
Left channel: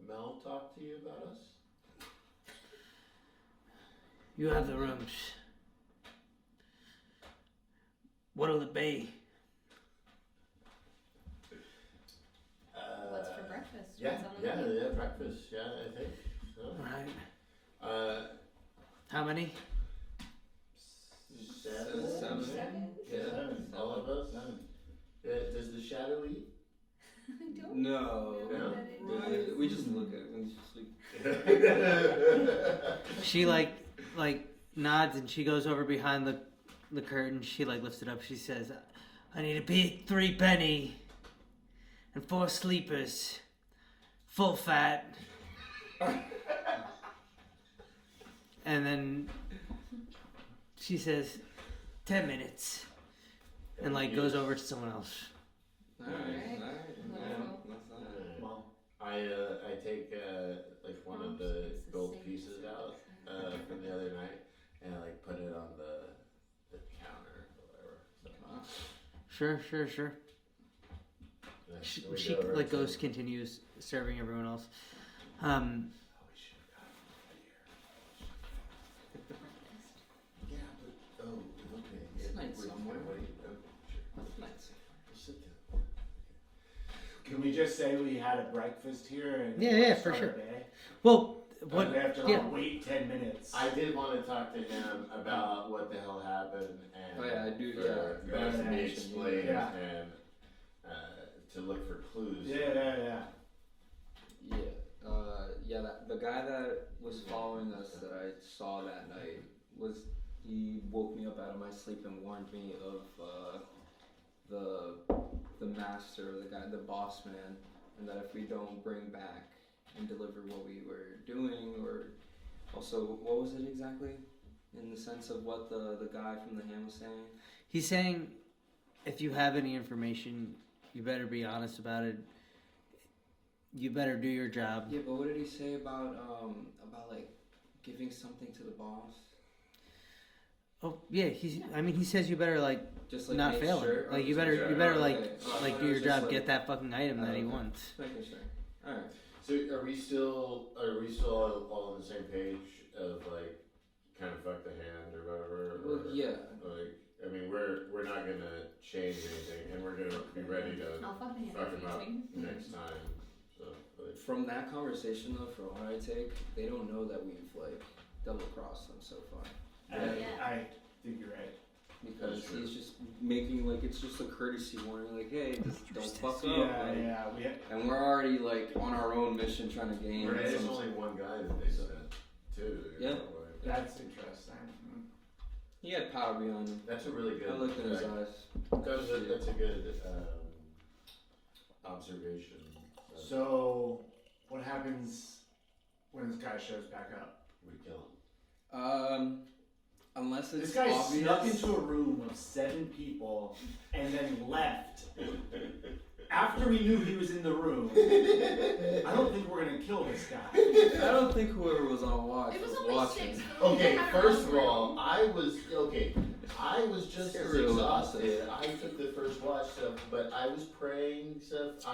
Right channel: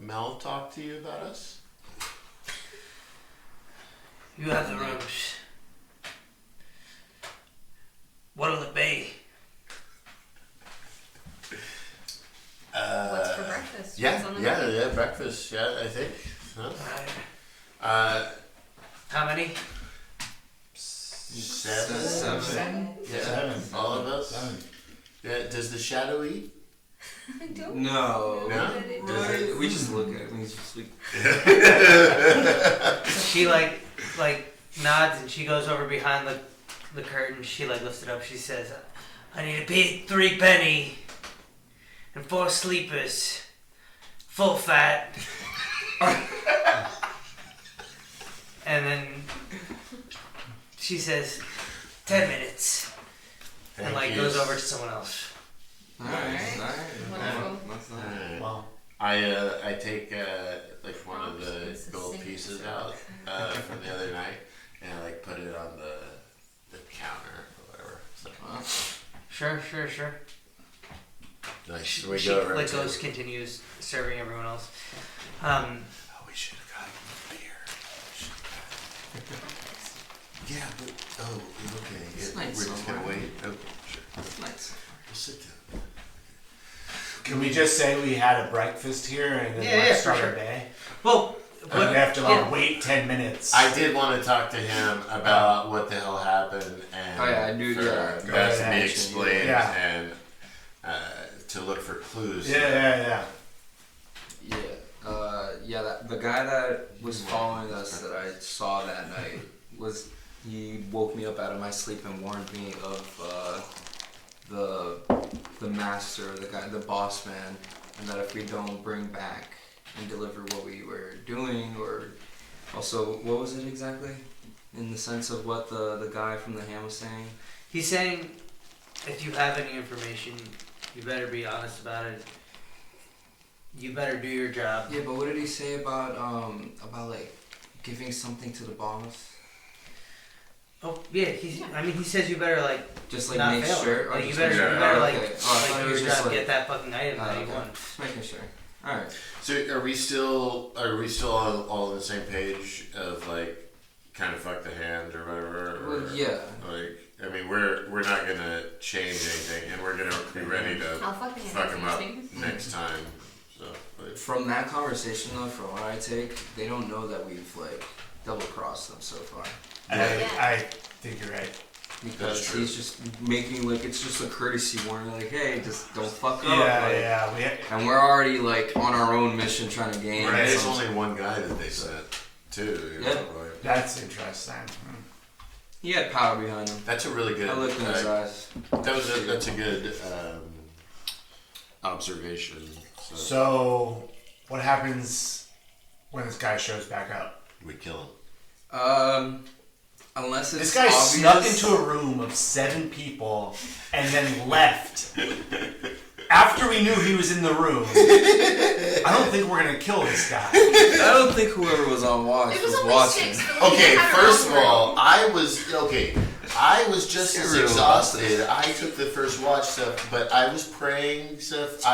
Mel talk to you about us? You have the rooms. What'll it be? What's for breakfast? Yeah, What's on the yeah, menu? yeah, breakfast, yeah, I think. Huh? Alright. How many? Seven? Seven. Yeah, Seven. all of us? Seven. Yeah, does the shadow eat? I don't No. know No? that it Does was. We just look at him. He's just like. She like nods and she goes over behind the curtain. She like lifts it up. She says, "I need to pay 3 penny and 4 sleepers, full fat." And then she says, 10 minutes, and like Thank you. goes over to someone else. Nice. Wonderful. Well, I take like one of the This is gold sick. pieces out from the other night and I like put it on Sure. Nice. So we She go over like to- goes continues serving everyone else. Oh, we should have gotten beer. Yeah, but okay. It's We're nice just gonna somewhere. wait. Okay, sure. Nice. We'll sit down. Can we just say we had a breakfast here and then Yeah, for start sure. our day? Well, But we have to yeah. wait 10 minutes. I did want to talk to him about what the hell happened and Oh, yeah, I do, for yeah. Go that to ahead. be explained Yeah. and to look for clues. Yeah. The guy that was following us that I saw that night he woke me up out of my sleep and warned me of the master, the boss man, and that if we don't bring back and deliver what we were doing, or also what was it exactly, in the sense of what the guy from the ham was saying. He's saying, if you have any information, you better be honest about it. You better do your job. Yeah, but what did he say about like giving something to the boss? Oh yeah, he says you better like Just like not make fail. sure. Like you just better, make sure? you better Oh, like okay. Oh, I thought like it do was your just job, like- get that fucking item that he okay. wants. Just making sure. All right. So are we still all on the same page of like kind of fuck the hand or whatever? Or, Well, yeah. Like I mean we're not gonna change anything and we're gonna be ready to I'll fucking fuck him up anything. next time. So like, From that conversation though, from what I take, they don't know that we've like double crossed them so far. I think you're right. Because true. he's just making like it's just a courtesy warning, like, hey, just don't fuck up. Yeah. like, And we're already like on our own mission trying to gain. Right. there's some- only one guy that they sent too. Yeah. Like, That's interesting. He had power behind him. that's a really good. I looked in his eyes. That's a good observation. So, what happens when this guy shows back up? We kill him. Unless it's This guy obvious. snuck into a room of 7 people and then left. After we knew he was in the room, I don't think we're gonna kill this guy. I don't think whoever was on watch It was only watching. 6. but we Okay, had our first own of all, room. I was just as You're real exhausted. I took the first watch stuff, but I was praying stuff.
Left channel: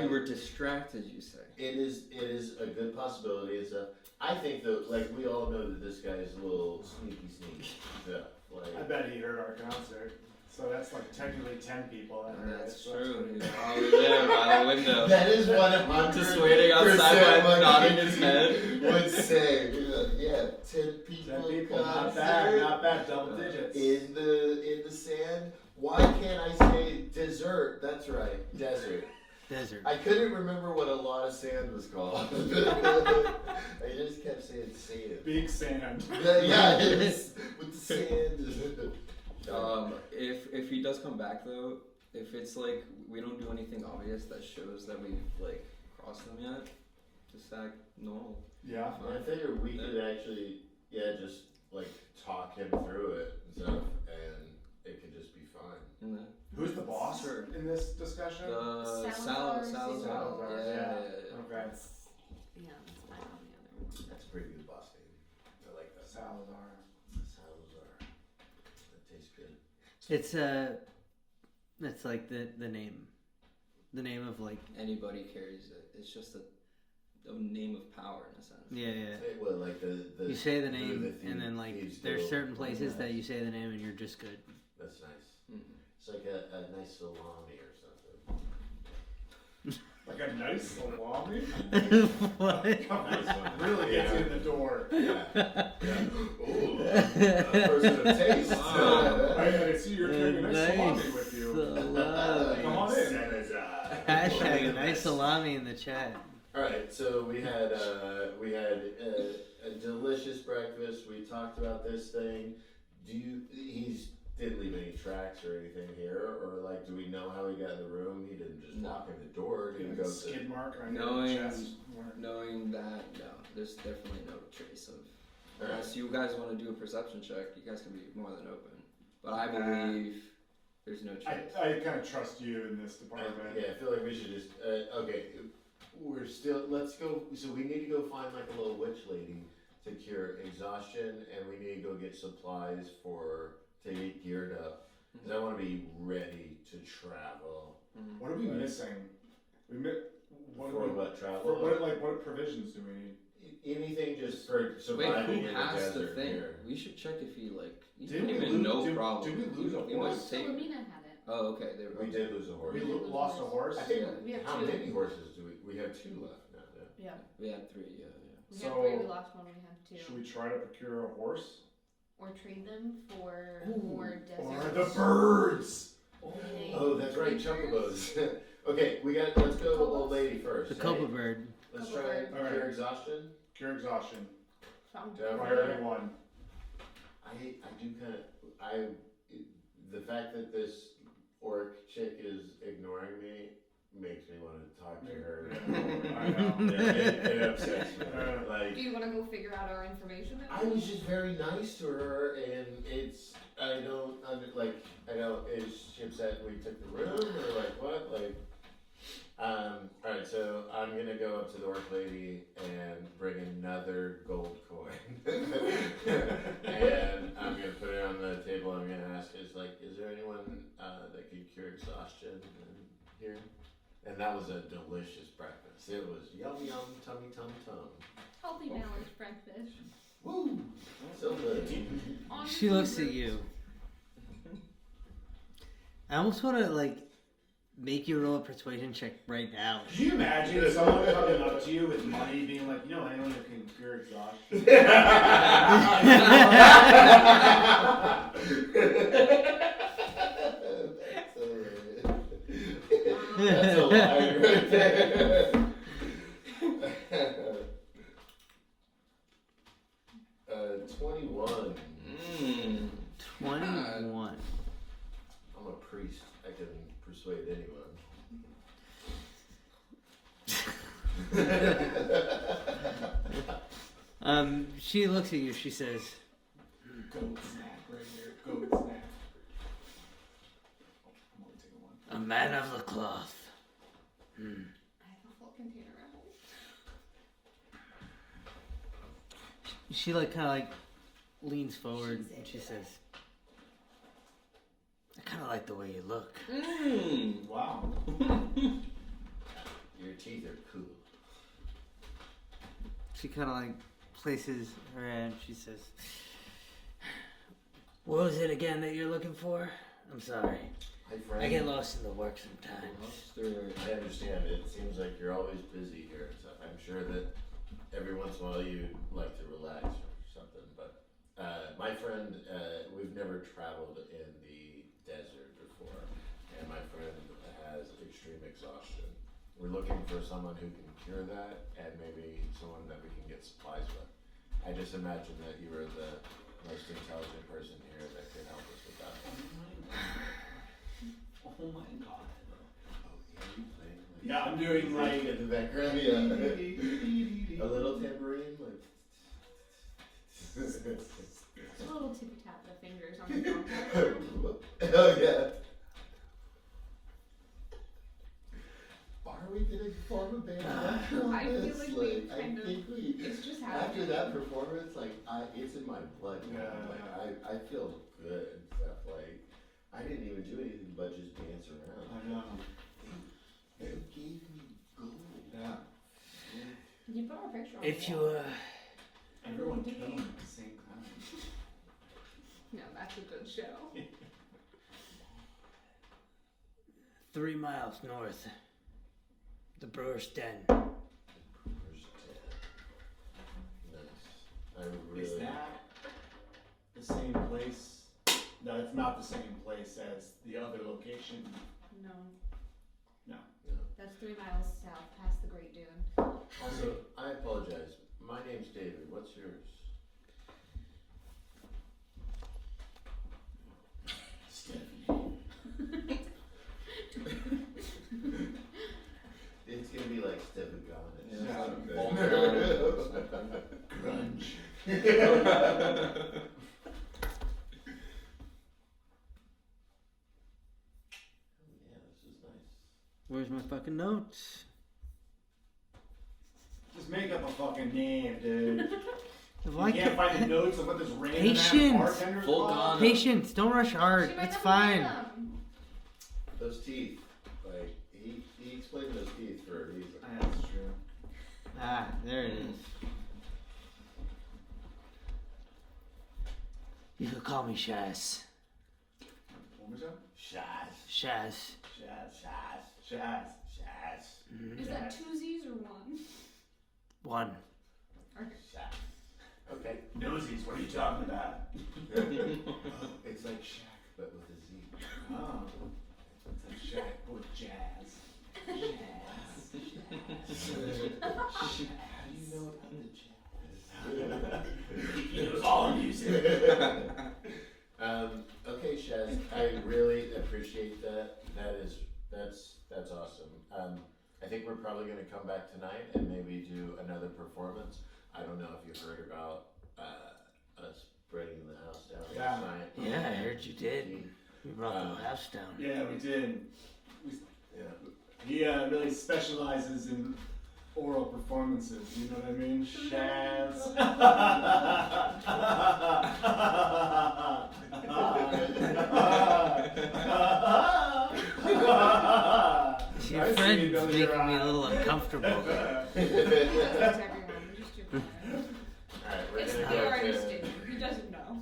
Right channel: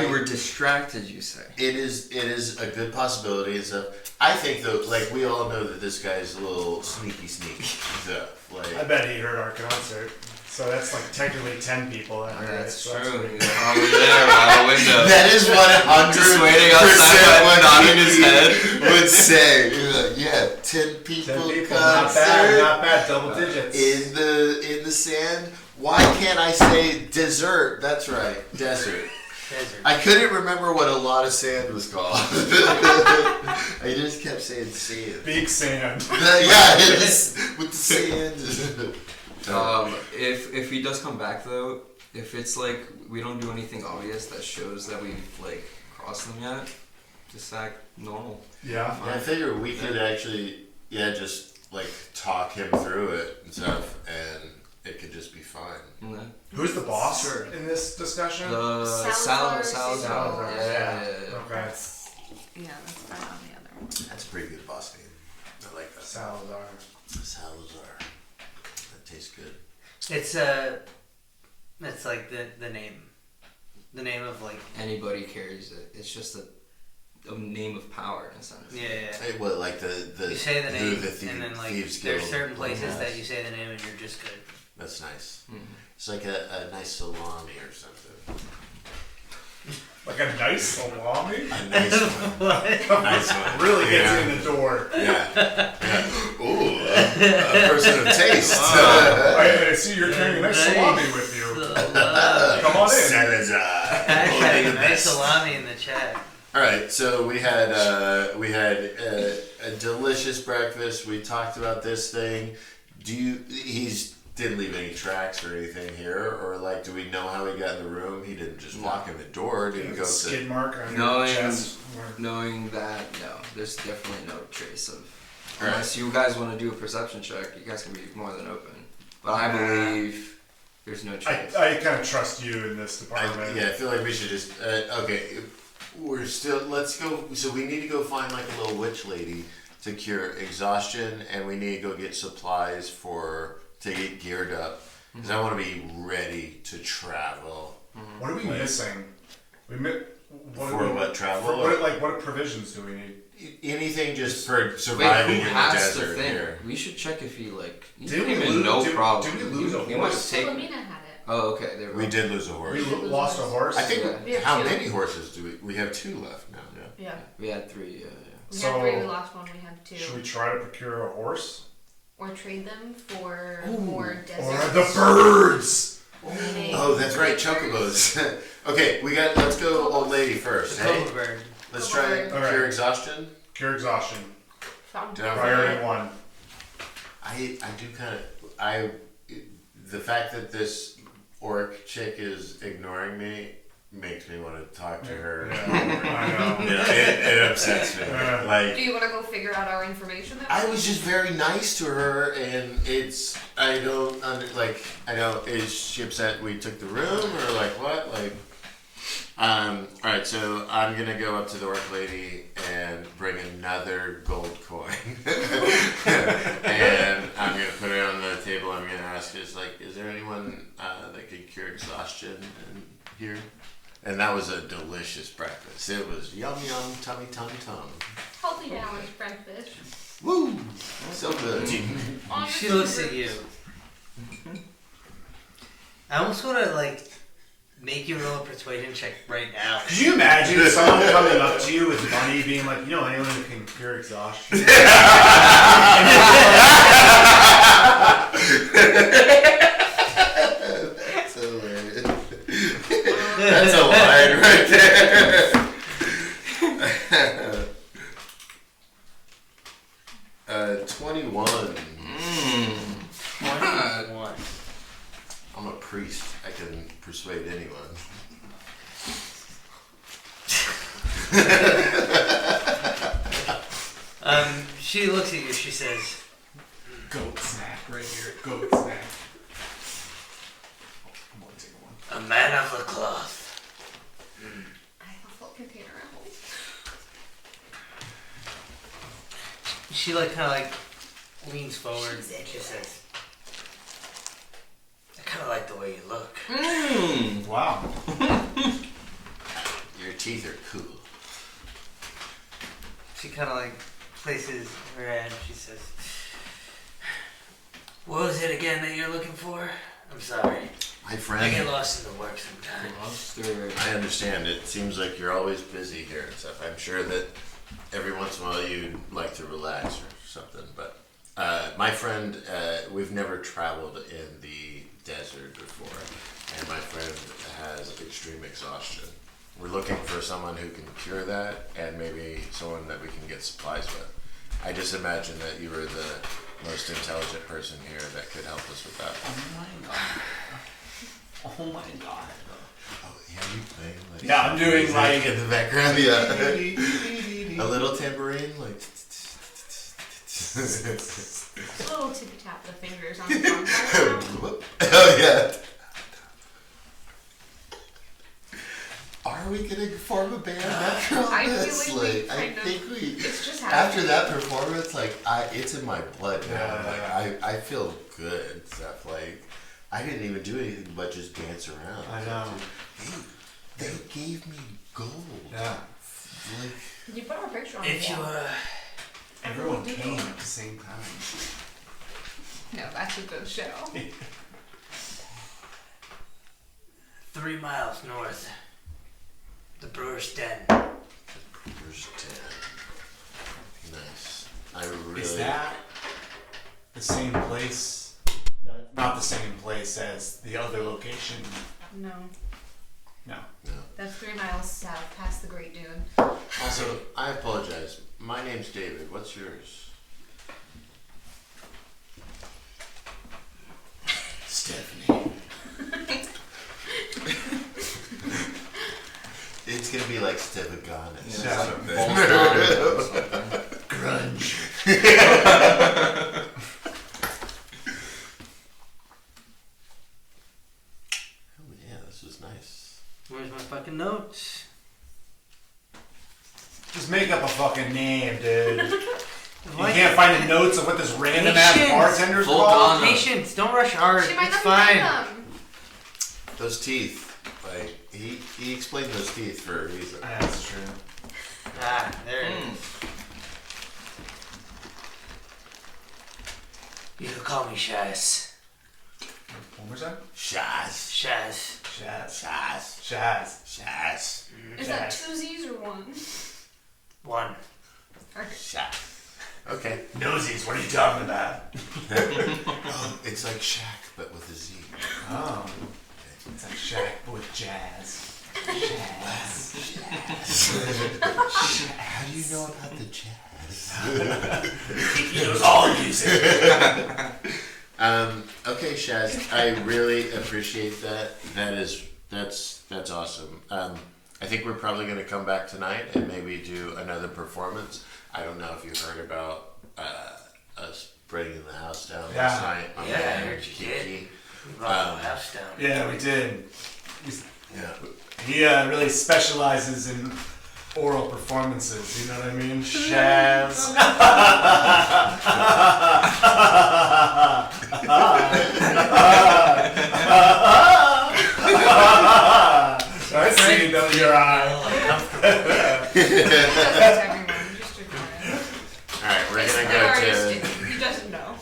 You were distracted, you say. It is a good possibility and stuff. I think though, like we all know that this guy's a little sneaky stuff. I Like bet he heard our concert. So that's like technically 10 people that heard That's it. So true. pretty He was good. probably there by the window. that is 100% Just waiting outside, nodding his head. would say. Yeah, 10 people. 10 people, concert not bad, double digits. in the sand. Why can't I say dessert? That's right, desert. Desert. I couldn't remember what a lot of sand was called. I just kept saying sand. Big sand. Yeah, it is with the sand. If he does come back though, if it's like we don't do anything obvious that shows that we've like crossed them yet, just act normal. Yeah. I figure we could actually, just like talk him through it and stuff, and it could just be fine. And then Who's the boss Sure. in this discussion? the Salazar. Salazar, yeah. Okay. Yeah, that's right on the other one. That's a pretty good boss name. I like that. Salazar. Salazar. That tastes good. It's like the name of like Anybody carries it. It's just a name of power in a sense. yeah. Hey, what like the You say the name, the and then like Thieves there's Guild certain places that has. you say the name and you're just good. That's nice. Mhm. It's like a nice salami or something. Like a nice salami? A nice one. Nice one. Really gets Yeah. in the door. Yeah. Ooh, a person of taste. I see you're carrying a nice salami with you. Come on in. Salazar. Hashtag nice salami in the chat. All right, so we had a delicious breakfast. We talked about this thing. He's didn't leave any tracks or anything here, or like, do we know how he got in the room? He didn't just walk in the door. Did he go to? Skid mark on No, your I- chest. Knowing that, no, there's definitely no trace of. Alright. Unless you guys want to do a perception check, you guys can be more than open. But I believe there's no trace. I kind of trust you in this I department. feel like we should just okay. We're still. Let's go. So we need to go find like a little witch lady to cure exhaustion, and we need to go get supplies to get geared up because I want to be ready to travel. What are we missing? What travel? What provisions do we need? Anything just for surviving in the desert here. We should check if he like. He Did we came in lose? no did, problem. Did we lose a He must horse? have taken. Philomena had it. Oh, okay. There We did lose a horse. We lost a horse. I think. We have How two. many horses do we? We have 2 left now. Yeah. Yeah. We had 3. Yeah. We So- had 3, we lost 1, we had 2. Should we try to procure a horse? Or trade them for more Or desert. the birds? meaning Oh, that's right, creatures. chocobos. Okay, let's go old lady first. The Hey, cobra bird. let's Cobra try bird. Alright. pure exhaustion. Cure exhaustion. Found Did I desert. Priority 1. I do kind of the fact that this orc chick is ignoring me makes me want to talk to her. Yeah, I know. Yeah, it upsets me. Yeah. Like Do you want to go figure out our information? I was just very nice to her, and is she upset we took the room or like what? Like, all right, so I'm gonna go up to the orc lady and bring another gold coin, and I'm gonna put it on the table. I'm gonna ask, is there anyone that could cure exhaustion in here? And that was a delicious breakfast. It was yum yum, tummy tum tum. Healthy balanced breakfast. Woo! So good. She looks at you. I almost want to make you roll a persuasion check right now. Could you imagine someone coming up to you with money being like, you know, anyone who can cure exhaustion? That's hilarious. That's a line right there. 21. 21. I'm a priest. I can persuade anyone. She looks at you. She says, Goat snack right here. Goat snack. I'm gonna take one. "A man of the cloth." I have a full container at home. She kind of leans forward and she says, "I kind of like the way you look." Wow. Your teeth are cool. She kind of places her hand. She says, "What was it again that you're looking for? I'm sorry. My I friend. get lost in the work sometimes." I understand. It seems like you're always busy here and stuff. I'm sure that every once in a while you'd like to relax or something. But my friend, we've never traveled in the desert before, and my friend has extreme exhaustion. We're looking for someone who can cure that, and maybe someone that we can get supplies with. I just imagine that you were the most intelligent person here that could help us with that. Oh my god. Oh, yeah, you playing like Yeah, I'm doing music in the background. Yeah, a little tambourine, like. A little tippy tap the fingers on the drum. Oh yeah. Are we gonna form a band after all I this? feel like we I kind of- think we. It's just After happening. that performance, it's in my blood now. Yeah. I feel good and stuff. I didn't even do anything but just dance around. I know. They gave me gold. Yeah. You put our picture on If the you wall. Everyone did. came at the same time. No, that's a good show. 3 miles north, the Brewer's Den. Brewer's Den. Nice. I really. Is that the same place? No, it's not the same place as the other location. No, No. that's 3 miles south, past the Great Dune. Also, I apologize. My name's David. What's yours? Stephanie. It's gonna be like Stefagonis Yeah. or something. Grunge. Oh yeah, this was nice. Where's my fucking notes? Just make up a fucking name, dude. You Why can't find the notes of what this random ass Patience. bartender's Full called? on. Patience, don't rush hard. She might It's not fine. be them. Those teeth, like he explained those teeth for a reason. That's true. Ah, there it is. You can call me Shaz. One more time? Shaz, Shaz. Shaz. Shaz, Shaz. Shaz, Is that two Z's or one? One. Shaz. Okay. Nosies, what are you talking about? Oh, it's like Shaq, but with a Z. Oh. It's like Shaq, but with jazz. Jazz. How do you know about the jazz? He knows all music. Okay, Shaz, I really appreciate that. That's awesome. I think we're probably going to come back tonight and maybe do another performance. I don't know if you heard about us breaking the house down last night. Yeah, I heard you did. We brought the house down. Yeah, we did. Yeah. He really specializes in oral performances, you know what I mean? Shaz. I see you know your eye. Alright, we're It's gonna the go artist, to. he doesn't know.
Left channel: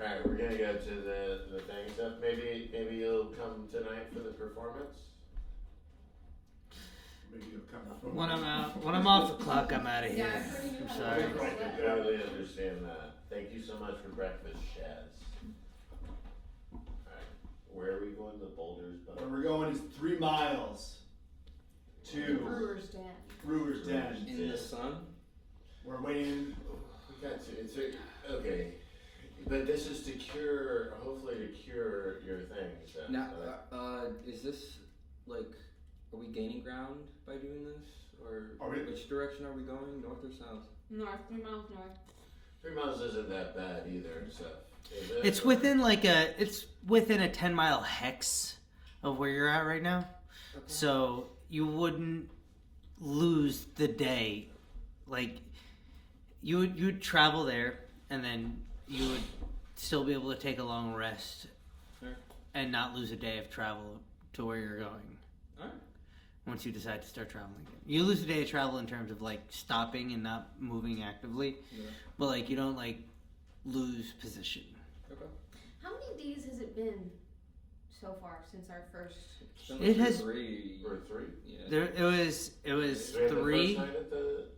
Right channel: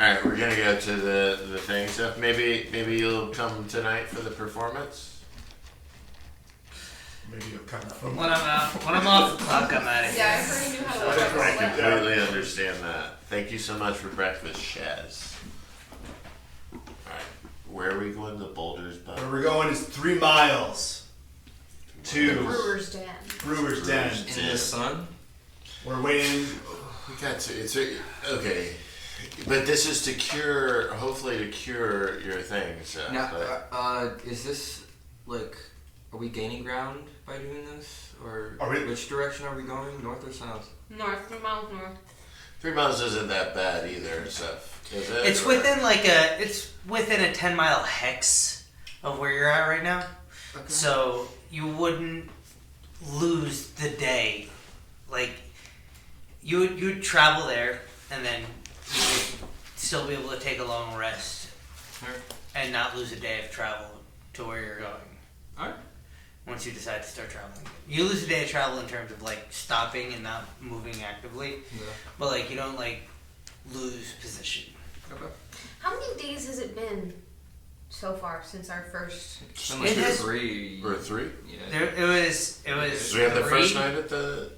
Alright, we're gonna go to the thing stuff. Maybe you'll come tonight for the performance. Maybe you'll come from. When I'm off the clock, I'm out of here. Yeah, I heard he knew how to Right, work a right, slip. yeah. Completely understand that. Thank you so much for breakfast, Shaz. Alright, where are we going? The Boulders, but Where we're going is 3 miles to Brewer's Den. Brewer's Den. In the sun? We're waiting. we got to. Okay, but this is to cure. Hopefully, to cure your things. Now, But is this like, are we gaining ground by doing this, or Are we- which direction are we going, north or south? North, 3 miles north. 3 miles isn't that bad either. Stuff. Is it? It's Or- within it's within a 10-mile hex of where you're at right now. Okay. So you wouldn't lose the day. Like you'd travel there and then you would still be able to take a long rest Alright. and not lose a day of travel to where you're going. Alright. Once you decide to start traveling. You lose a day of travel in terms of like stopping and not moving actively. Yeah. But like you don't like lose position. Okay. How many days has it been so far since our first? It's been It like has- 3. Or 3. Yeah. There it was So we have the 3. first night at the.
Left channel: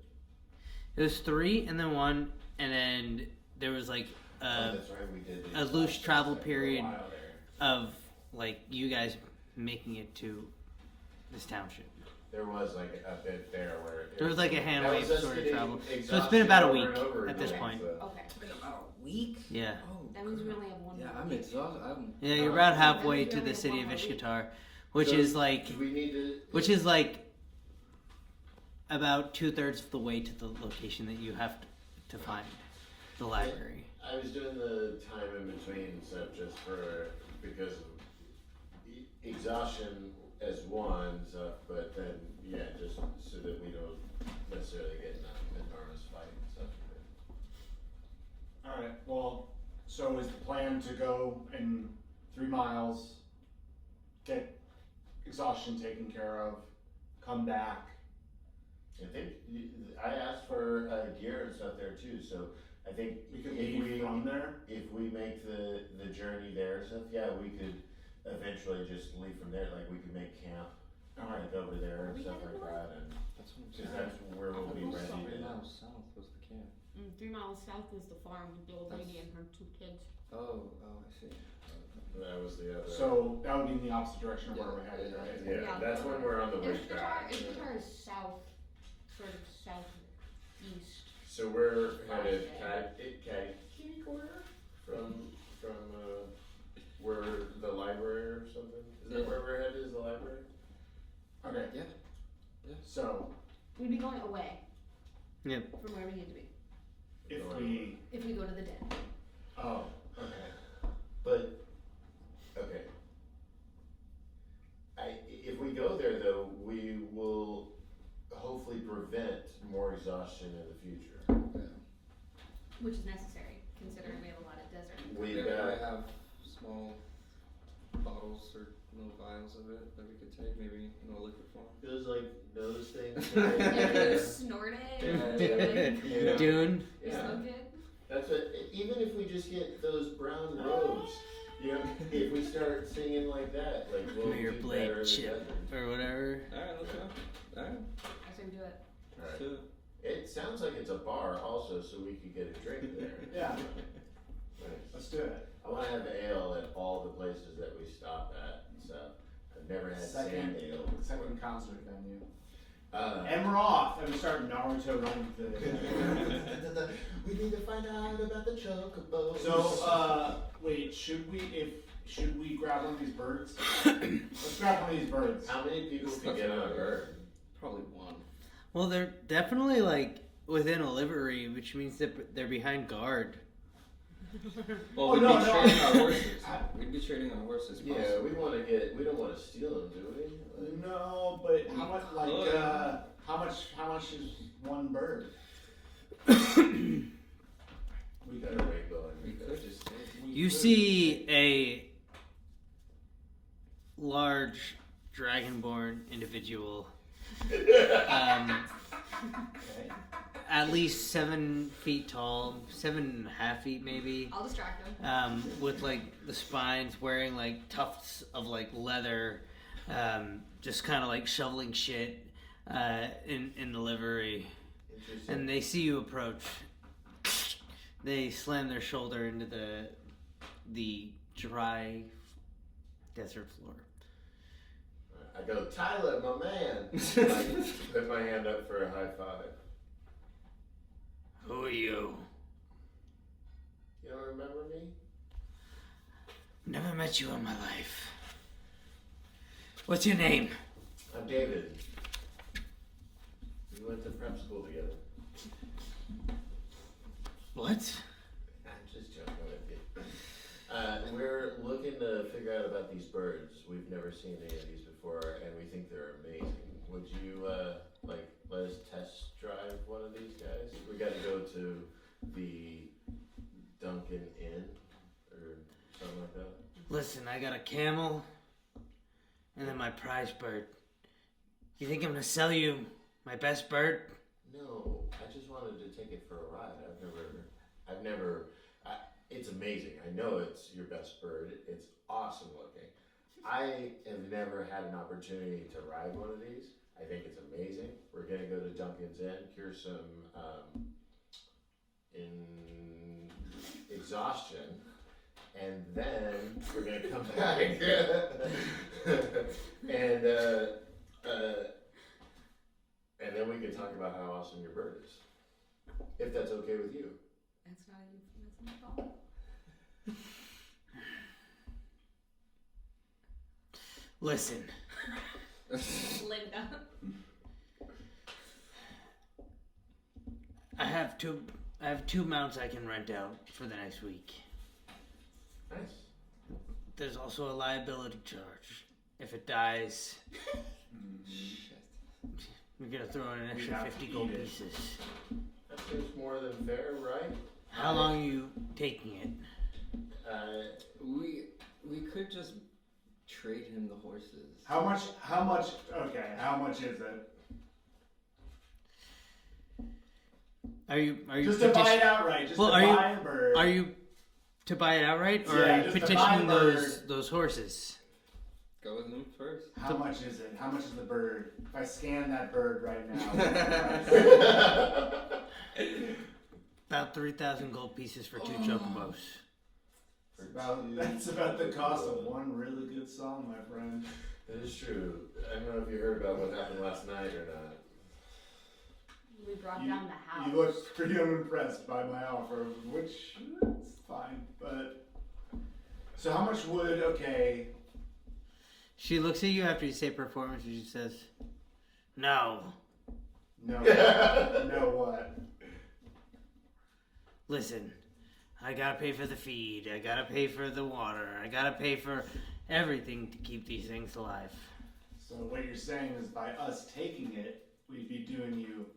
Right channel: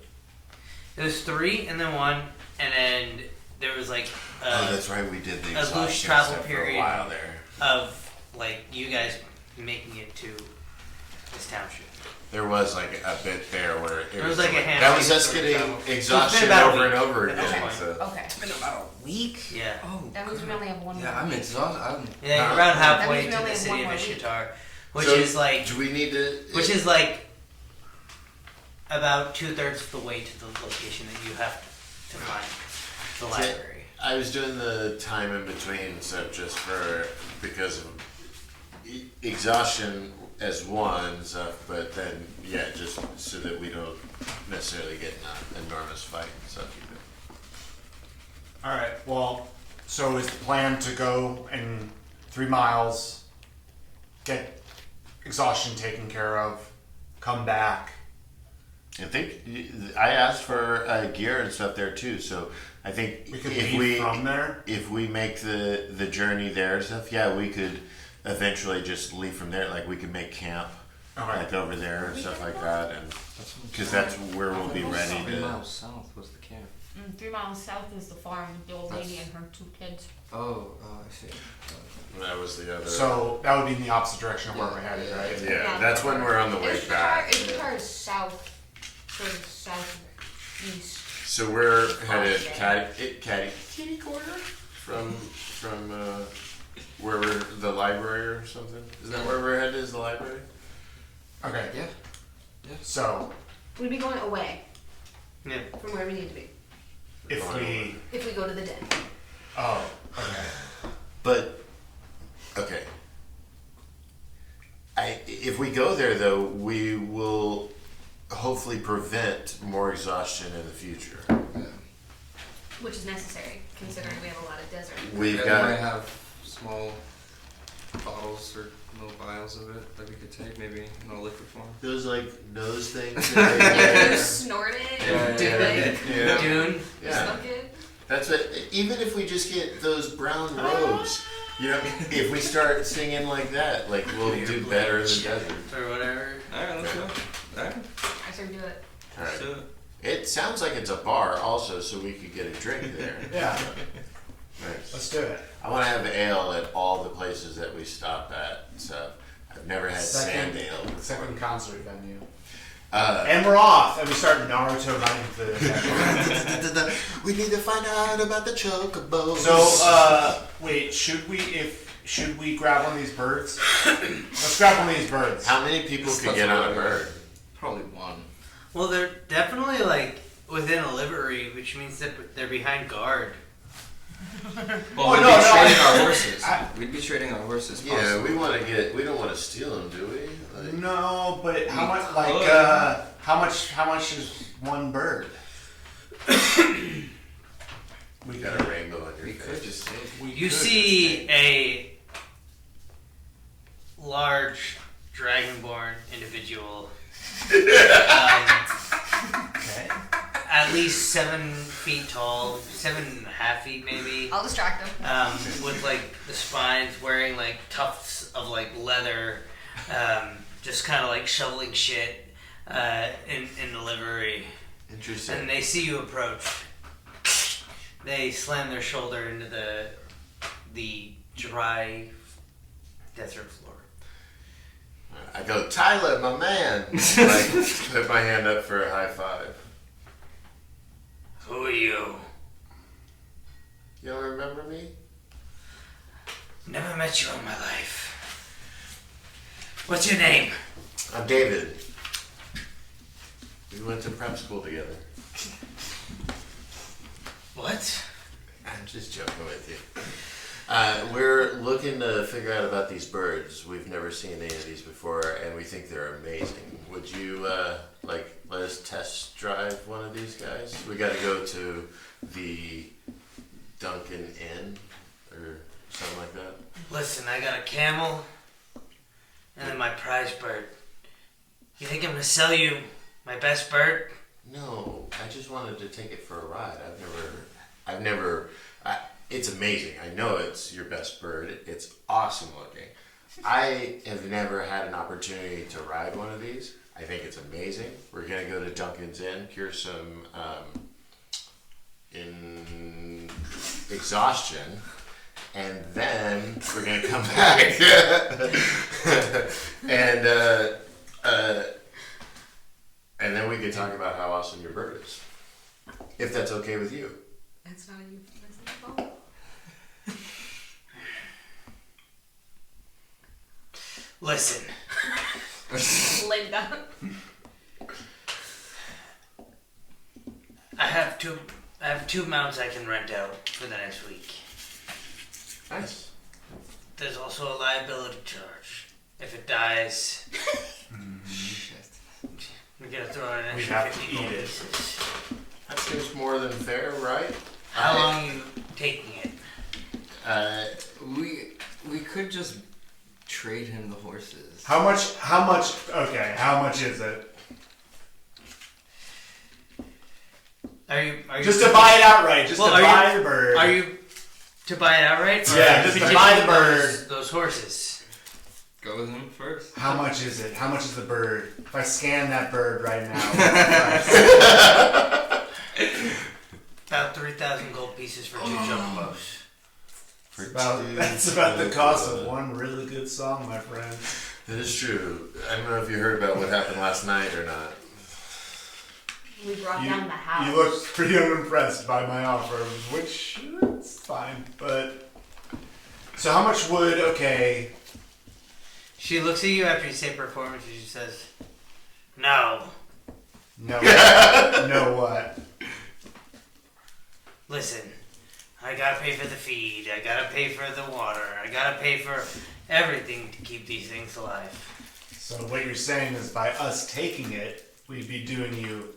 It was 3 and then 1 and then there was like Oh, that's right. We did the a loose exhaustion travel stuff for period. a while there. of like you guys making it to this township. There was like a bit there where it There was like a handful that was of us getting travel. It's exhaustion been about a over and week over at again. this point. So. Okay. It's been about a week? Yeah. Oh. That means we only have one Yeah, more. I'm exhausted. Yeah, you're Huh? about That halfway means we to only the have city one of more week. Ishtar, which So, is like Do we need to? which is like about 2/3 of the way to the location that you have to find the library. I was doing the time in between stuff just for because of exhaustion as one stuff, but then yeah, just so that we don't necessarily get in an enormous fight and stuff. Alright, well, so is the plan to go in 3 miles, get exhaustion taken care of, come back? I think I asked for gear and stuff there too, so I think We could if leave from there? if we make the journey there and stuff, yeah, we could eventually just leave from there. Like we could make camp Okay. like over there and stuff like that, and because that's where we'll be ready 3 to. miles south was the camp. 3 miles south is the farm with the old lady and her 2 kids. Oh, I see. That was the other. So that would be in the opposite direction of where we're headed, right? yeah, that's when we're on the way back. Ishtar is south, sort of southeast. So we're headed kitty corner from where we're the library or something. Is that where we're headed? Is the library? Okay, Yeah. so We'd be going away Yeah. from where we need to be if we. if we go to the den. Oh, okay. But okay. If we go there though, we will hopefully prevent more exhaustion in the future. Which is necessary, considering we have a lot of desert. We've We got. might have small bottles or little vials of it that we could take, maybe in a liquid form. Those like nose things. That they Yeah, wear. you snort it. Yeah, Like, Yeah. Dune. Yeah. smoke it. That's what. Even if we just get those brown robes, you know, if we start singing like that, like we'll do better in the desert. Or whatever. Alright, let's go. Alright, I started to do it. All let's do right. it. It sounds like it's a bar also, so we could get a drink there. Yeah, Nice. let's do it. I want to have ale at all the places that we stop at. So I've never had Second- sand ale before. Second concert venue. And And we're off, and we start Naruto running through the we need to find out about the chocobos. So, wait, should we grab one of these birds? Let's grab one of these birds. how many people could get on a bird? Probably one. Well, they're definitely like within a livery, which means that they're behind guard. Well, Oh, we'd no, be no, trading I- our horses. I- We'd be trading our horses. Yeah, possibly. we don't want to steal them, do we? Like, No, but how much? Like, could. how much is one bird? we got a rainbow on your We could face. just take. We You could see a large dragonborn individual, Okay. at least 7 feet tall, 7.5 feet maybe, I'll distract him. with like the spines, wearing like tufts of like leather, just kind of like shoveling shit in the livery. Interesting. And they see you approach. They slam their shoulder into the dry desert floor. I go, Tyler, my man. Like, put my hand up for a high five. Who are you? You don't remember me? Never met you in my life. What's your name? I'm David. We went to prep school together. What? I'm just joking with you. We're looking to figure out about these birds. We've never seen any of these before, and we think they're amazing. Would you let us test drive one of these guys? We got to go to the Duncan Inn or something like that. Listen, I got a camel and then my prize bird. You think I'm gonna sell you my best bird? No, I just wanted to take it for a ride. I've never. It's amazing. I know it's your best bird. It's awesome looking. I have never had an opportunity to ride one of these. I think it's amazing. We're gonna go to Duncan's Inn, cure some exhaustion, and then we're gonna come back and then we can talk about how awesome your bird is, if that's okay with you. That's not a euphemism. Listen, Linda. I have two mounts I can rent out for the next week. Nice. There's also a liability charge. If it dies, Shit. we're gonna throw in an We extra have to 50 gold eat it. pieces. That seems more than fair, right? How long are you taking it? We could just trade him the horses. How much? Okay, how much is it? Are you Just to buy it outright. Just Well, to are buy you- the bird. Are you to buy it outright? Or Yeah, are you just to petitioning buy the bird. Those horses. Go with him first. How much is it? How much is the bird? If I scan that bird right now. About 3,000 gold pieces for 2 chocobos. That's about the cost of one really good song, my friend. That is true. I don't know if you heard about what happened last night or not. We brought You, down the house. you look pretty unimpressed by my offer, which it's fine. But so how much would okay? She looks at you after you say performance and she says, "No. No, no what? Listen, I gotta pay for the feed, I gotta pay for the water, I gotta pay for everything to keep these things alive." So what you're saying is by us taking it, we'd be doing you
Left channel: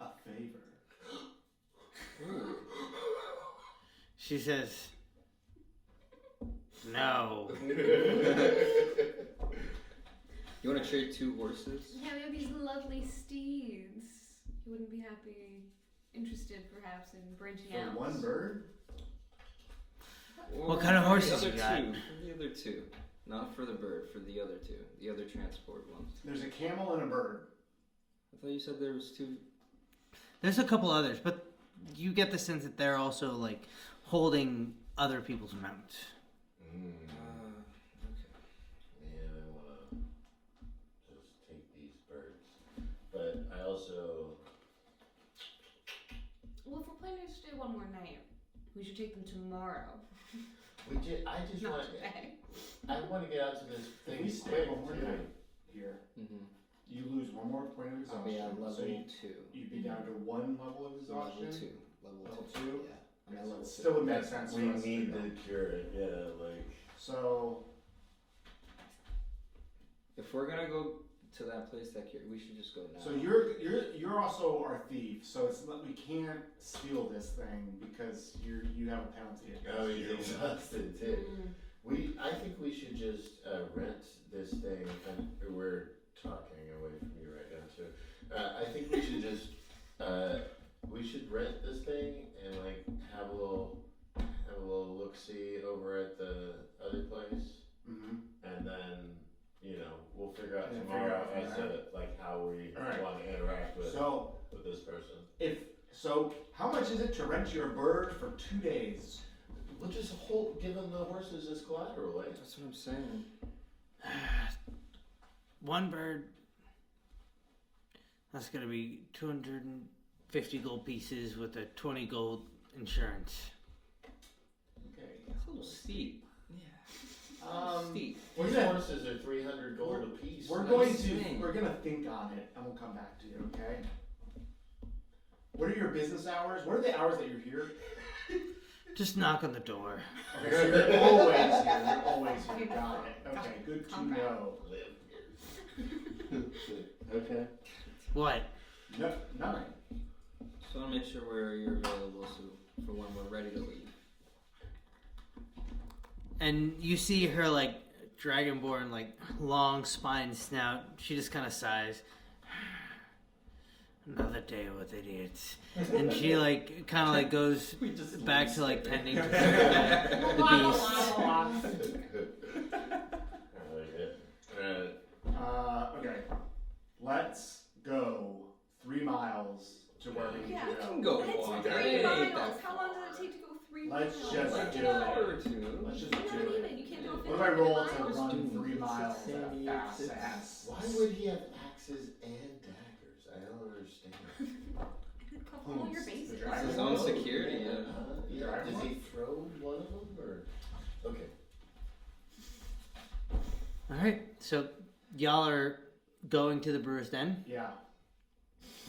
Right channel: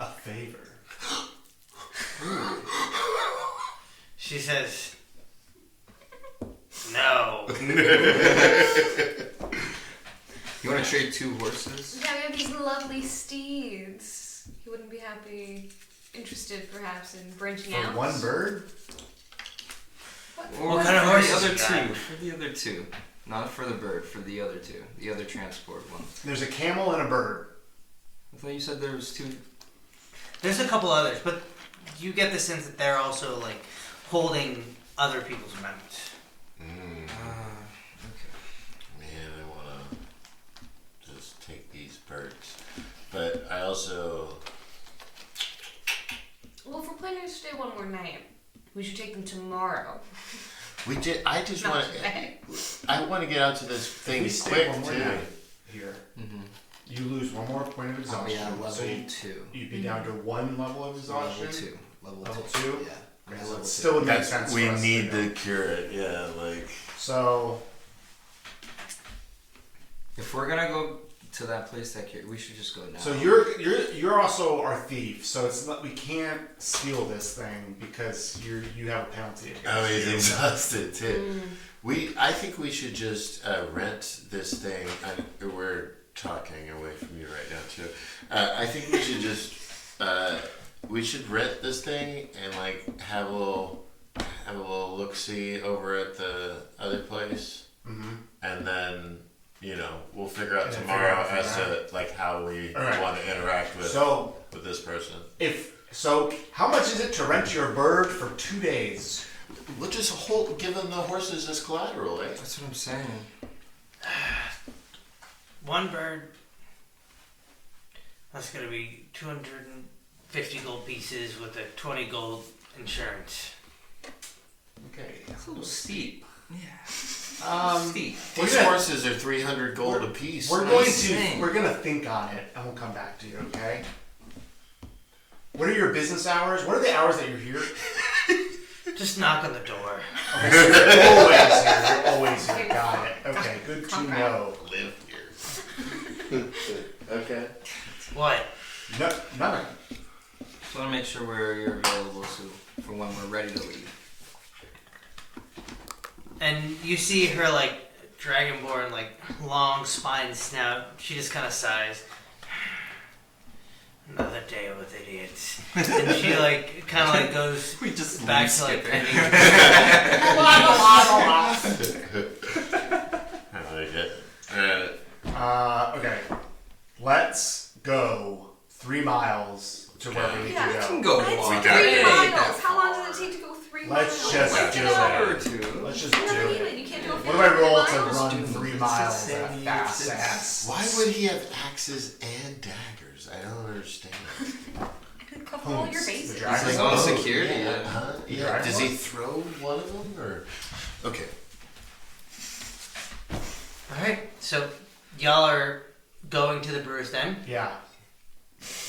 a favor. She says, "No." You want to trade 2 horses? Yeah, we have these lovely steeds. You wouldn't be interested perhaps in branching For out? one bird? What kind of for horses the other you got? 2. For the other 2. Not for the bird, for the other 2. The other transport one. There's a camel and a bird. I thought you said there was 2. There's a couple others, but you get the sense that they're also like holding other people's mounts. Okay. Man, I want to just take these birds. But I also... Well, if we're planning to stay one more night, we should take them tomorrow. I just Not want today. I want to get out to this If thing we stay quick, one more too. night here, you lose one more point of Oh exhaustion. yeah, level so 2. you'd be down to 1 level of exhaustion. Level 2. Level 2? Yeah. Okay, I'm so level it 2. still would make sense We for us need to to go. cure it, yeah, like... So, If we're gonna go to that place we should just go now. so you're also our thief. So it's not, we can't steal this thing because you have a penalty. Oh, he's against you. exhausted, too. I think we should just rent this thing. We're talking away from you right now, too. I think we should just... we should rent this thing and, like, have a little look-see over at the other place. Mhm. And then, we'll figure out And then tomorrow figure out as from to, like, how we All right. want to interact with So this person. how much is it to rent your bird for 2 days? We'll just give them the horses as collateral, eh? That's what I'm saying. One bird. That's gonna be 250 gold pieces with a 20 gold insurance. Okay. It's a little steep. Steep. We're These gonna- horses are 300 gold apiece. We're gonna think on it and we'll come back to you, okay? What are your business hours? What are the hours that you're here? Just knock on the door. Okay, so you're always here. You're always here. Got it. Okay, good to Come know. live here. Okay. What? No, nothing. Just want to make sure you're available for when we're ready to leave. And you see her like dragonborn, like long spine snout. She just kind of sighs. Another day with idiots. And she like kind of like goes We just back to like penny. I like it. Okay. Let's go 3 miles to where we need Yeah, to We go. can go That's walk. We got 3 it. miles. How long does it take to go 3 miles? Let's just Like do an hour or it. 2. Let's just No, do even, it. you can't do What do I roll to run Dude, 3 it's miles insane. at a fast ass? Why would he have axes and daggers? I don't understand. Cover all your The bases. dragon? His own security, Yeah. yeah. Huh? Yeah. Dragon Does he one? throw one of them or? Okay. Alright, so y'all are going to the brewer's den. Yeah.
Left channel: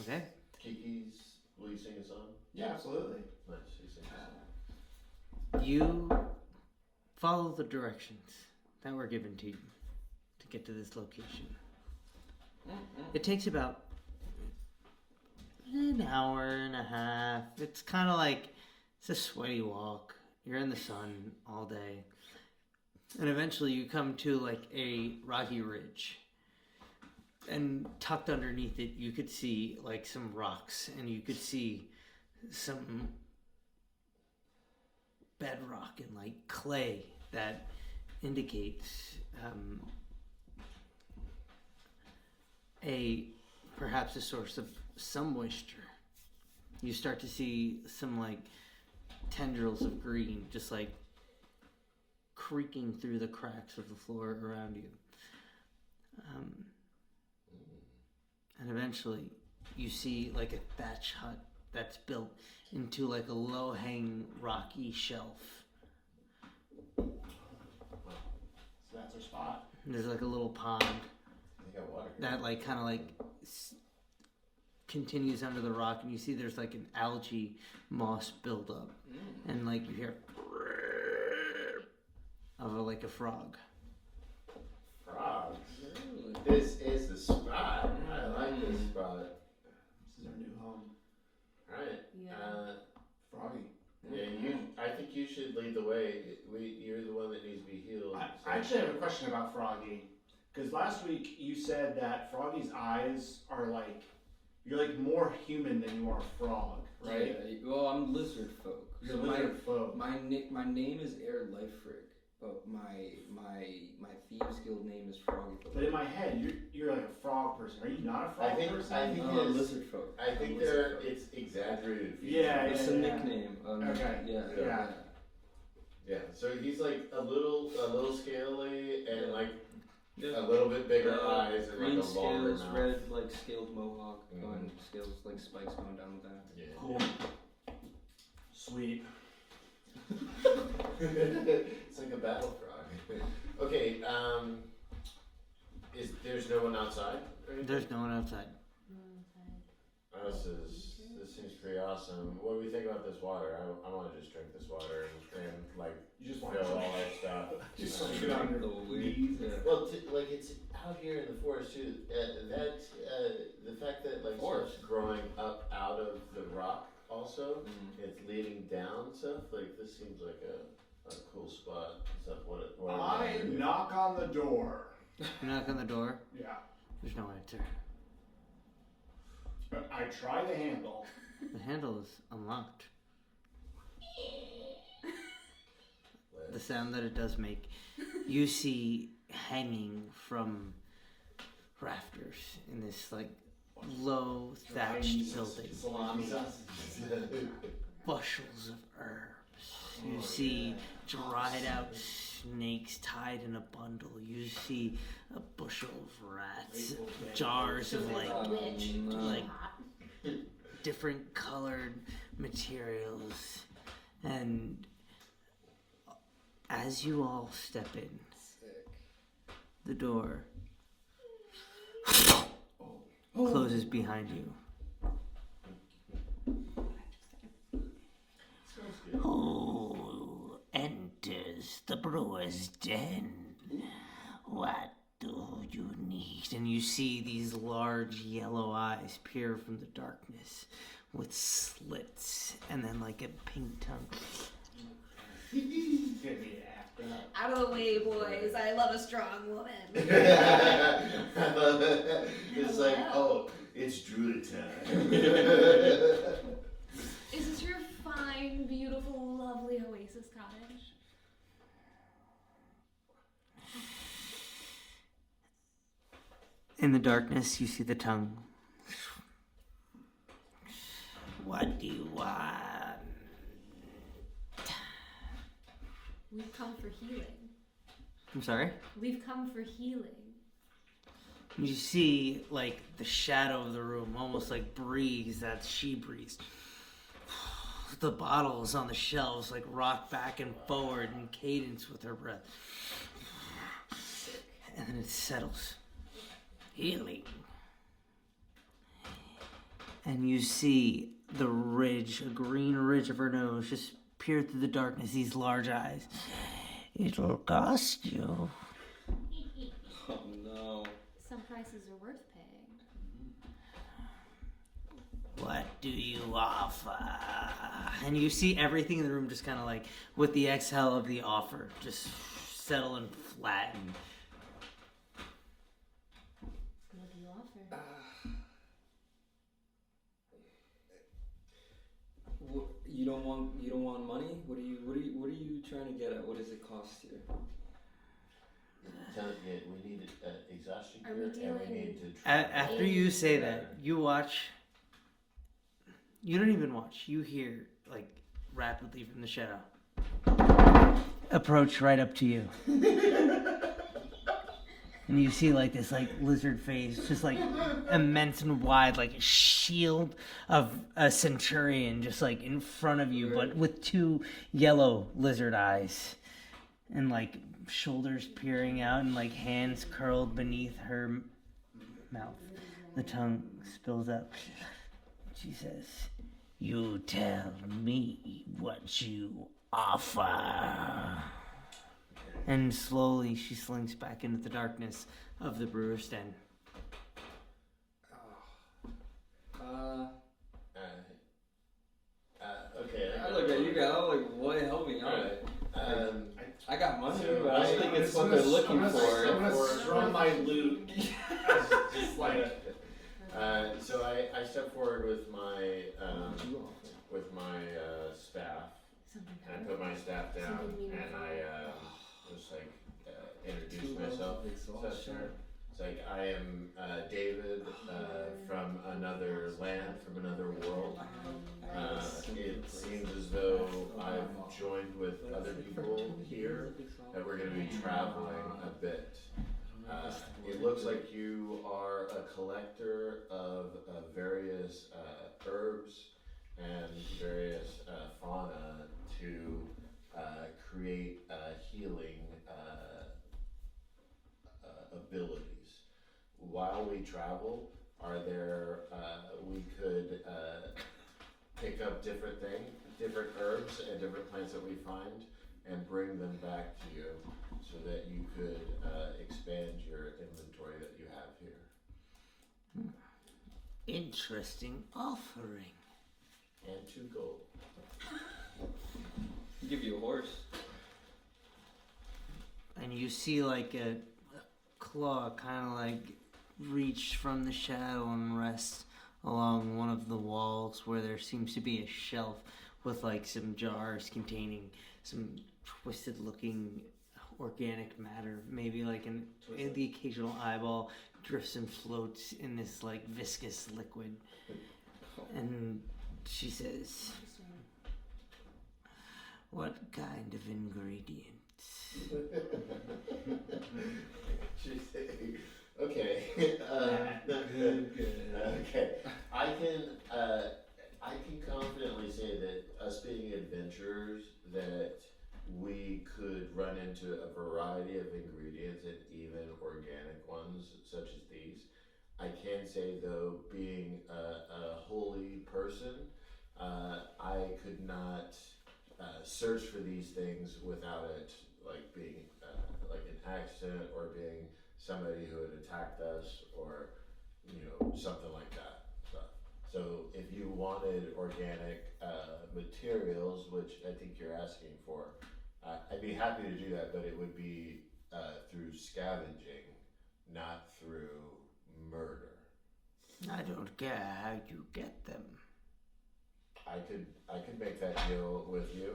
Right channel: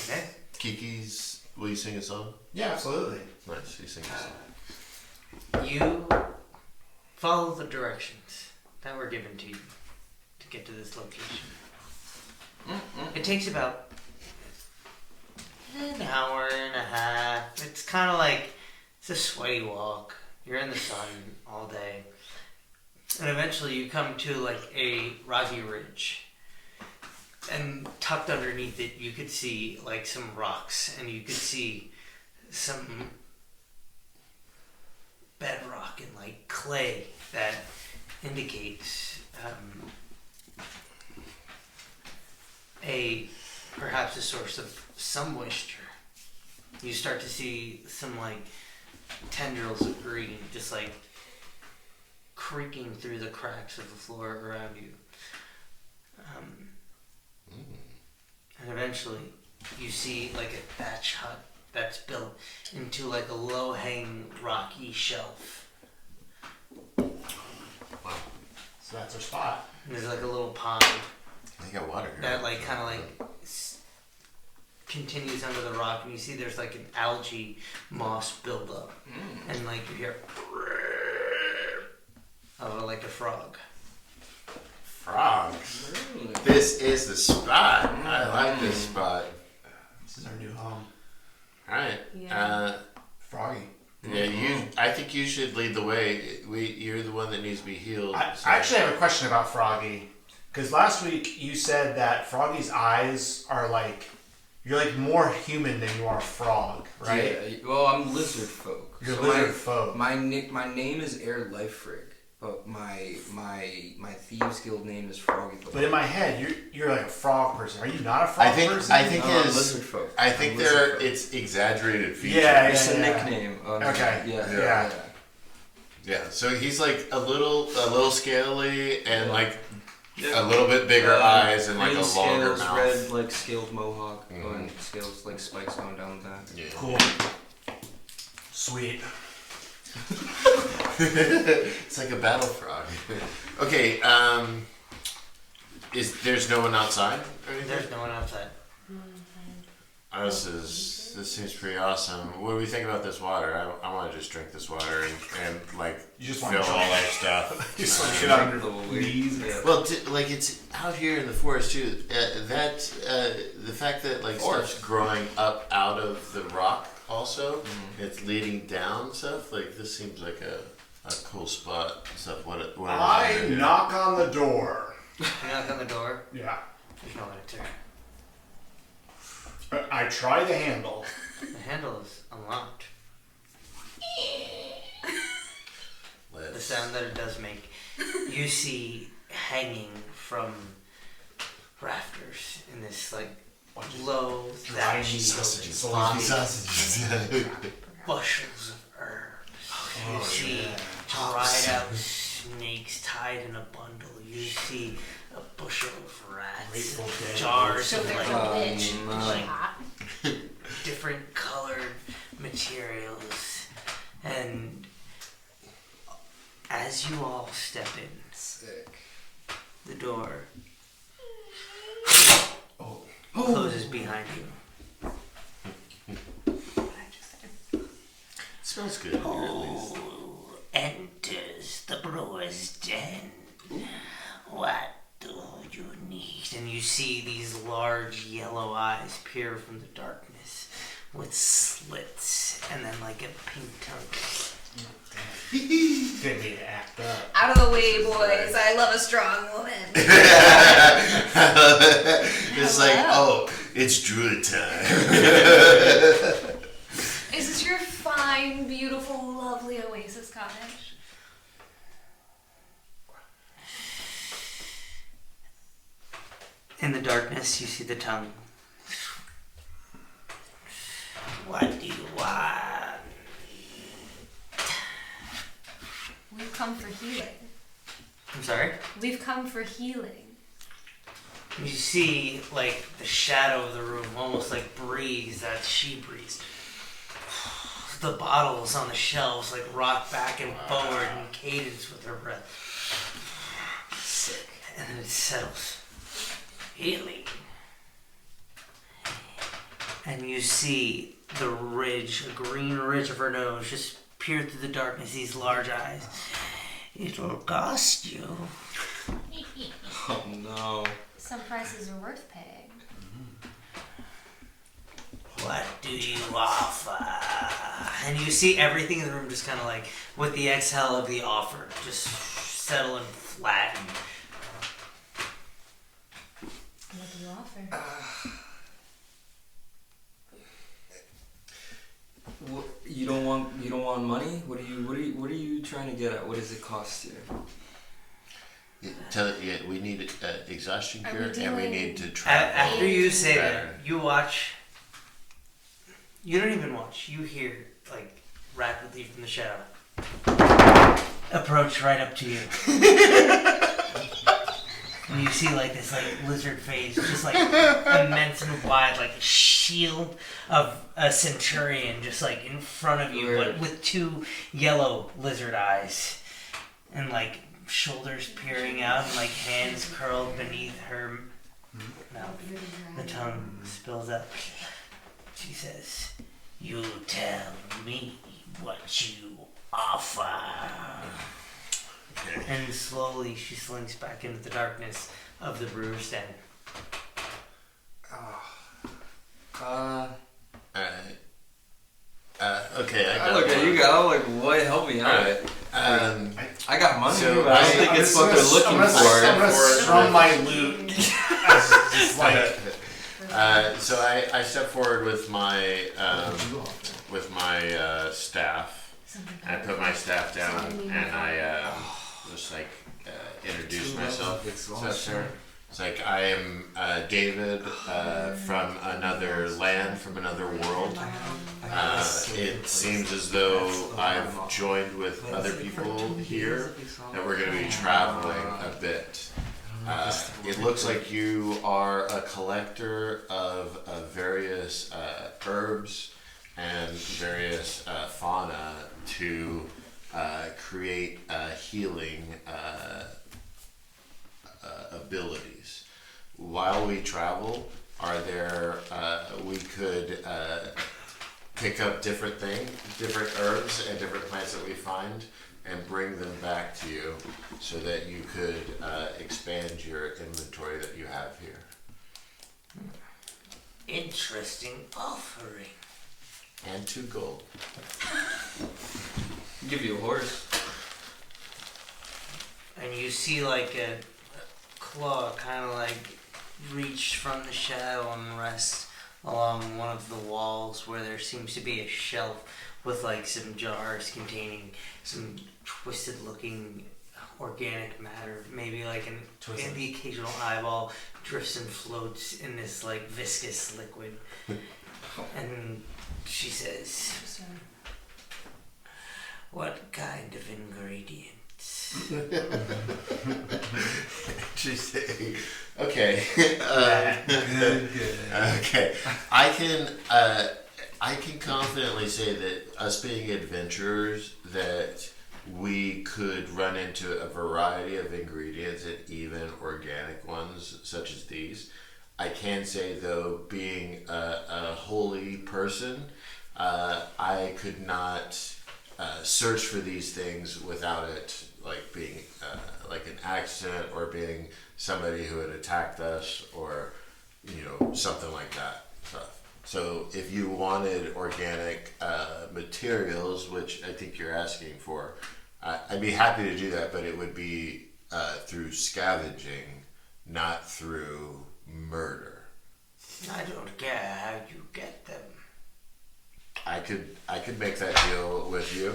Okay. Kiki's. Will you sing a song? Yeah, absolutely. Nice. You sing a song. You follow the directions that were given to you to get to this location. It takes about an hour and a half. It's kind of like it's a sweaty walk. You're in the sun all day. And eventually you come to like a rocky ridge. And tucked underneath it you could see like some rocks and you could see some bedrock and like clay that indicates perhaps a source of some moisture. You start to see some like tendrils of green just like creaking through the cracks of the floor around you. And eventually you see like a thatch hut that's built into like a low-hanging rocky shelf. So that's our spot. And there's like a little pond They got water here. that like kind of like continues under the rock, and you see there's like an algae moss buildup, and like you hear of like a frog. Frogs. This is the spot. I like this spot. This is our new home. Alright. Yeah. think you should lead the way. You're the one that needs to be healed. I so- actually have a question about Froggy. Because last week you said that Froggy's eyes are like, you're like more human than you are frog, right? Yeah, well, I'm lizard folk. You're So lizard folk. My name is Air Lifefrig, but my thieves guild name is Froggy. But in my head, you're like a frog person. Are you not a frog person? I think I'm his. lizard folk. I think I'm lizard folk. it's exaggerated features. Yeah, It's a yeah. nickname. Okay. Yeah. Yeah. So he's like a little scaly and like Yeah. a little bit bigger eyes and like green a longer scales, mouth. red like scaled mohawk, Mhm. going scales like spikes going down the back. Yeah. Cool. Sweet. It's like a battle frog. Okay. There's no one outside or anything? There's no one outside. Oh, this seems pretty awesome. What do we think about this water? I want to just drink this water and like You just fill want to all drink. our stuff. You just want to get on your The knees. Yeah. Well, like it's out here in the forest too. The fact that like stuff's growing up out of the rock also, it's leading down stuff. Like this seems like a cool spot. Stuff. What am I gonna do? knock on the door. You knock on the door. Yeah. There's no one to turn. I try the handle. The handle is unlocked. The Let's- sound that it does make, you see hanging from rafters in this like low Dry thatchy sausages. Sausages. bushels of herbs. You Oh, see yeah. dried out snakes tied in a bundle. You see a bushel of rats, Grateful Dead. jars So of there's like a witch. like hot. different colored materials, and as you all step in, Sick. the door Oh. closes behind you. Smells good. Who enters the brewer's den? What do you need? And you see these large yellow eyes peer from the darkness with slits and then like a pink tongue. Didn't need to act up. Out of the way, boys. I love a strong woman. It's like, oh, it's druid time. Is this your fine, beautiful, lovely oasis cottage? In the darkness, you see the tongue. What do you want? We've come for healing. I'm sorry? We've come for healing. You see, like, the shadow of the room almost like breathes that she breathes. The bottles on the shelves, like, rock back and forward in cadence with her breath. Sick. And then it settles. Healing. And you see the ridge, a green ridge of her nose, just peer through the darkness, these large eyes. It'll cost you. Oh no. Some prices are worth paying. What do you offer? And you see everything in the room just kind of like, with the exhale of the offer, just settle and flatten. What do you offer? You don't want money? What are you trying to get at? What does it cost you? We need exhaustion Are cure, we and we doing- need to travel. After you say better. that, you watch. You don't even watch. You hear, like, rapidly from the shadow. Approach right up to you. And you see, like, this, like, lizard face, just, like, immense and wide, like a shield of a centurion, just, like, in front of you, but with two yellow lizard eyes. And, like, shoulders peering out and, like, hands curled beneath her mouth. The tongue spills up. She says, "You tell me what you offer." Okay. And slowly she slinks back into the darkness of the brewer's den. Okay, I I got look at one. you guys. I'm like, what? Help me out. I got money. So but I don't think it's what they're looking I'm for. gonna strum my lute. As just like So I step forward with my staff. I put my staff down and I just like introduce myself. It's like I am David from another land, from another world. It seems as though I've joined with other people here that we're going to be traveling a bit. It looks like you are a collector of various herbs and various fauna to create healing abilities. While we travel, we could pick up different herbs and different plants that we find and bring them back to you so that you could expand your inventory that you have here. Interesting offering. And 2 gold. Give you a horse. And you see like a claw kind of like reach from the shadow and rest along one of the walls where there seems to be a shelf with like some jars containing some twisted looking organic matter, maybe like the occasional eyeball drifts and floats in this like viscous liquid. And she says, "What kind of ingredients?" Interesting. Okay. Good. Okay. I can confidently say that us being adventurers, that we could run into a variety of ingredients and even organic ones such as these. I can say though, being a holy person, I could not search for these things without it like being like an accident or being somebody who had attacked us or something like that stuff. So if you wanted organic materials, which I think you're asking for, I'd be happy to do that, but it would be through scavenging, not through murder. I don't care how you get them. I could make that deal with you.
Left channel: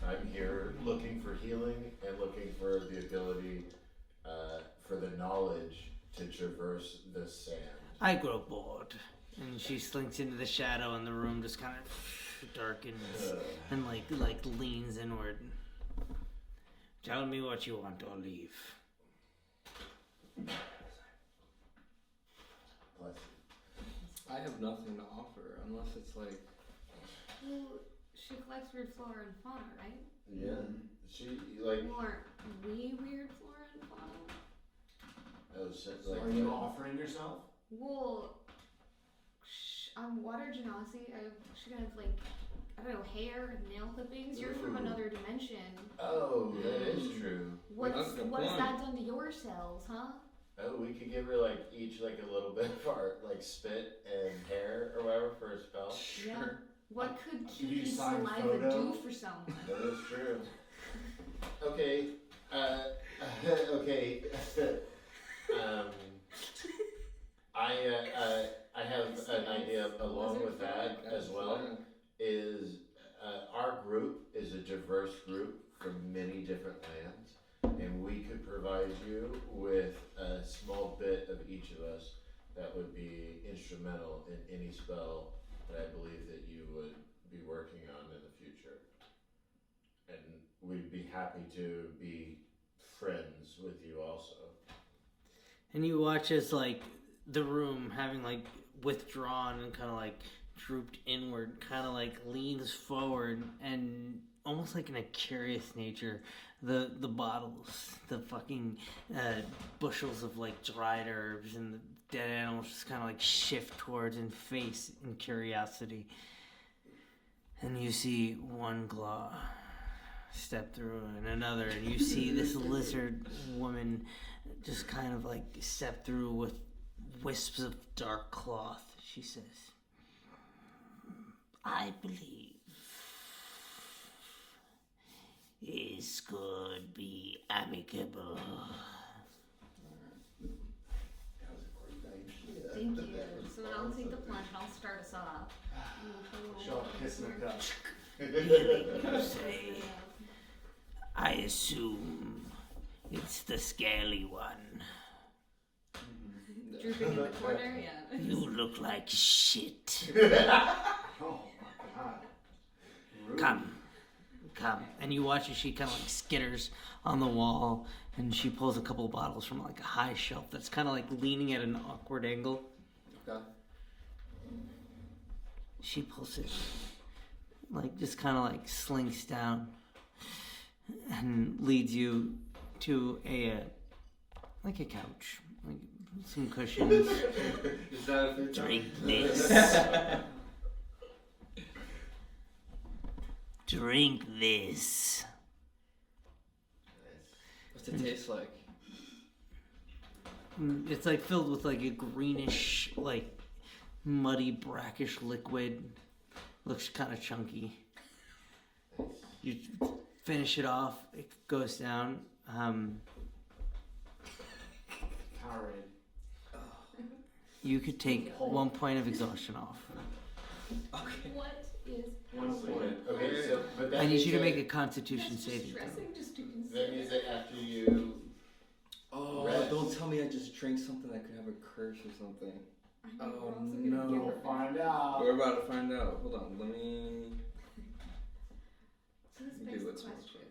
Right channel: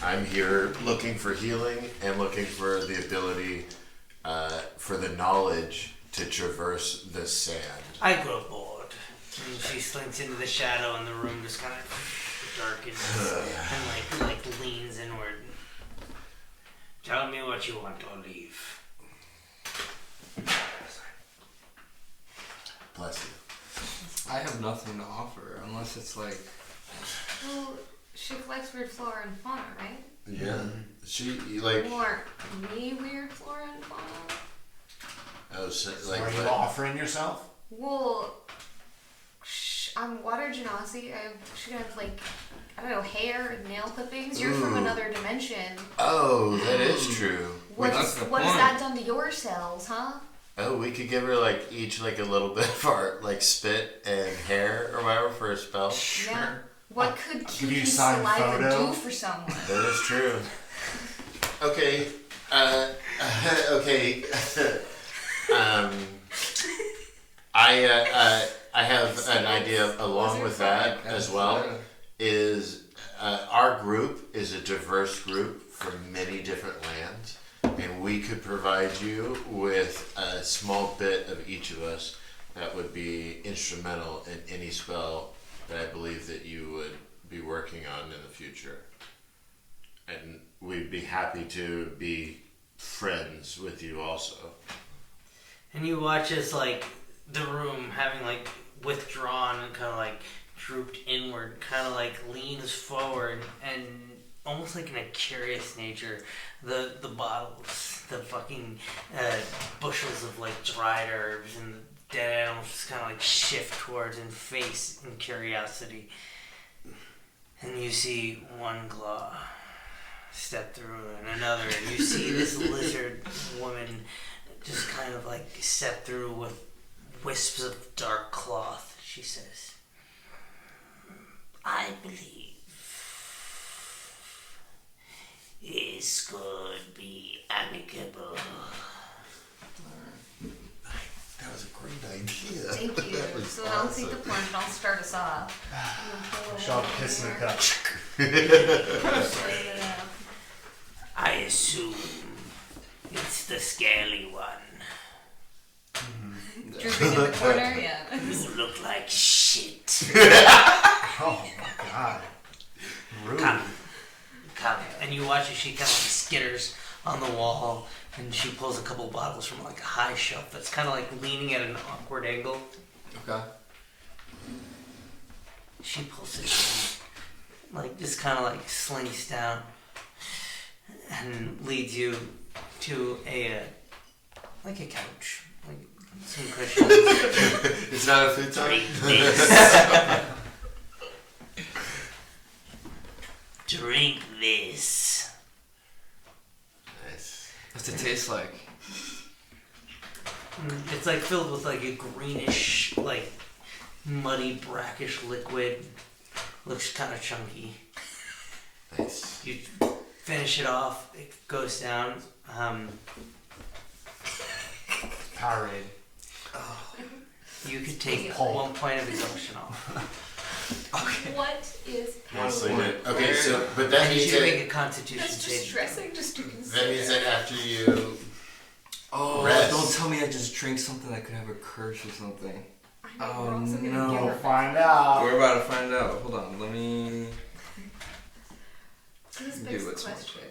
I'm here looking for healing and looking for the ability for the knowledge to traverse the sand. I grow bored. And she slinks into the shadow and the room just kind of darkens and like leans inward. Tell me what you want or leave. Bless you. I have nothing to offer unless it's like. Well, she collects weird flora and fauna, right? Yeah. She like. More me weird flora and fauna? Oh, so, So like. are you what? offering yourself? Well, I'm water genasi. I should have like, I don't know, hair and nail clippings. You're from Ooh. another dimension. Oh, that is true. What That's the has point. that done to your cells, huh? Oh, we could give her like each like a little bit of our like spit and hair or whatever for a spell. Yeah. What could give you a Kiki's signed saliva photo. do for someone? That is true. Okay. Okay. I have an idea along with that as well. Is our group is a diverse group from many different lands, and we could provide you with a small bit of each of us that would be instrumental in any spell that I believe that you would be working on in the future. And we'd be happy to be friends with you also. And you watch as like the room having like withdrawn and kind of like drooped inward, kind of like leans forward, and almost like in a curious nature, the bottles, the fucking bushels of like dried herbs and the dead animals just kind of like shift towards and face in curiosity. And you see one claw step through and another, and you see this lizard woman just kind of like step through with wisps of dark cloth. She says, "I believe This could be amicable. That was a great idea. Thank you. That was So I'll take the awesome. plunge and I'll start us off. Shall piss in a cup. I assume it's the scaly one. Drooping in the corner, yeah. You look like shit. Oh my god. Rude. Come. And you watch as she kind of like skitters on the wall, and she pulls a couple bottles from like a high shelf that's kind of like leaning at an awkward angle. Okay. She pulls it, like just kind of like slinks down, and leads you to a like a couch, like some cushions. It's not a futon. Drink this. Drink this. Nice. What's it taste like? It's like filled with like a greenish, like muddy, brackish liquid. Looks kind of chunky. Nice. You finish it off. It goes down. Powerade. You could take Pull. 1 point of exhaustion off. What is Honestly, happening? okay, so but I that need means you to make that a Constitution That's save. distressing just to that consider. means that after you Oh, Rest. don't tell me I just drank something that could have a curse or something. I know, we're also gonna no. give We'll her find out. We're about to find out. Hold on, let me. This Do begs the what's question.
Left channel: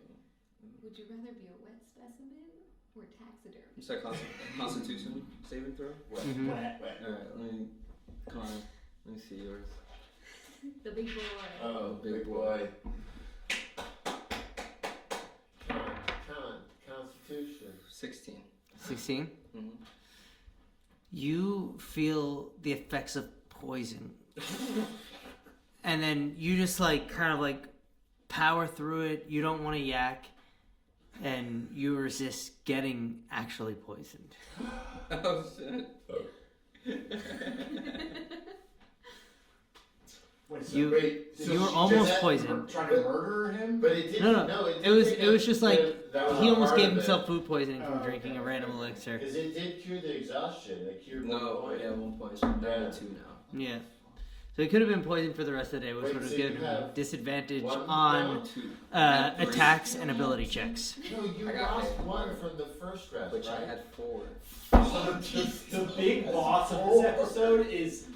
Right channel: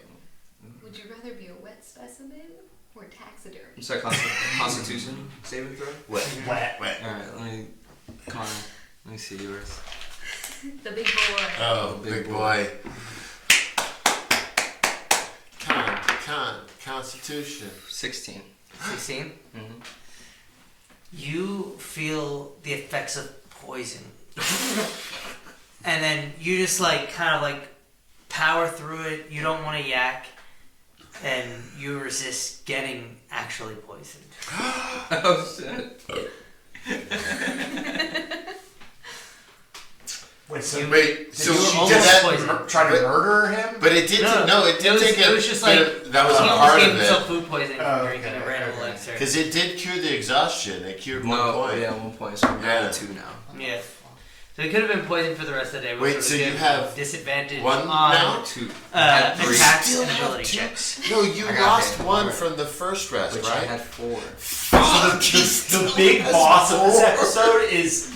Would you rather be a wet specimen or taxidermy? Sorry, Constitution saving throw? wet. Wet. Wet. Alright, Connor, let me see yours. The big boy. Oh, big boy. Constitution. 16. 16. Mm-hmm. You feel the effects of poison. And then you just like kind of like power through it. You don't want to yak. And you resist getting actually poisoned. Oh shit. Wait, so You- Wait, So so you were she almost did that, poisoned. try to murder him? but it did. No, It did it was- take it a. was just but like- that was He a almost part gave of himself it food poisoning Oh, from drinking okay, a random okay. elixir. because it did cure the exhaustion. It cured No, 1 point. yeah, 1 point. So we're down Yeah. to 2 now. Yeah. So he could have been poisoned for the rest of the day. which Wait, would so you give have disadvantage one on now? 2. I had 3. attacks Still and have ability two? checks. No, you I got lost hit. 1 from the first rest, Which I right? had 4. The big boss of this episode is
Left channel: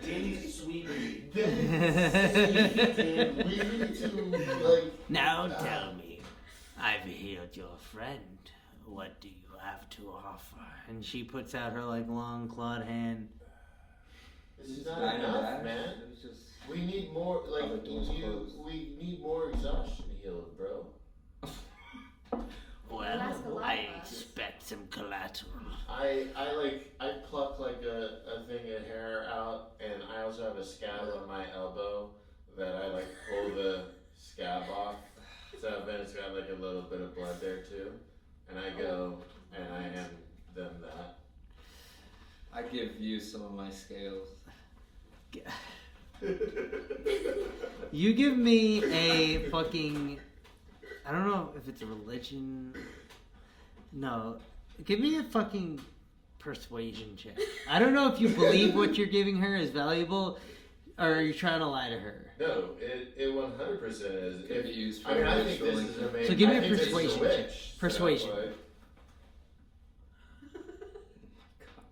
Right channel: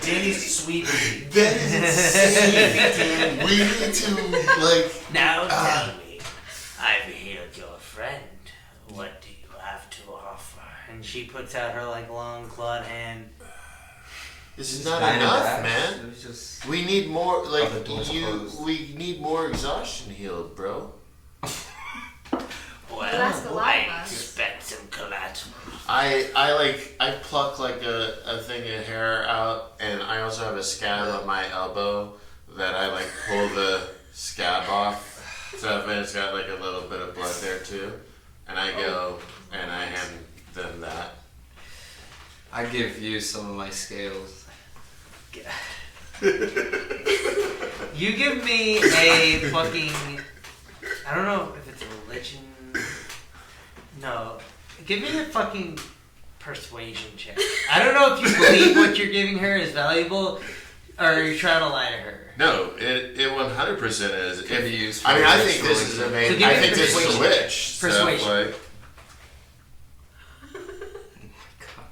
Danny's sweet pea. That is insane. We need to like. Now tell me, I've healed your friend. What do you have to offer? And she puts out her like long clawed hand. This is not Nine and enough, back. man. It was just. We need more. Like Oh, the door's closed. we need more exhaustion healed, bro. Well, that's a lot I of us. expect some collateral. I pluck like a thing of hair out, and I also have a scab on my elbow that I like pull the scab off. So if it's got like a little bit of blood there too, and I go and I hand them that. I give you some of my scales. You give me a fucking. I don't know if it's a religion. No. Give me a fucking persuasion check. I don't know if you believe what you're giving her is valuable, or you're trying to lie to her. No, it 100% is. Could be used I mean, for I think this is destroying amazing. So give me I think this is a persuasion. witch. Persuasion. So, like, God.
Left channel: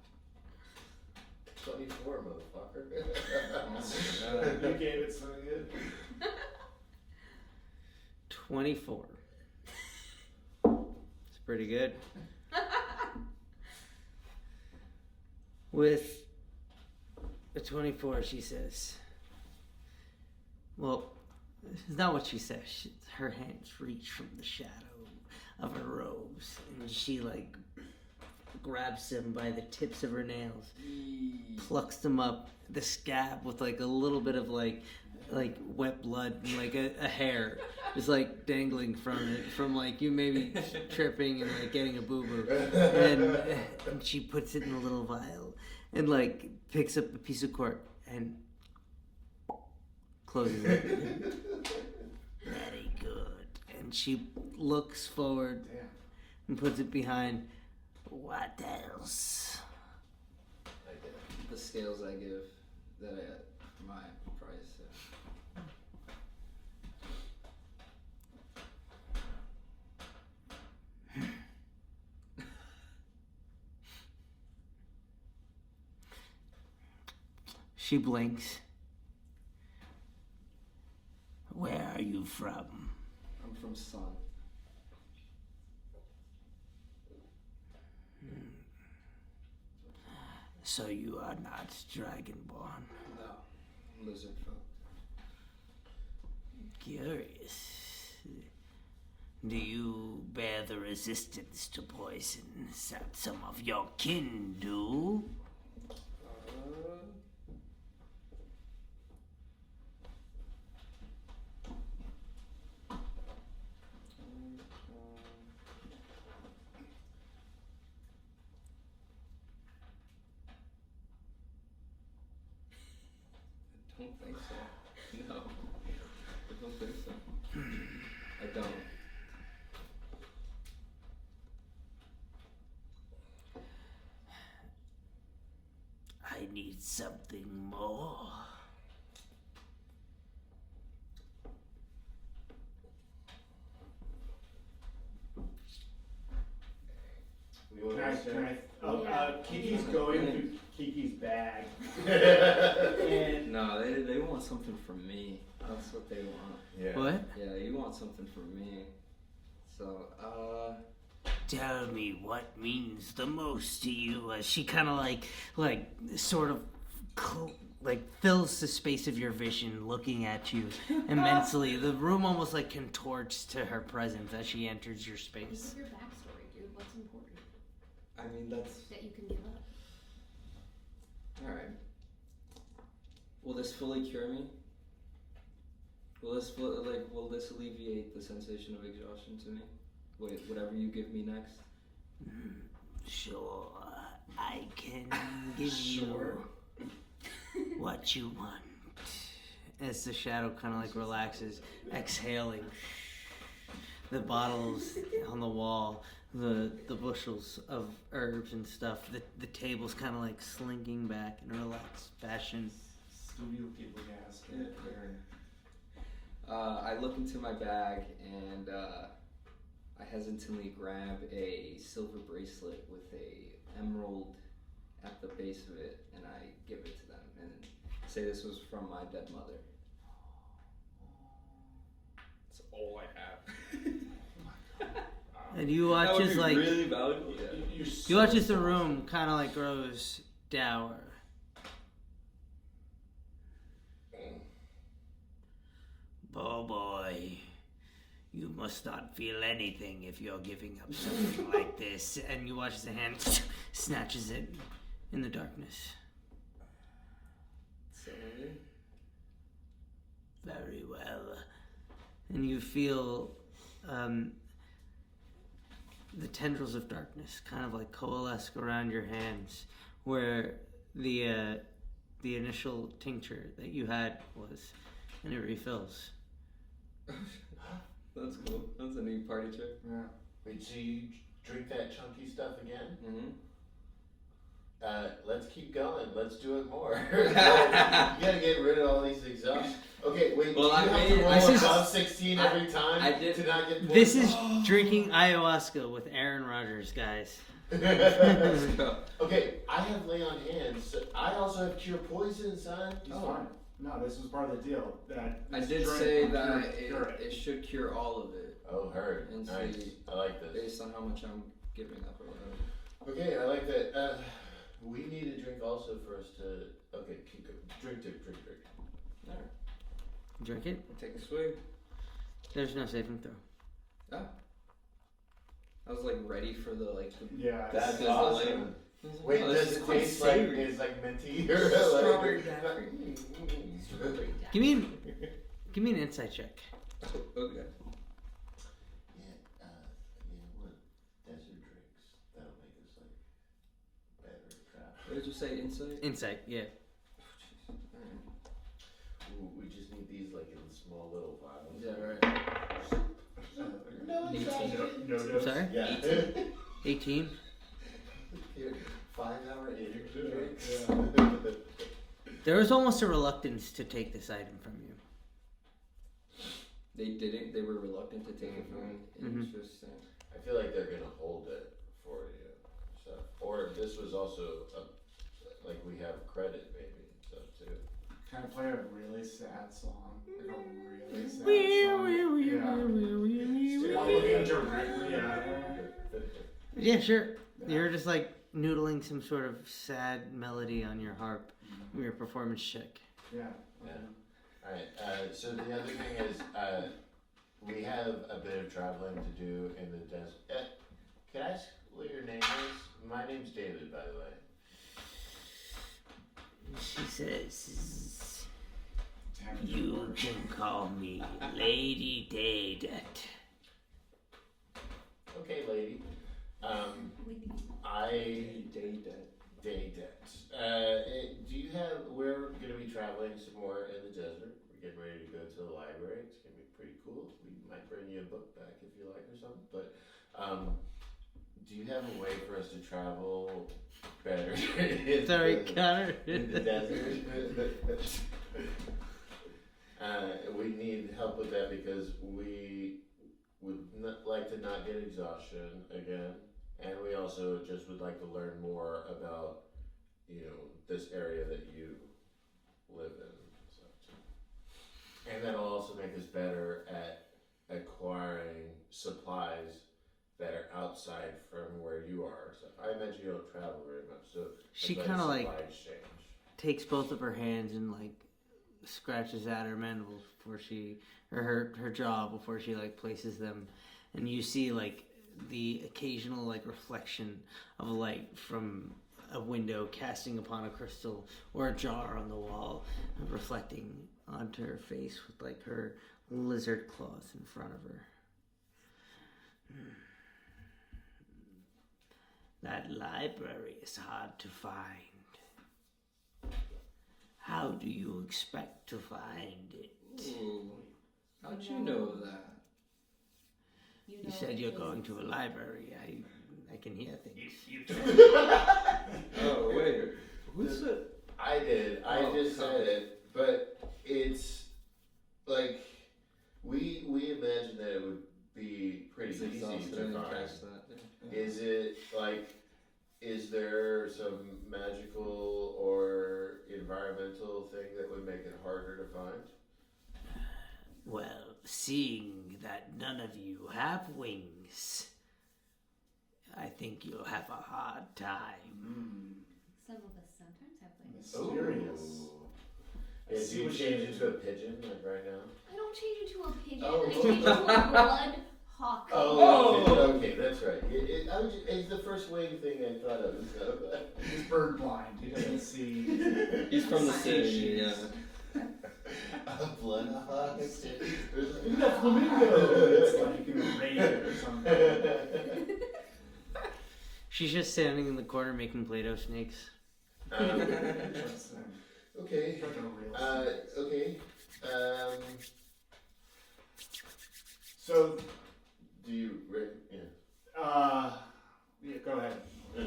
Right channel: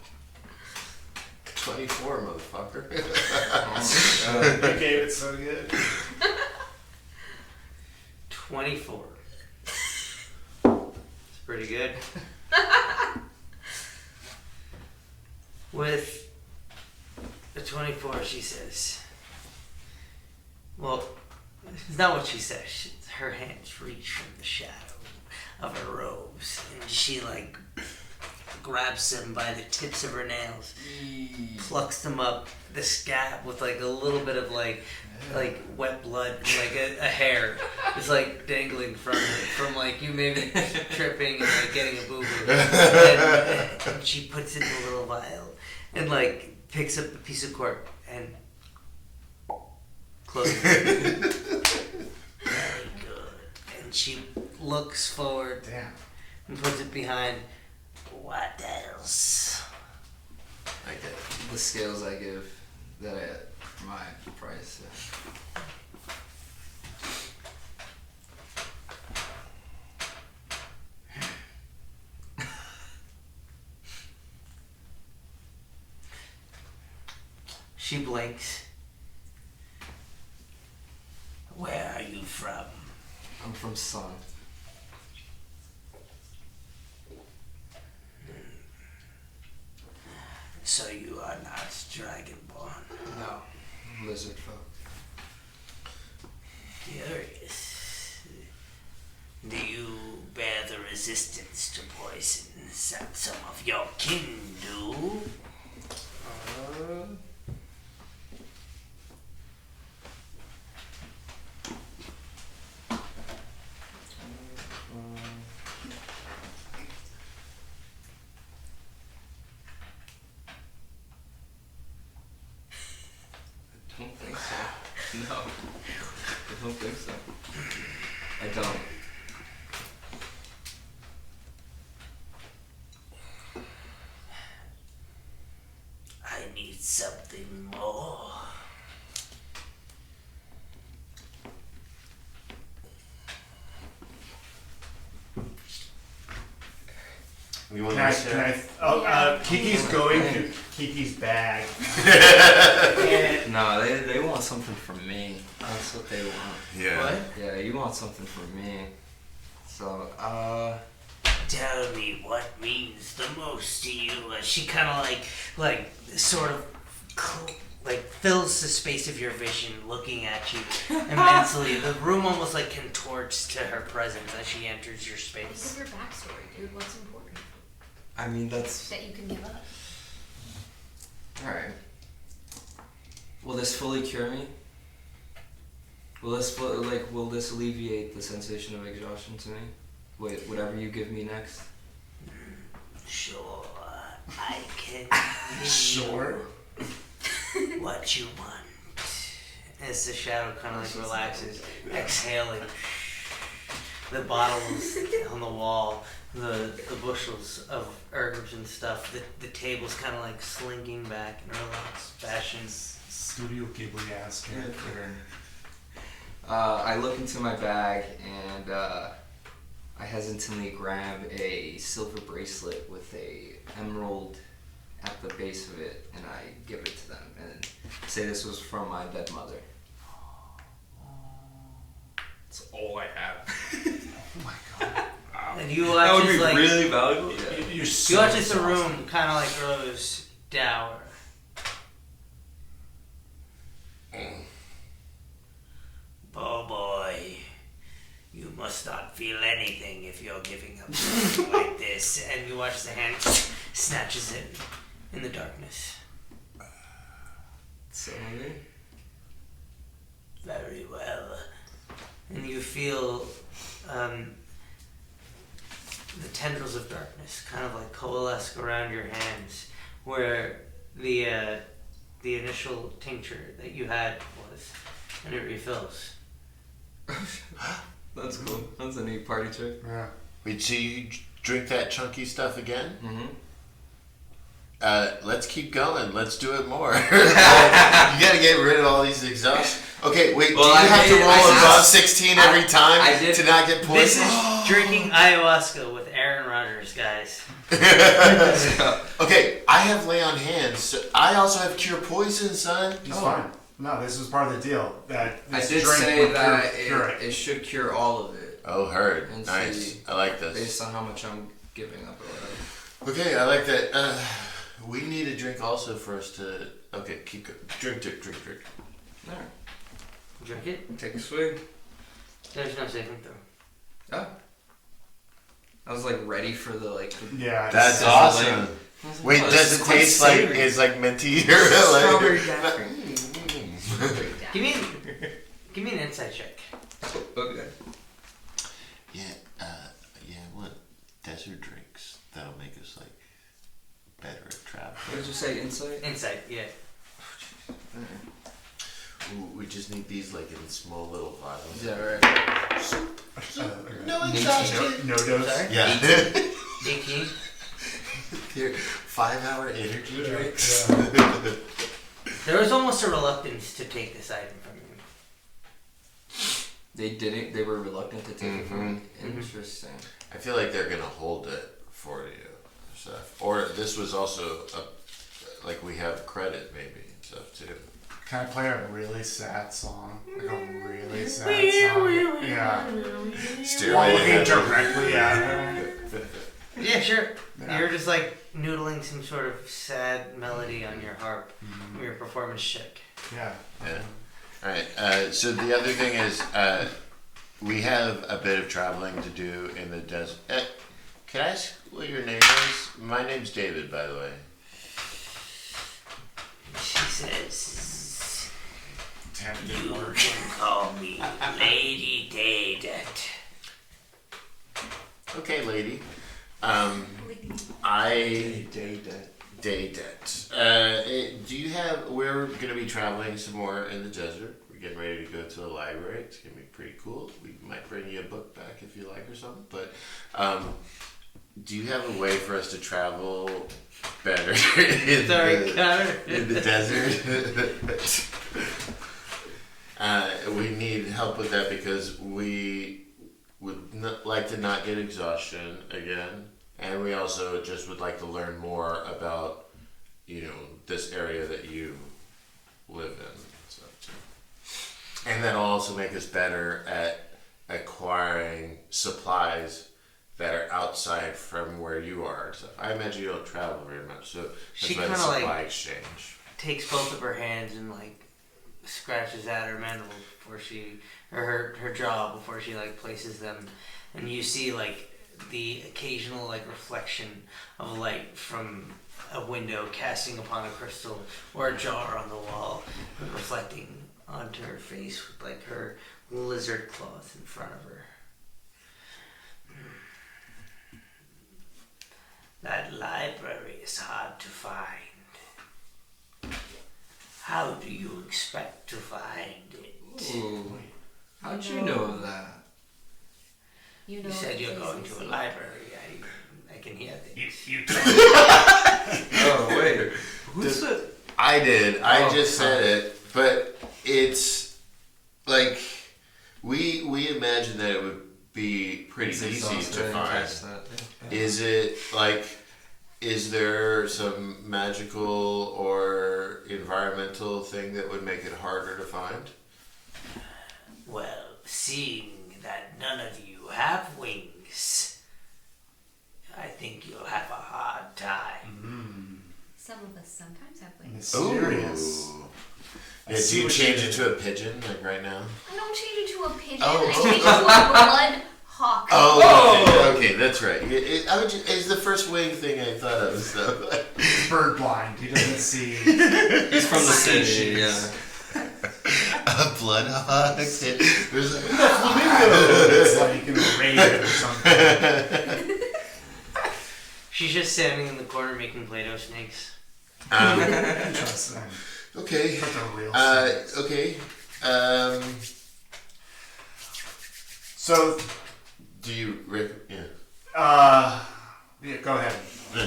24, motherfucker. You gave it so good. 24. It's pretty good. With a 24, she says, well, it's not what she says. Her hands reach from the shadow of her robes, and she, like, grabs them by the tips of her nails, plucks them up, the scab with, like, a little bit of, like wet blood and, like, a hair is, like, dangling from like, you maybe tripping and, like, getting a boo-boo. And she puts it in a little vial and, like, picks up a piece of cork and closes it. Very good. And and she looks forward Damn. and puts it behind. What else? I get it. The scales I give that I my price. She blinks. Where are you from? I'm from Sun. So you are not dragonborn. No, lizard folk. Curious. Do you bear the resistance to poison that some of your kin do? I don't think so. No. I don't think so. I don't. I need something more. You want Can I, to can I, Kiki's going through Kiki's bag. And No, they want something from me. That's what they want. Yeah. What? Yeah, you want something from me. So, Tell me what means the most to you. As she kind of like sort of fills the space of your vision, looking at you immensely. The room almost like contorts to her presence as she enters your Think space. of your backstory, dude. What's important I mean, that's... that you can give up? Alright. Will this fully cure me? Will this alleviate the sensation of exhaustion to me? Wait, whatever you give me next? Sure, I can give Sure. you what you want. As the shadow kind of like relaxes, exhaling. The bottles on the wall, the bushels of herbs and stuff, the table's kind of like slinking back in a relaxed fashion. Studio Ghibli ass character. I look into my bag and I hesitantly grab a silver bracelet with a emerald at the base of it, and I give it to them and say this was from my dead mother. That's all I have. Oh my god. And you That watch would as be like really valuable. Yeah. You're so you watch as the exhausted. room kind of like grows dour. Oh boy, you must not feel anything if you're giving up something like this. And you watch as the hand snatches it in the darkness. So, Very well. And you feel the tendrils of darkness kind of like coalesce around your hands, where the initial tincture that you had was, and it refills. that's cool. That's a neat party trick. Yeah. Wait, so you drink that chunky stuff again? Mm-hmm. Let's keep going. Let's do it more. You gotta get rid of all these exhausts. Okay, wait, Well, do you I have to made it- roll I did- above 16 every time I did- to not get poisoned? This is drinking ayahuasca with Aaron Rodgers, guys. Okay, I have lay on hands. So I also have cure poison, son. He's fine. No, this was part of the deal. That I this did drink say would that cure it. it should cure all of it, Oh, heard. And Nice. see, I like this. based on how much I'm giving up or whatever. Okay, I like that. We need a drink also for us to. Okay, keep going. Drink. Alright. Drink it. Take a swig. There's no saving throw. Oh. I was like ready for the like. Yeah. it's- That's Does it awesome. like- Wait, Oh, does this it is quite taste like savory. it's like minty or Strawberry like? daiquiri. Give me an insight check. Okay. Yeah, I want desert drinks that'll make us like better at travel. What did you say? Insight. Insight, yeah. Ooh, we just need these like in small little vials. Yeah. Right. no exhaustion. No dose. Sorry? Yeah. 18. Your 5-hour energy drinks. There was almost a reluctance to take this item from you. They didn't. They were reluctant to take it from me. Interesting. I feel like they're gonna hold it for you, stuff. Or this was also like we have credit maybe and stuff too. Can I play a really sad song? Like a really sad song? Yeah. While looking directly at her. Yeah, sure. Yeah. You're just like noodling some sort of sad melody on your harp from your performance check. Yeah. Yeah. All right. So the other thing is, we have a bit of traveling to do in the desert. Can I ask what your name is? My name's David, by the way. She says, Tempted "You word. can call me Lady Daydet." Okay, lady. Daydet. Do you have? We're gonna be traveling some more in the desert. We're getting ready to go to the library. It's gonna be pretty cool. We might bring you a book back if you like or something. But do you have a way for us to travel better in the desert? We need help with that because we would like to not get exhaustion again, and we also just would like to learn more about, this area that you live in. So, and that'll also make us better at acquiring supplies that are outside from where you are. So I imagine you don't travel very much, so She that's why the kinda, like, supply exchange. Takes both of her hands and like scratches at her mandibles before her jaw before she like places them, and you see like the occasional like reflection of light from a window casting upon a crystal or a jar on the wall, reflecting onto her face with like her lizard claws in front of her. That library is hard to find. How do you expect to find it? Ooh. How'd you know of that? You You said you're going to a library. I can hear things. Oh wait, who said? I did. I Oh, just said it, but it's like we imagine that it would be pretty It's easy exhausting. to I didn't find. catch that, yeah. Is it like? Is there some magical or environmental thing that would make it harder to find? Well, seeing that none of you have wings, I think you'll have a hard time. Some of us sometimes have wings. Mysterious. Ooh. I Yeah, see do you what change you it did. to a pigeon like right now? I don't change it to a pigeon. Oh. I change it to a blood hawk. Oh, okay, that's right. It's the first wing thing I thought of. So. He's bird blind. He doesn't see. He's from the city. Species. Yeah. A bloodhawk. There's a Flamingo. It's like in a raid or something. She's just standing in the corner making Play-Doh snakes. Interesting. Okay. But they're real. snakes. Okay. So, Do you yeah, go ahead.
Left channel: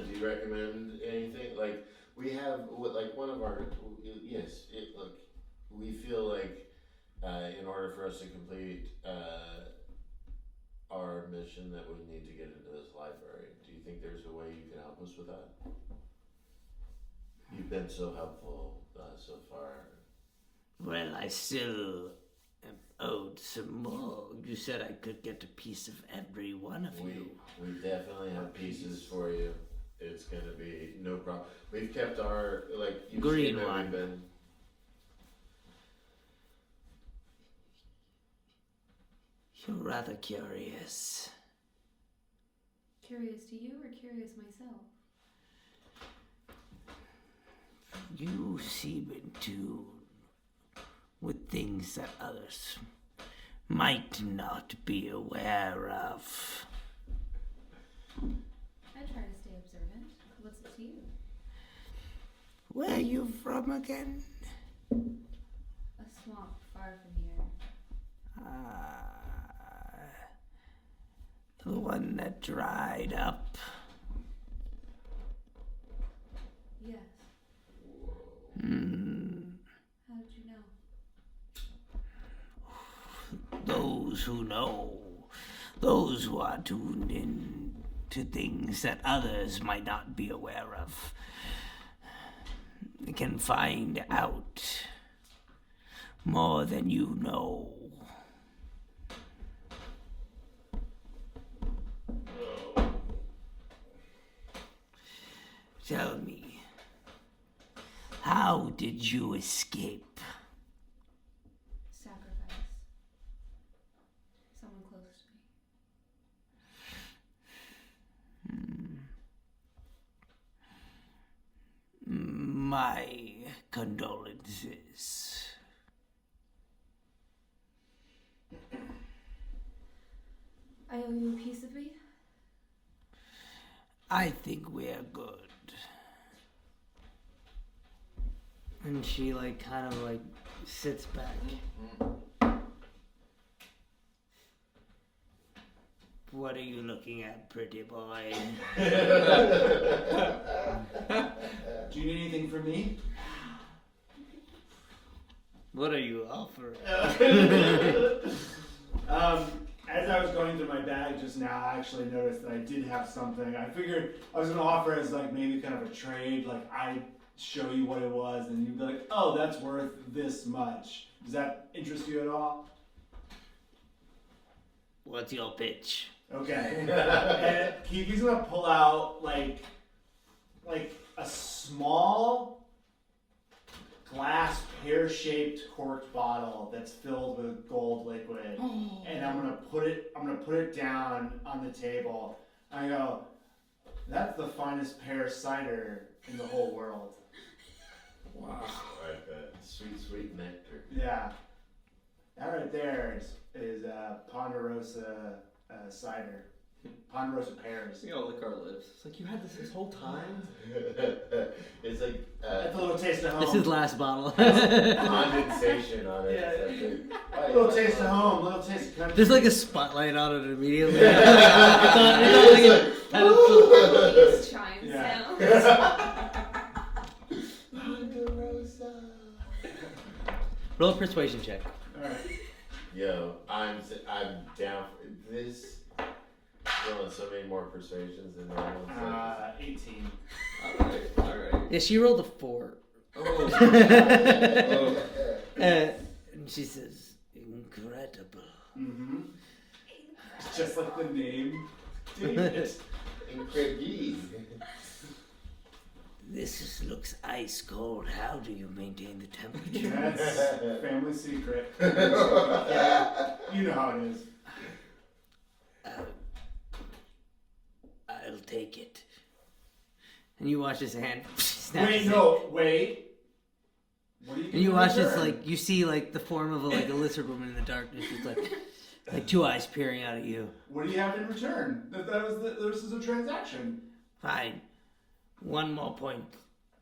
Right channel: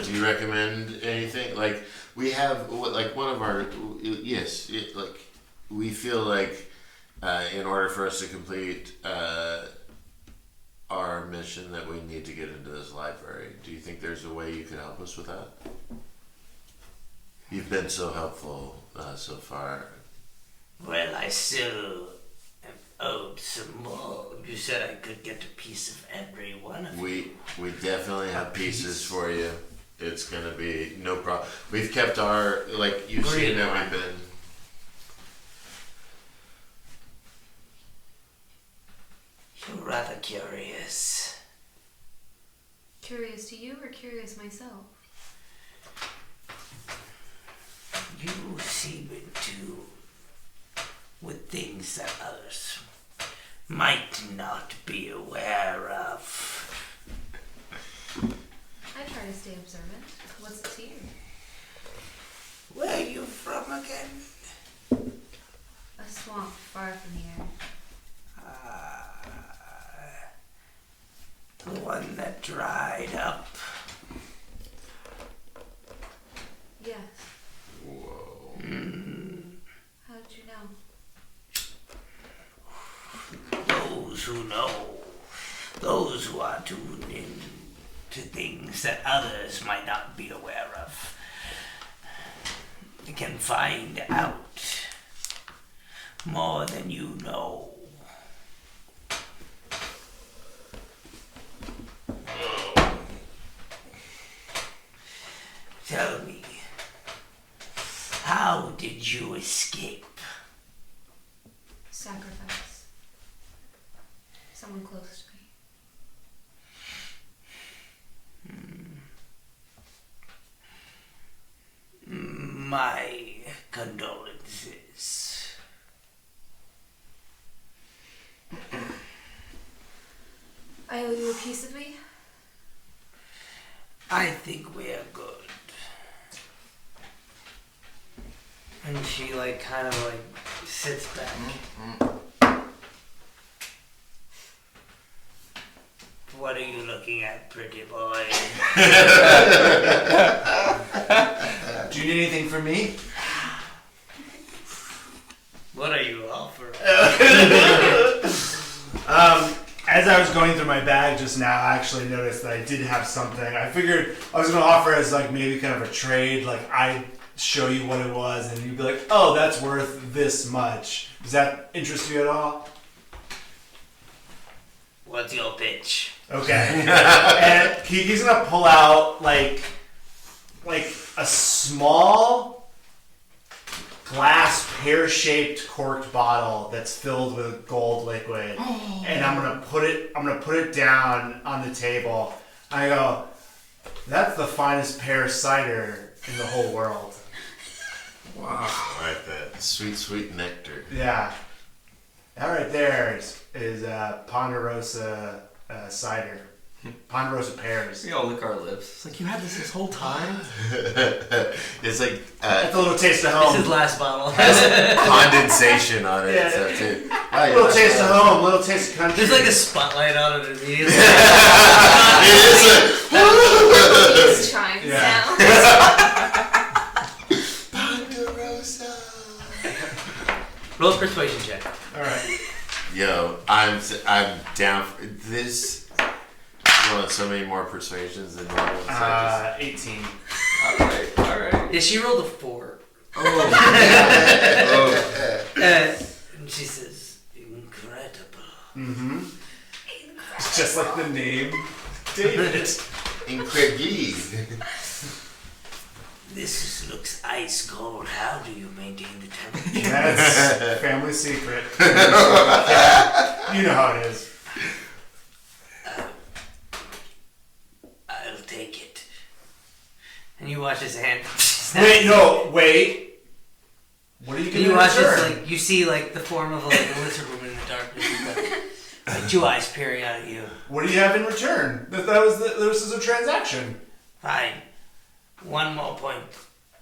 do you recommend anything? Like we have like one of our like we feel like in order for us to complete our mission that we need to get into this library. Do you think there's a way you could help us with that? You've been so helpful so far. Well, I still am owed some more. You said I could get a piece of every one of you. We definitely have pieces for you. It's gonna be no problem. We've kept our you've Green seen that one. we've been. You're rather curious. Curious to you or curious myself? You seem in tune with things that others might not be aware of. I try to stay observant. What's it to you? Where are you from again? A swamp far from here. dried up? Yes. Whoa. How did you know? Those who know, those who are tuned in to things that others might not be aware of, can find out more than you know. Tell me, how did you escape? Sacrifice. Someone close to me. My condolences. I owe you a piece of me? I think we're good. And she kind of sits back. What are you looking at, pretty boy? Do you need anything from me? What are you offering? As I was going through my bag just now, I actually noticed that I did have something. I figured I was gonna offer as maybe kind of a trade. I'd show you what it was, and you'd be like, "Oh, that's worth this much." Does that interest you at all? What's your pitch? Okay. And he's gonna pull out like a small glass pear-shaped corked bottle that's filled with gold liquid, and I'm gonna put it down on the table. I go, "That's the finest pear cider in the whole world." Wow. Right, that sweet nectar. Yeah, that right there is Ponderosa cider, Ponderosa pears. We all lick our lips. It's like, you had this whole time? It's like That's a little taste of This home. is last bottle. condensation on it. Yeah. So too. A little taste of home, little taste of country. There's a spotlight on it immediately. These chimes Yeah. now. Ponderosa. Roll a persuasion check. All right. Yo, I'm down for this. You want so many more persuasions than normal. So I 18. Alright. Yeah, she rolled a 4. just- And she says, incredible. Mm-hmm. It's just like the name, David. Incredible. This looks ice cold. How do you maintain the temperature? That's family secret. You know how it is. I'll take it. And you watch his hand. Wait. What are you And gonna you watch return? this, you see the form of a lizard woman in the darkness with the 2 eyes peering out at you. What do you have in return? This is a transaction. Fine. 1 more point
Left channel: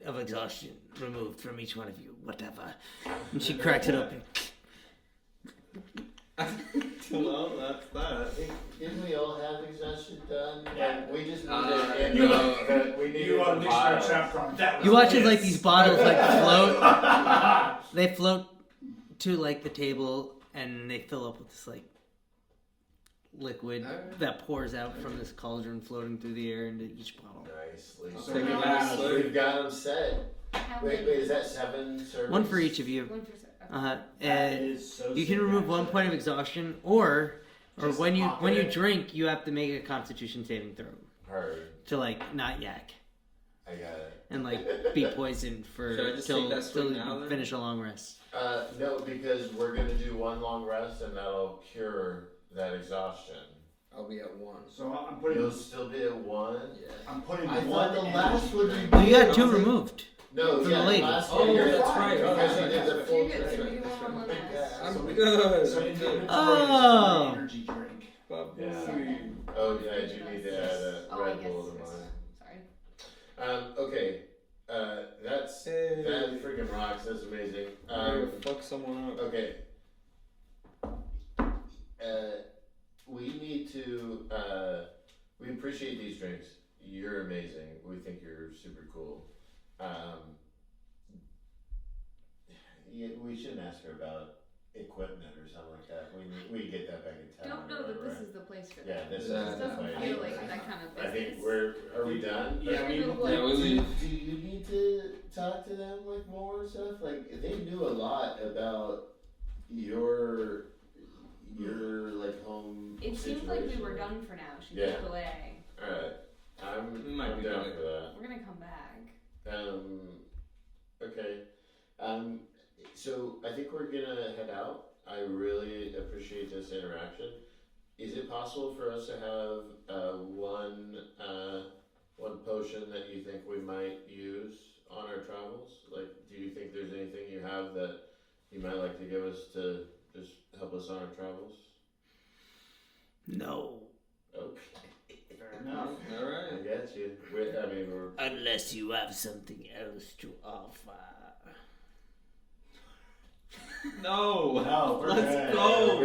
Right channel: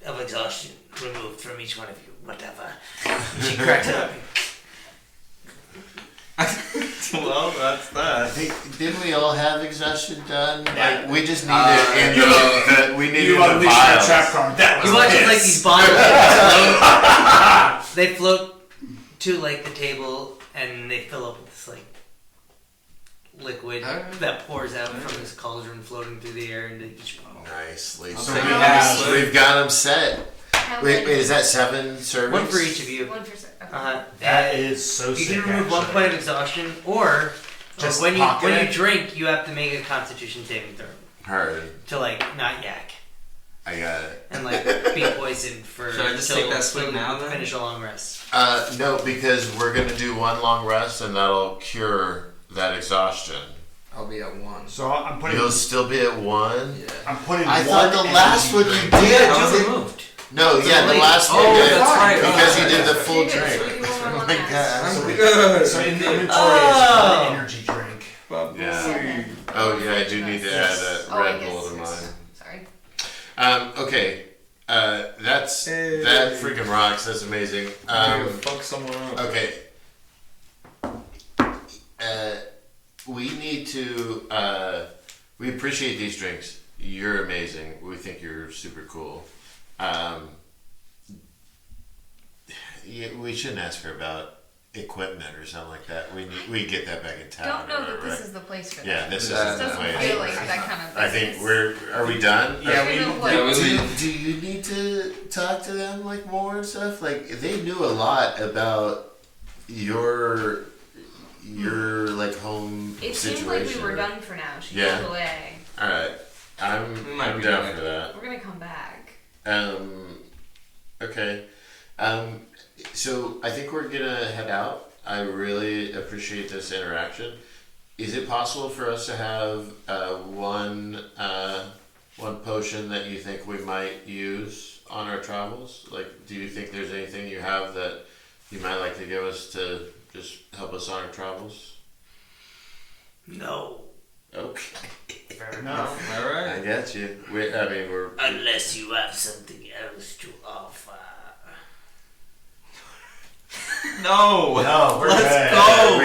of exhaustion removed from each one of you. Whatever. And she cracks it up. Well, that's that. Didn't we all have exhaustion done? Yeah. We just needed we needed You the unleashed the vials. trap card. That was You watch as this. these bottles they float to the table and they fill up with this liquid that pours out from this cauldron floating through the air into each bottle. Nicely. So So we we've got them set. How Wait, many? is that 7 servings? 1 for each of you. 1%. That is so You sick. can remove 1 actually. point of exhaustion, or Just when pocket you it? drink, you have to make a Constitution saving throw Heard. to not yak I got it. and be poisoned for. Should I just till- take that swig till now, you then? Finish a long rest. No, because we're gonna do 1 long rest and that'll cure that exhaustion. I'll be at 1. So I'm putting. You'll still be at 1. Yeah. I'm putting. I one thought the last one energy you drink. did. Yeah, How was 2 it? removed. No, yeah, the late. last one Oh, you did. that's right. Because Oh, you did the that's full Okay, so drink. we do one Oh more my last. god. So, good. so in the inventory is Oh. one energy drink. Yeah. Oh yeah, I do need to add a Oh, I Red guess, Bull to yes. mine. Sorry. Okay. That freaking rocks. That's amazing. Fuck someone up. Okay. We need to We appreciate these drinks. You're amazing. We think you're super cool. We shouldn't ask her about equipment or something like that. We get that back in town. Don't know or that whatever, this right? is the place for Yeah, that. this It isn't the doesn't place. feel like that kind of I think business. are we done? Yeah, You we. know what? Yeah, we Do you need to talk to them like more and stuff? Like they knew a lot about your like home It situation. seemed like we were done for now. She Yeah. pulled away. All right, I'm Might be down good. for that. We're gonna come back. Okay. So I think we're gonna head out. I really appreciate this interaction. Is it possible for us to have one potion that you think we might use on our travels? Like, do you think there's anything you have that you might like to give us to just help us on our travels? No. Okay. Fair enough. All I right. get you. We're Unless you have something else to offer. No. No, we're Let's good. go.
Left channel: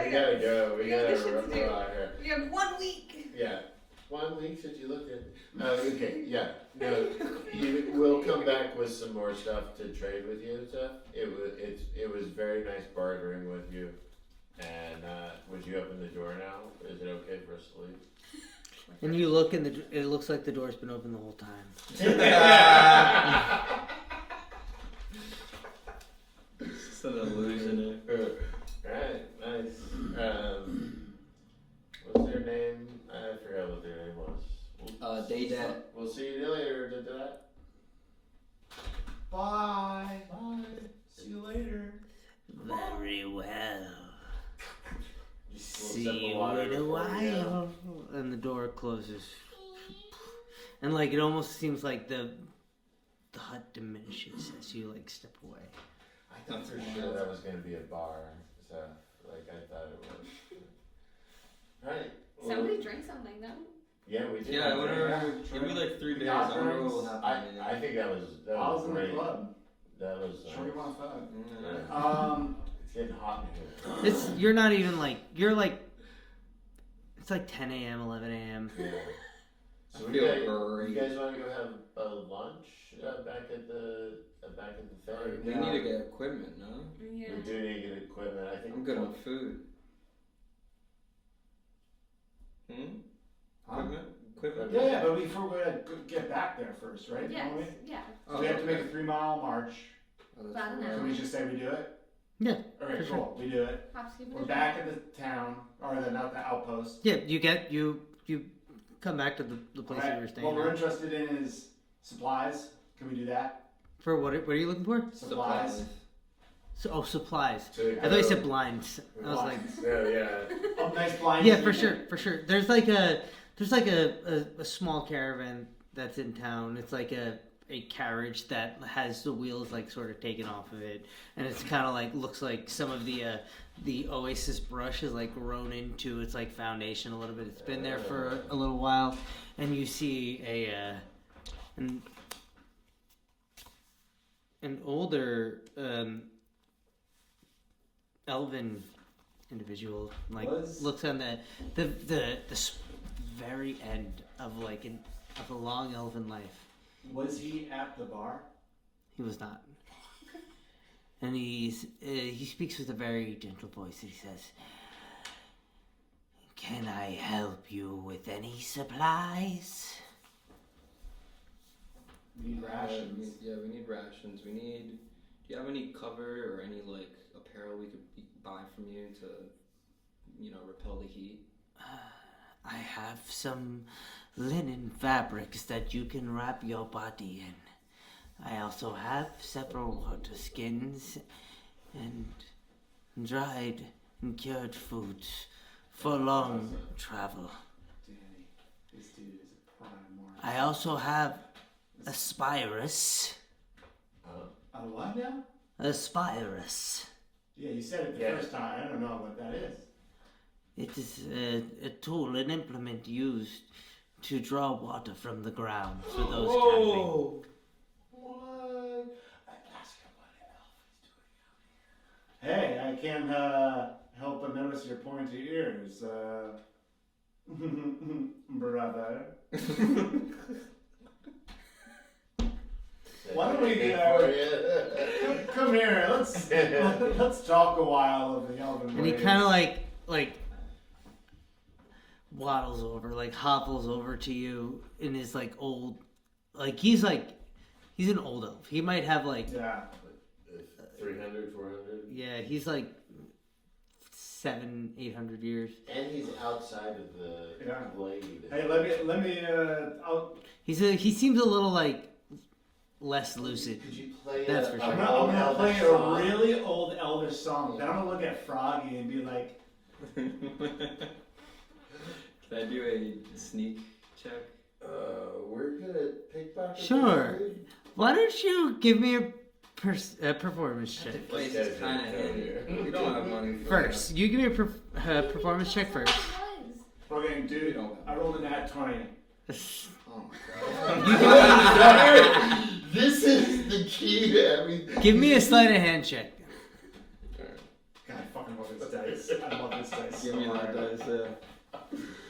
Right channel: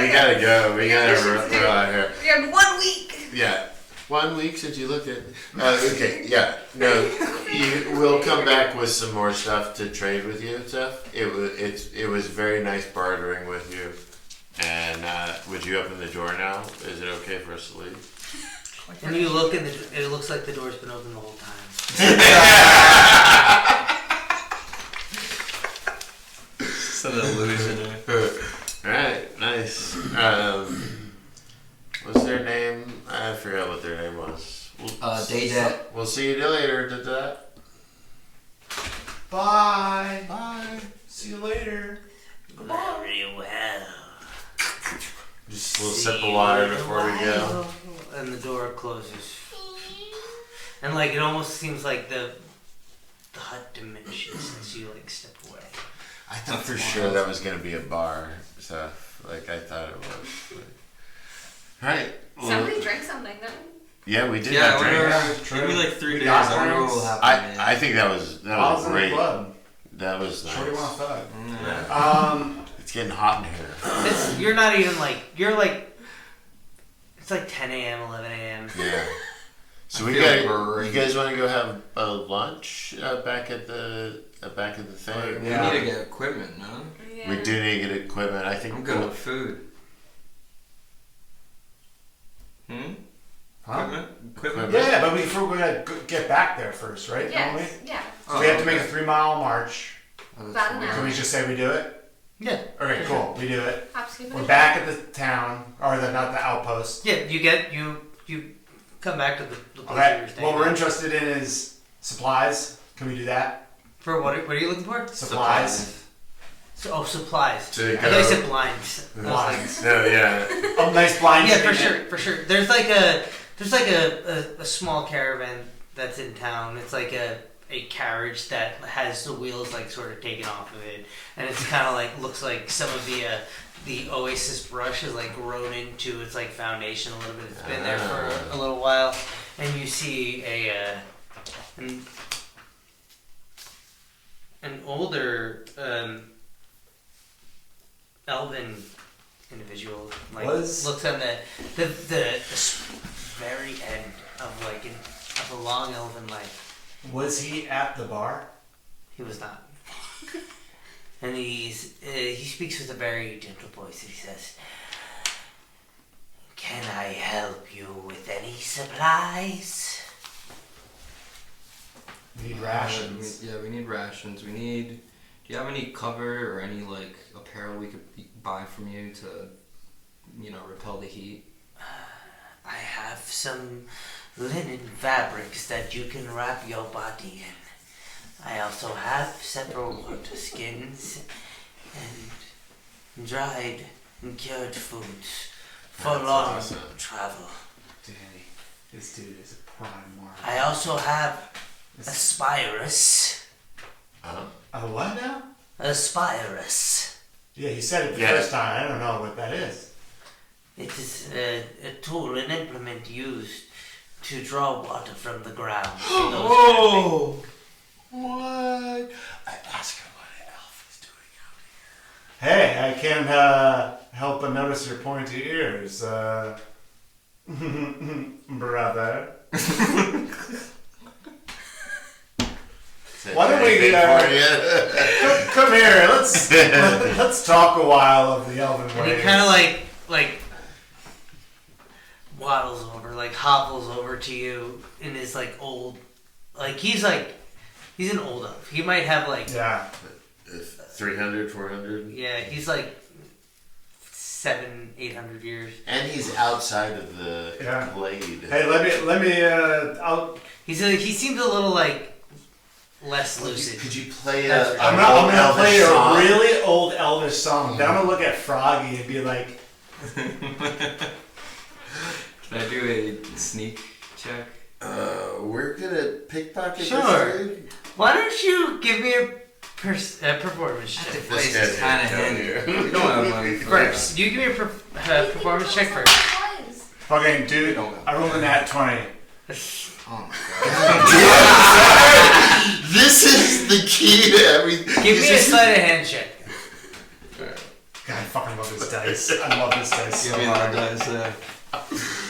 we gotta go. We gotta missions to do. run out here. We had 1 week. Yeah. 1 week since you looked at. Okay. Yeah. No. We'll come back with some more stuff to trade with you and stuff. It was very nice bartering with you. And would you open the door now? Is it okay for us to leave? And you look and it looks like the door's been open the whole time. It's an illusion. Alright, nice. What's their name? I forgot what their name was. Daydet. We'll see you later. Bye. Bye. See you later. Very well. Just a little sip of water before we go. And the door closes. And like it almost seems like the hut diminishes as you like step away. I thought for sure that was gonna be a bar stuff. Like I thought it was. Alright. Well, Somebody drank something though. yeah, we did Yeah, have drinks. True. maybe like 3 We days. got I don't know drinks. what will happen. I think that was I was in the great. club. That was Shorty nice. want a thug. Mm. It's getting hot in here. You're not even like you're like it's like 10 a.m., 11 a.m. Yeah. So I we feel got. great. You guys want to go have a lunch back at the thing? Yeah. We need to get equipment, no? Yeah. We do need to get equipment. I think. I'm good with food. Huh? Equipment? Yeah, but we're gonna get back there first, right? Don't Yes. we? Yeah. So we have to make a 3-mile march. Oh, that's About an weird. Can we just say we do it? Yeah. Okay, cool. We do it. Hop, skip, and We're a back at the town, or not the outpost. Yeah, you come back to the place Okay. you were staying What we're at. interested in is supplies. Can we do that? For what are you looking for? Supplies. So, supplies. To I thought you said blinds. I was like, Blinds. No, yeah. Oh, nice blind. yeah, for statement. sure. There's like a small caravan that's in town. It's like a carriage that has the wheels like sort of taken off of it, and it's kind of like looks like some of the Oasis brush has like grown into its like foundation a little bit. It's been there for a little while, and you see an older elven individual like looks on the very end of a long elven life. Was he at the bar? He was not. And he speaks with a very gentle voice and he says, "Can I help you with any supplies?" We need rations. Yeah, we need rations. We need. Do you have any cover or any like apparel we could buy from you to, repel the heat? I have some linen fabrics that you can wrap your body in. I also have several water skins and dried and cured foods for That's long awesome. travel. Danny, this dude is a prime mark. I also have a spirus. A what now? A spirus. Yeah, you said it the Yeah. first time. I don't know what that is. It is a tool, an implement used to draw water from the ground. for those camping. What? I asked her what an elf is doing out Hey, I can't help but notice your pointy ears. waiting for you. Come here. Let's talk a while of the elven And ways. he kind of like waddles over, like hobbles over to you in his like old, he's an old elf. He might have like Yeah. 300, 400. yeah, he's like 700-800 years. And he's outside of the glade. Hey, let me. He seems a little like less lucid. Could you play That's a I'm gonna play a really old Elvish song. Then I'm gonna look at Froggy and be like, Can I do a sneak check? We're gonna pickpocket Sure. this dude? Why don't you give me a performance check This Place guy's is kind of down handy. here. You don't have money. first? You give me a performance check first. fucking dude, I rolled a nat 20. Oh my god. This is the key to everything. Give me a sleight of hand check. God, I fucking love this dice. I love this dice Give so me hard. that dice.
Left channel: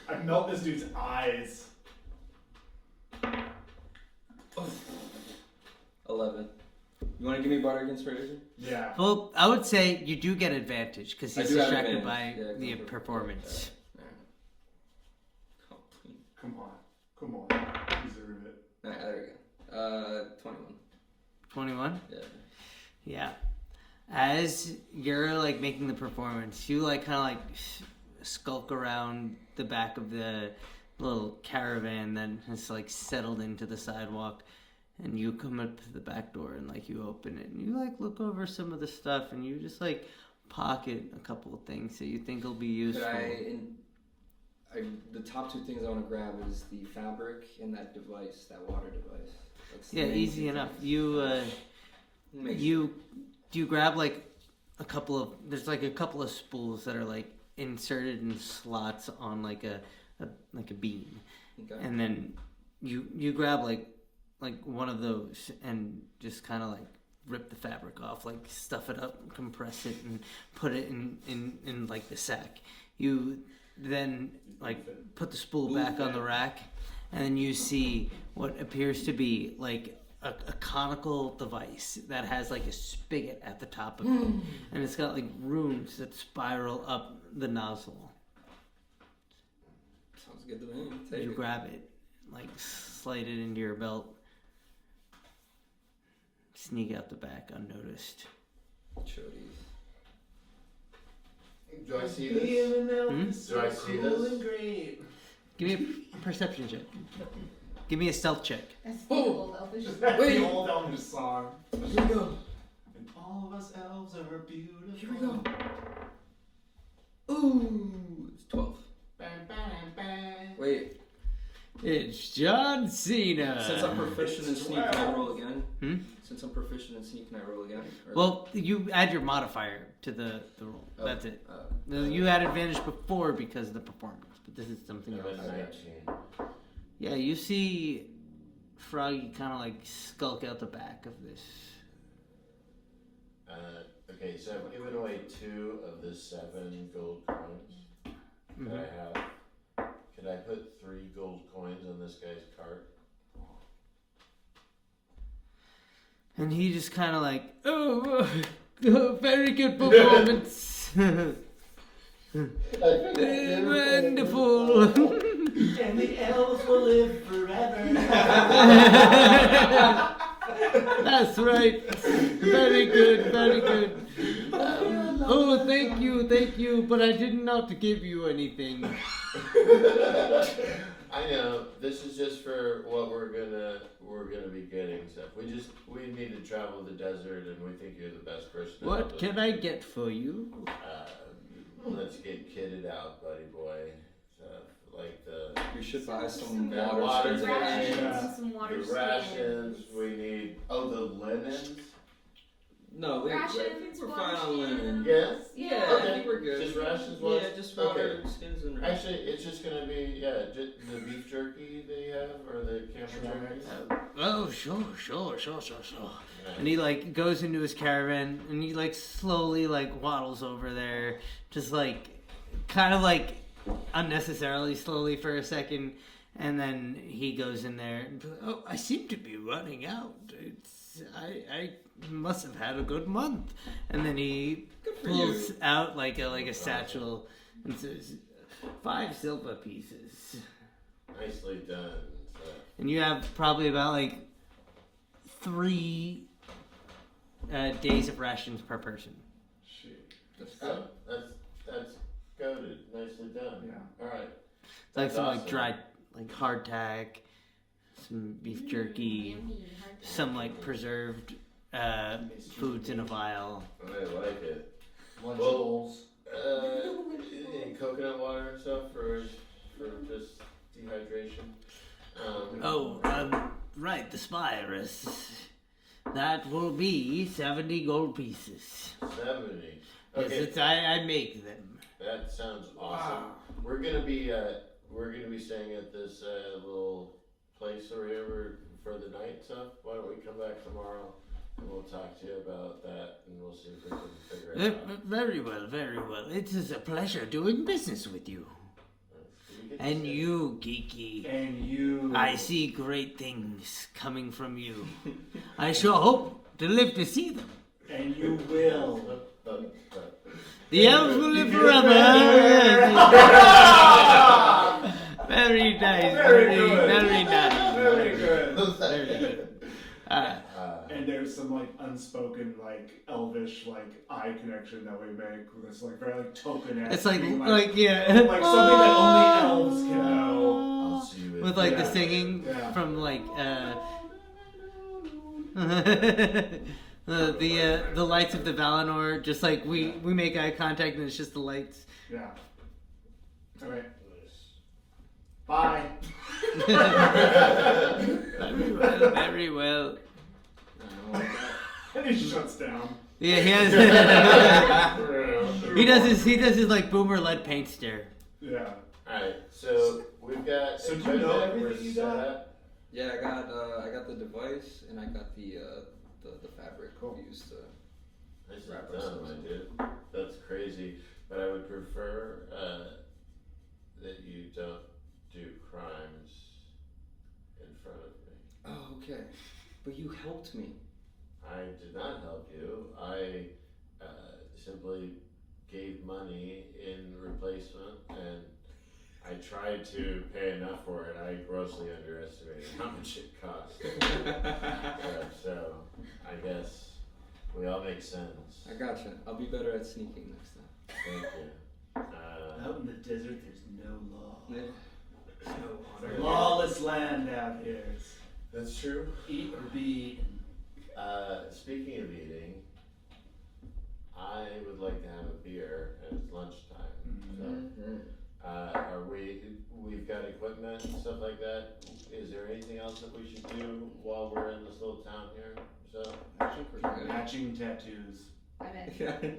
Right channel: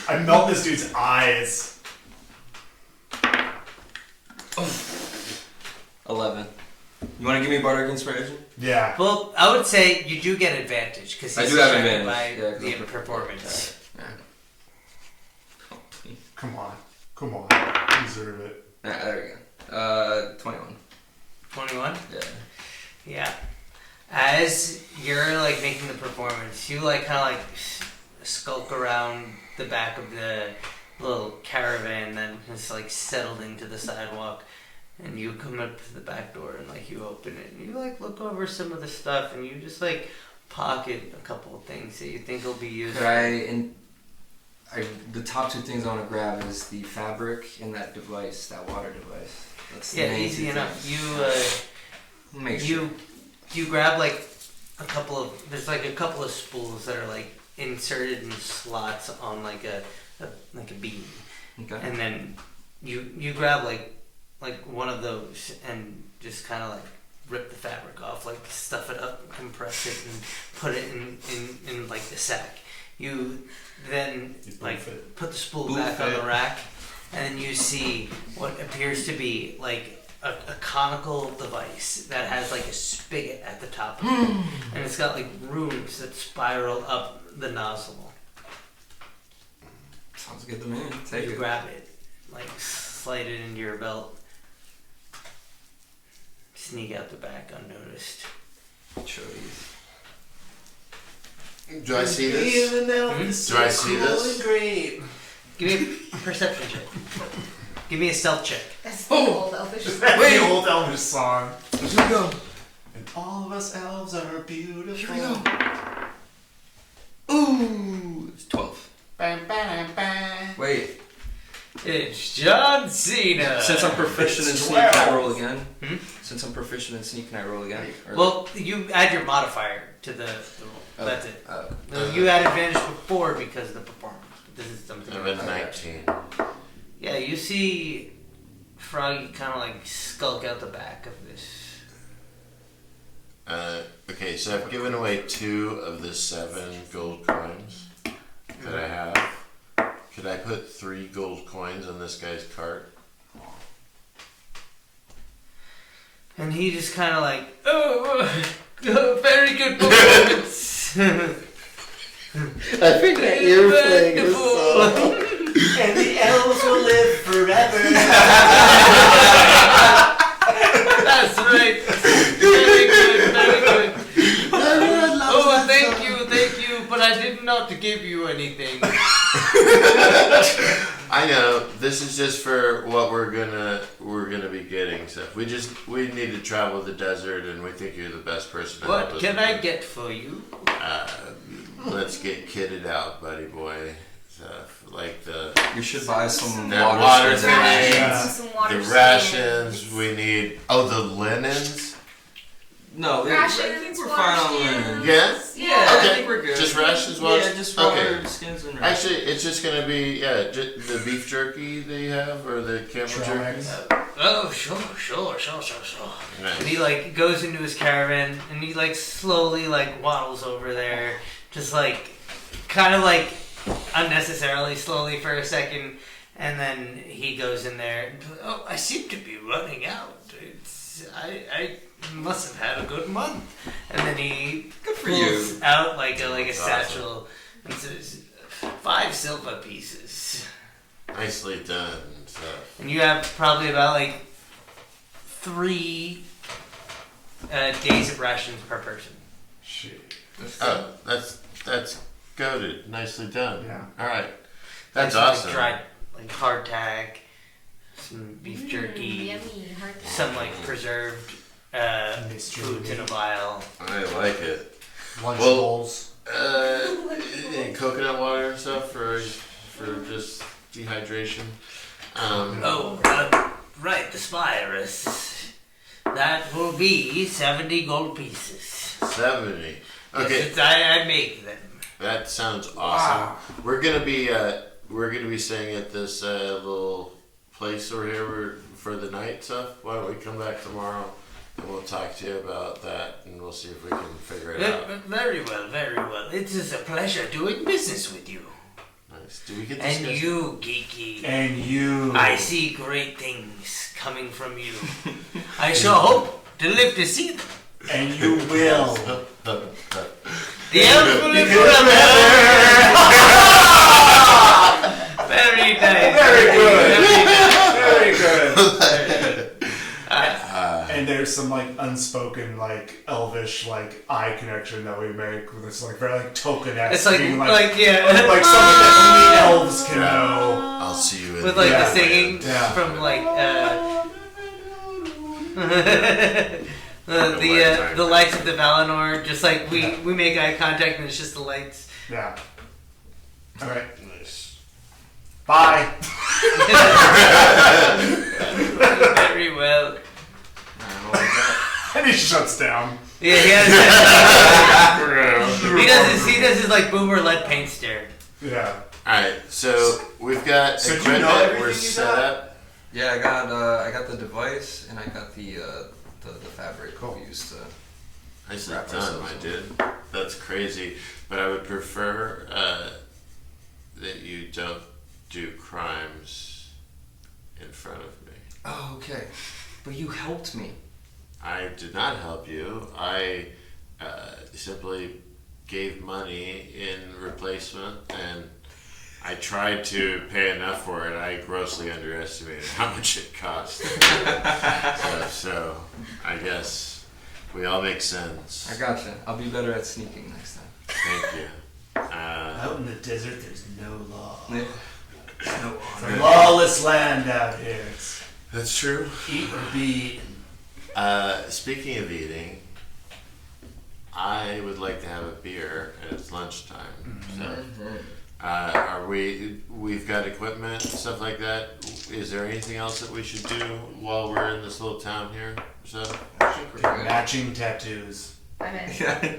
I melt this dude's eyes. 11. You want to give me bardic inspiration? Yeah. Well, I would say you do get advantage because I he's do have distracted advantage. by Yeah, 'cause the I'm performance. Come on. You deserve it. There we go. 21. 21. Yeah. Yeah. As you're like making the performance, you like kind of like skulk around the back of the little caravan that has like settled into the sidewalk, and you come up to the back door and like you open it and you like look over some of the stuff and you just like pocket a couple of things that you think will be useful. The top two things I want to grab is the fabric and that device, that water device. That's the Yeah, main easy two enough. things. Make sure. You grab like a couple of spools that are like inserted in slots on like a beam, Okay. and then you grab like one of those and just kind of like rip the fabric off, like stuff it up, compress it, and put it in like the sack. You then like put the spool back on the rack, and then you see what appears to be like a conical device that has like a spigot at the top of it, and it's got like rooms that spiral up the nozzle. Sounds good to me. So Take you it. grab it, like slide it into your belt, sneak out the back unnoticed. Show these. Do I see this? Do I see this? Great. Give me a perception check. Give me a stealth check. That's the old elfish. That's the old Elvish song. Here we go. And all of us elves are beautiful. Here we go. Ooh, it's 12. Bam, bam, bam. Wait, It's John Cena. since I'm proficient in It's sneak, can I 12. roll again? Hmm? Since I'm proficient in sneak, can I roll again? Or- Well, you add your modifier to the roll. That's it. Oh. You had advantage before because of the performance. But this is something I'm else. at 19. Yeah, you see Froggy kind of like skulk out the back of this. Okay, so I've given away 2 of the 7 gold coins that I have. Could I put 3 gold coins on this guy's cart? And he just kind of like, oh, very good performance. I think that you're playing this song. And the elves will live forever. That's right. Very good, very good. Oh, thank you, but I did not give you anything. I know this is just for what we're gonna be getting stuff. We need to travel the desert, and we think you're the best person. To help What us can with I it. get for you? Let's get kitted out, buddy boy. Stuff like the We should buy some That water. water skins. thing. Yeah. Some water the skins. rations. We need the linens. No, Rations, I think we're water fine on skins. linen. Yeah. Yeah, Okay. I think we're good. Just rations, well, Yeah, just water, okay. skins, and rations. Actually, it's just gonna be the beef jerky they have or the camel jerky. Trags. Oh, sure. Nice. And he like goes into his caravan and he like slowly like waddles over there, just like kind of like unnecessarily slowly for a second, and then he goes in there. And, oh, I seem to be running out. I must have had a good month. And then he pulls out like a satchel and says, 5 silver pieces. Nicely done and stuff. And you have probably about like 3 days of rations per person. Shit. Oh, that's goated. Nicely done. Yeah. All right. That's Some, awesome. Like dried, like hardtack, some beef jerky, Yummy. Hard some like preserved foods in a vial. I like it. Lunch Well- bowls. And coconut water and stuff for just dehydration. Right, the spirus. That will be 70 gold pieces. 70. Okay, Since I make them. that sounds awesome. We're gonna be staying at this little place over here for the night stuff. Why don't we come back tomorrow and we'll talk to you about that and we'll see if we can figure it out. Very well, very well. It is a pleasure doing business with you. Nice. Do we get this? And you, Geeky. And you. I see great things coming from you. I sure hope to live to see them. And you will. The elves will live forever. Very nice. Very good. Very nice. Very good. Very good. And there's some like unspoken like elvish like eye connection that we make with this like very like token-esque It's like, being, yeah. like something that only elves can know. I'll see you in With like Yeah. the singing Yeah. from like the lights of the Valinor, just like we make eye contact and it's just the lights. Yeah. All right. Nice. Bye. Very well. And he shuts down. Yeah, he does his like boomer lead paint stare. Yeah. Alright, so we've got So do you equipment, know everything we're you set got? up. Yeah, I got the device and I got the fabric Cool. we used to. Nicely Wrap done, ourselves my up. dude. That's crazy. But I would prefer that you don't do crimes in front of me. Oh, okay. But you helped me. I did not help you. I simply gave money in replacement, and I tried to pay enough for it. I grossly underestimated how much it cost. so I guess we all make sense. I gotcha. I'll be better at sneaking next time. Thank you. Out in the desert, there's no law. Yeah. It's a lawless land out here. It's That's true. eat or be eaten. Speaking of eating, I would like to have a beer, and it's lunchtime. So, we've got equipment and stuff like that. Is there anything else that we should do while we're in this little town here? So, Matching tattoos. I'm in. Yeah.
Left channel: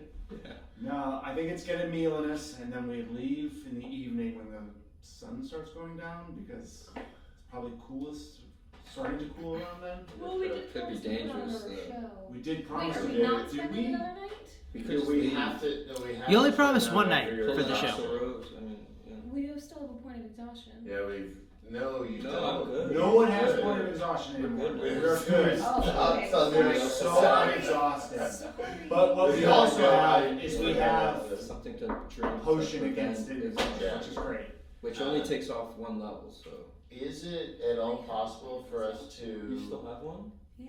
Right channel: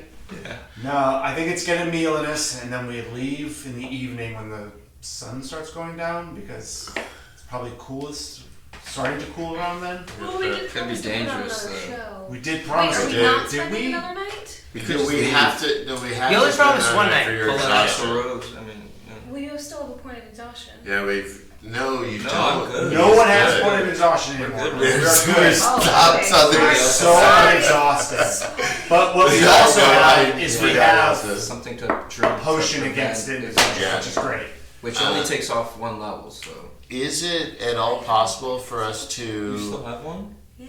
No, I think it's get a meal in us, and then we leave in the evening when the sun starts going down because it's probably coolest. Starting to cool around then. Well, we did Could be promise to put on dangerous, another though. show. We did Wait, promise are to we do not it, did spending we? another night? because we have to. No, we have You only to spend promised on one it night. for your Hold on. exhaustion. National roads. I mean, We do still have a point of exhaustion. Yeah, we've. No, you No, don't. I'm good. No one has Good. point of exhaustion anymore. good. We're good. Oh, Stop okay. telling We're me. so unexhausted. But what we also have is we have something to drink. a potion to against prevent indigestion, Yeah. which is great. Which only takes off one level, so. Is it at all possible for us You still to have one? Yeah.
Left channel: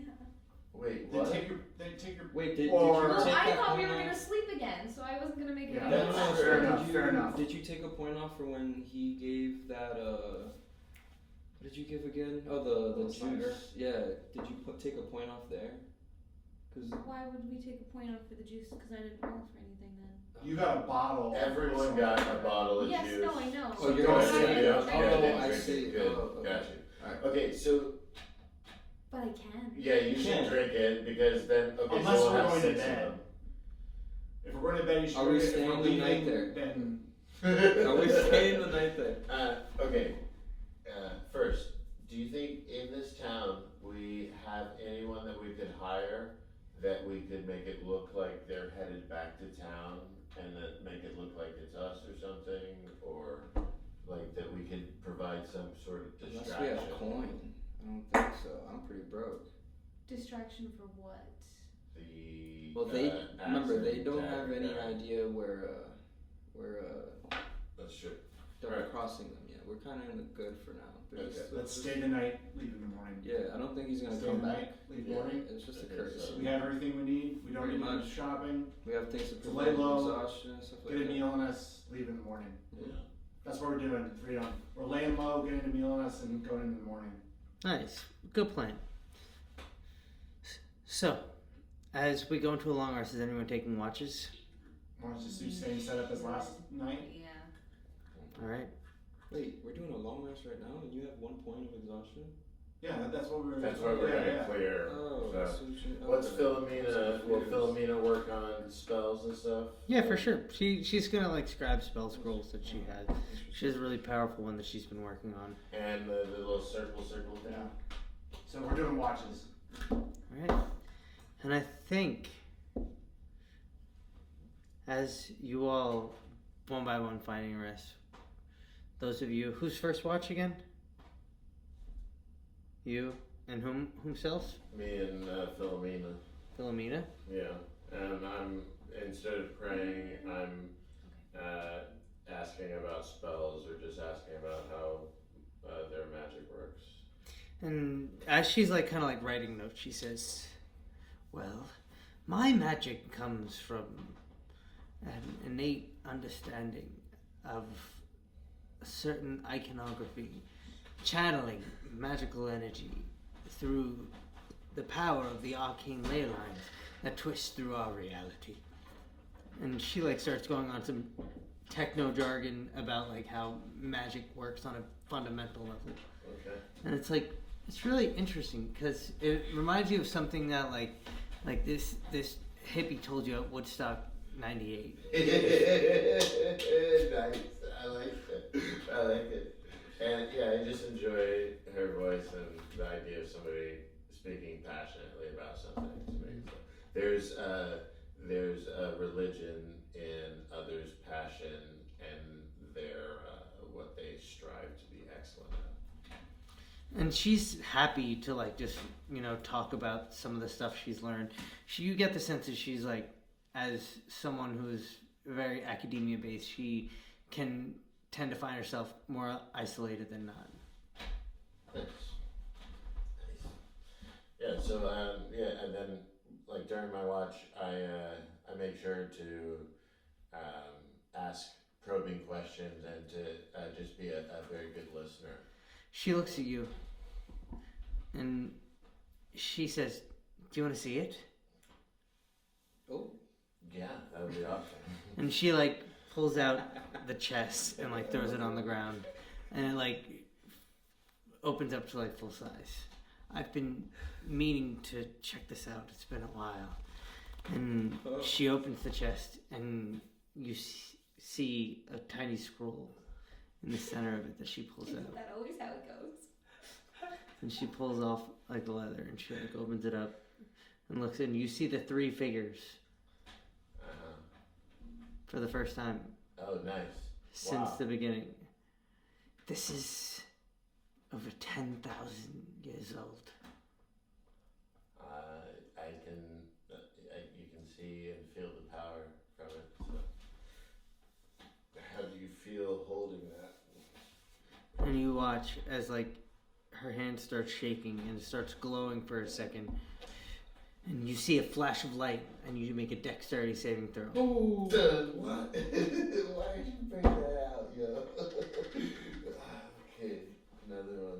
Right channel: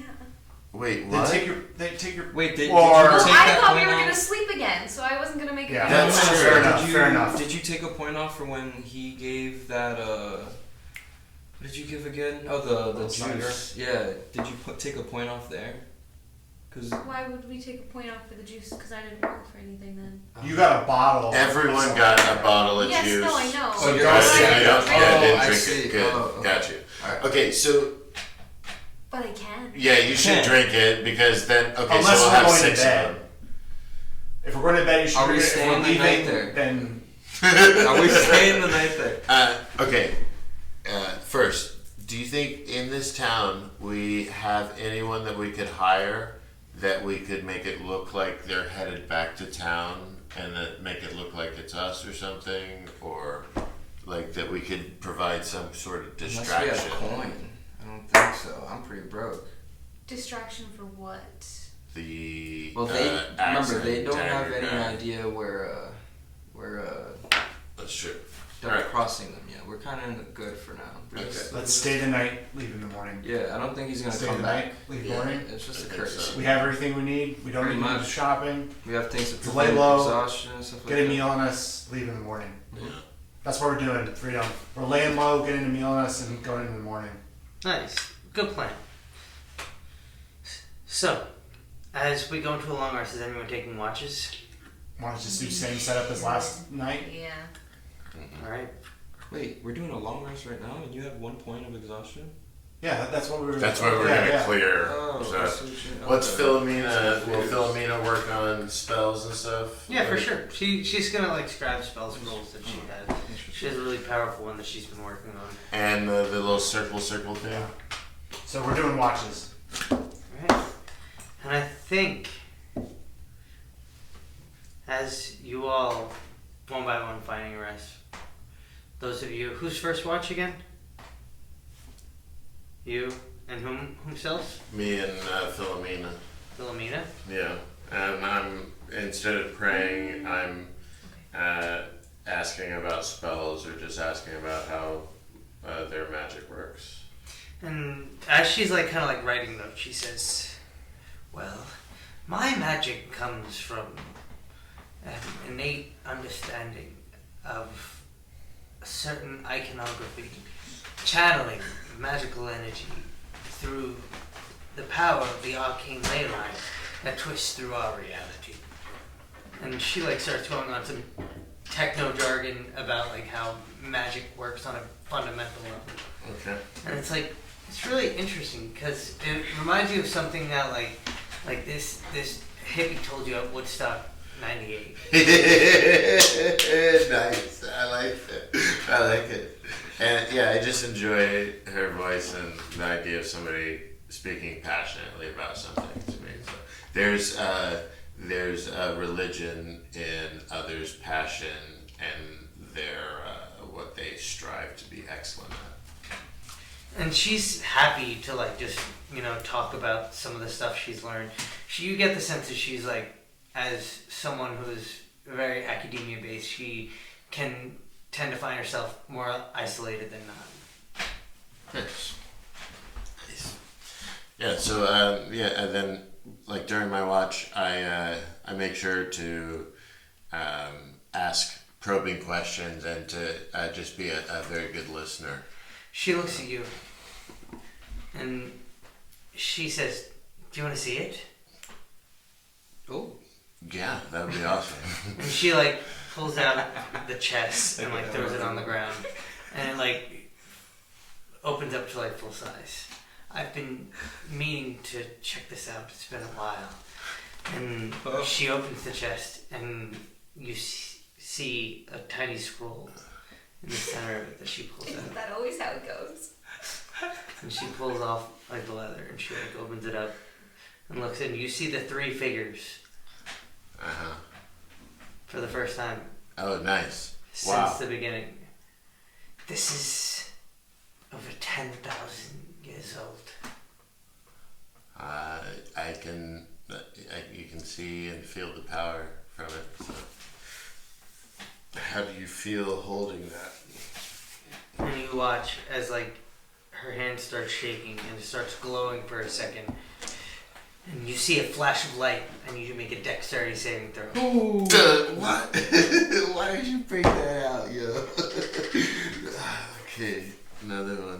wait? Then What? take your. Wait, did Or- you Well, take I that thought we point were off? gonna sleep again, so I wasn't gonna make it. Yeah, good. That's true. Fair enough. Did you, Fair enough. Did you take a point off for when he gave that, what did you give again? Oh, the Cider. juice. Yeah, did you take a point off there? Cause Why would we take a point off for the juice? Because I didn't roll for anything then. You got a bottle. Everyone got a bottle of Yes, juice. no, I know. Oh, you're Right, right. so you don't- Oh, yeah, didn't I drink see. it. Good, Oh, okay. got you. Alright. Okay, so But I can. yeah, you should Okay. drink it because then okay, Unless so we'll we're have going to 6 of bed. them. If we're going to bed, you should Are we drink it. If staying we're the night leaving, there? then Are we staying the night there? Okay. First, do you think in this town we have anyone that we could hire that we could make it look like they're headed back to town and then make it look like it's us or something, or like that we could provide some sort of distraction. Unless we have coin. I don't think so. I'm pretty broke. Distraction for what? The Well, they remember accident they don't have dagger any guy. idea where That's true. they're Alright. crossing them yet. We're kind of in the good for now. Okay. Let's stay the night, leave in the morning. Yeah, I don't think he's gonna Stay come the back. night, leave Yeah. morning. It's just I a think courtesy. so. We have everything we need. We don't Pretty need to do much. shopping. We have things to To lay prevent low, exhaustion and stuff like Get that. a meal on us, leave in the morning. Yeah. That's what we're doing, Freedom. We're laying low, getting a meal on us, and going in the morning. Nice. Good plan. So, as we go into a long rest, is anyone taking watches? Want to just do same setup as last night? Yeah. Alright. Wait, we're doing a long rest right now, and you have 1 point of exhaustion. Yeah, that's what we were. That's why we're yeah, gonna yeah. clear. Oh, So, I see what you- what's okay. Philomena? Will Philomena work on spells and stuff? Yeah, for sure. She's gonna like scribe spells rolls that she has. She has a really powerful one that she's been working on. And the little circle thing. Yeah. So we're doing watches. Alright. And I think as you all one by one finding rest, those of you whose first watch again? You and whomself? Me and Philomena. Philomena? Yeah. And I'm instead of praying, I'm asking about spells or just asking about how their magic works. And as she's like kind of like writing notes, she says, "Well, my magic comes from an innate understanding of a certain iconography, channeling magical energy through the power of the arcane ley line that twists through our reality." And she like starts going on some techno jargon about like how magic works on a fundamental level. Okay. And it's like, it's really interesting because it reminds you of something that like this hippie told you at Woodstock '98. Nice. I like it. I like it. And yeah, I just enjoy her voice and the idea of somebody speaking passionately about something to me. So there's a religion in others' passion and their what they strive to be excellent at. And she's happy to like just, talk about some of the stuff she's learned. You get the sense that she's like, as someone who's very academia based, she can tend to find herself more isolated than not. Nice. Yeah. So and then like during my watch, I make sure to ask probing questions and to just be a very good listener. She looks at you and she says, "Do you want to see it?" Oh, Yeah, that would be awesome. And she like pulls out the chest and like throws it on the ground, and it like opens up to like full size. I've been meaning to check this out. It's been a while. And she opens the chest, and you see a tiny scroll in the center of it that she pulls out. Isn't that always how it goes? And she pulls off like the leather, and she like opens it up and looks in. You see the 3 figures Uh-huh. for the first time Oh, nice. since Wow. the beginning. This is over 10,000 years old. You can see and feel the power from it. So. How do you feel holding that? And you watch as like her hand starts shaking and it starts glowing for a second. And you see a flash of light and you make a dexterity saving throw. Ooh. What? Why did you bring that out, yo? Okay, another one.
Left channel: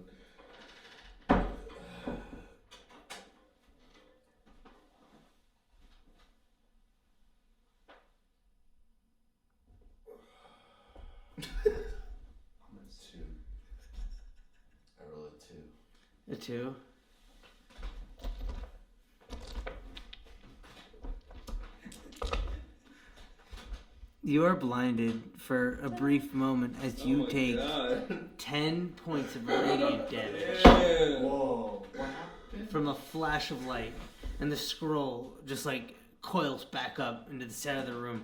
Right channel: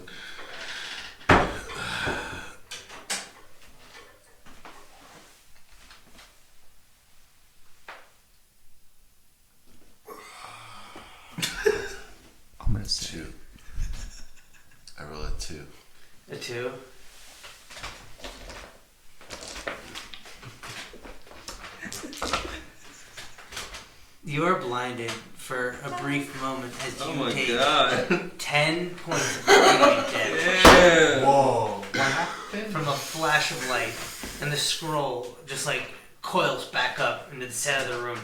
I'm gonna say 2. I roll a 2. A 2. You are blinded for a brief moment as you take 10 points of radiant damage Whoa. from a flash of light, and the scroll just like coils back up into the center of the room,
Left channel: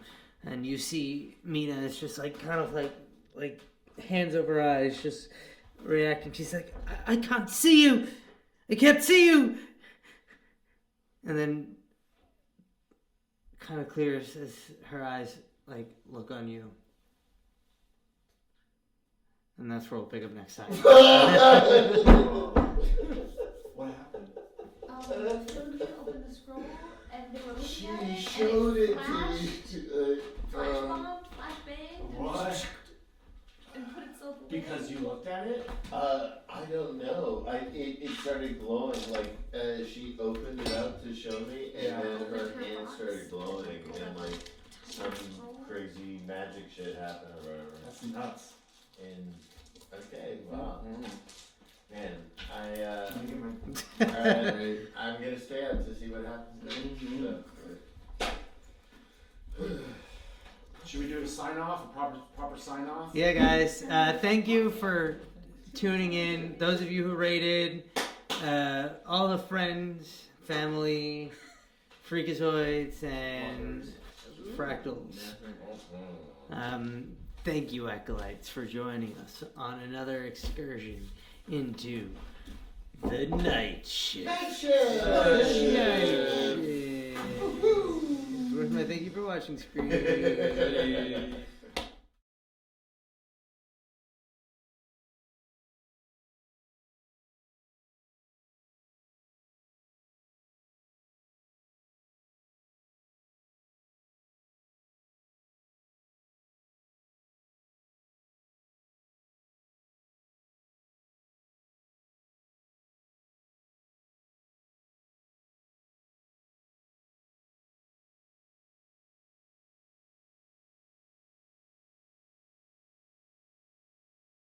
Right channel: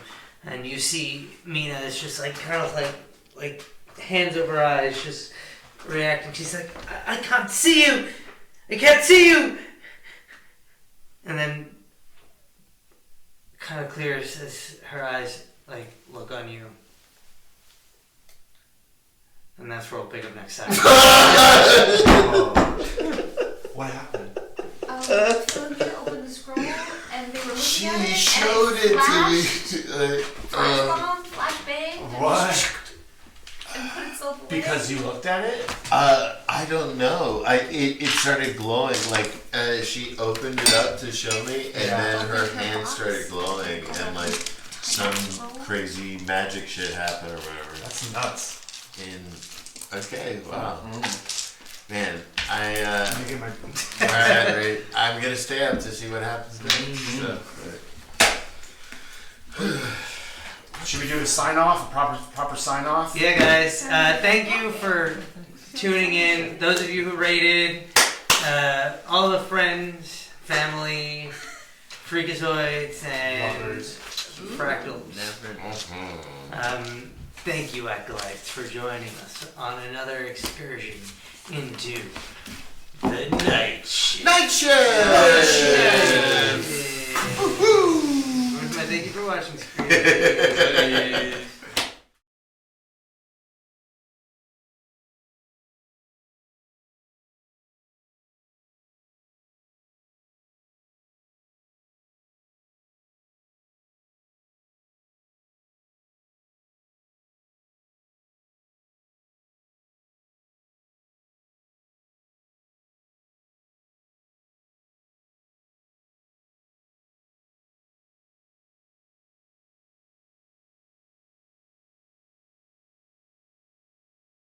and you see Mina is just like kind of like hands over her eyes, just reacting. She's like, I can't see you! I can't see you! And then kind of clears as her eyes like look on you. And that's where we'll pick up next time. What happened? Philomena opened the scroll and they were looking She at it. showed and it flashed, to me. Flash bomb, flash bang. What? And put itself away. Because you looked at it? I don't know. It started glowing. Like she opened it up to show me, and then her hand started glowing, and like some crazy magic shit happened or whatever. That's nuts. Okay, wow, man. Let me get my. Alright, I'm gonna stay up to see what happens next. So, Should we do a sign off? A proper sign off? Yeah, guys. Thank you for tuning in. Those of you who rated, all the friends, family, freakazoids, and Lovers. fractals. Thank you, Acolytes, for joining us on another excursion into the night shift. Night shift! Thank you for watching, Screen.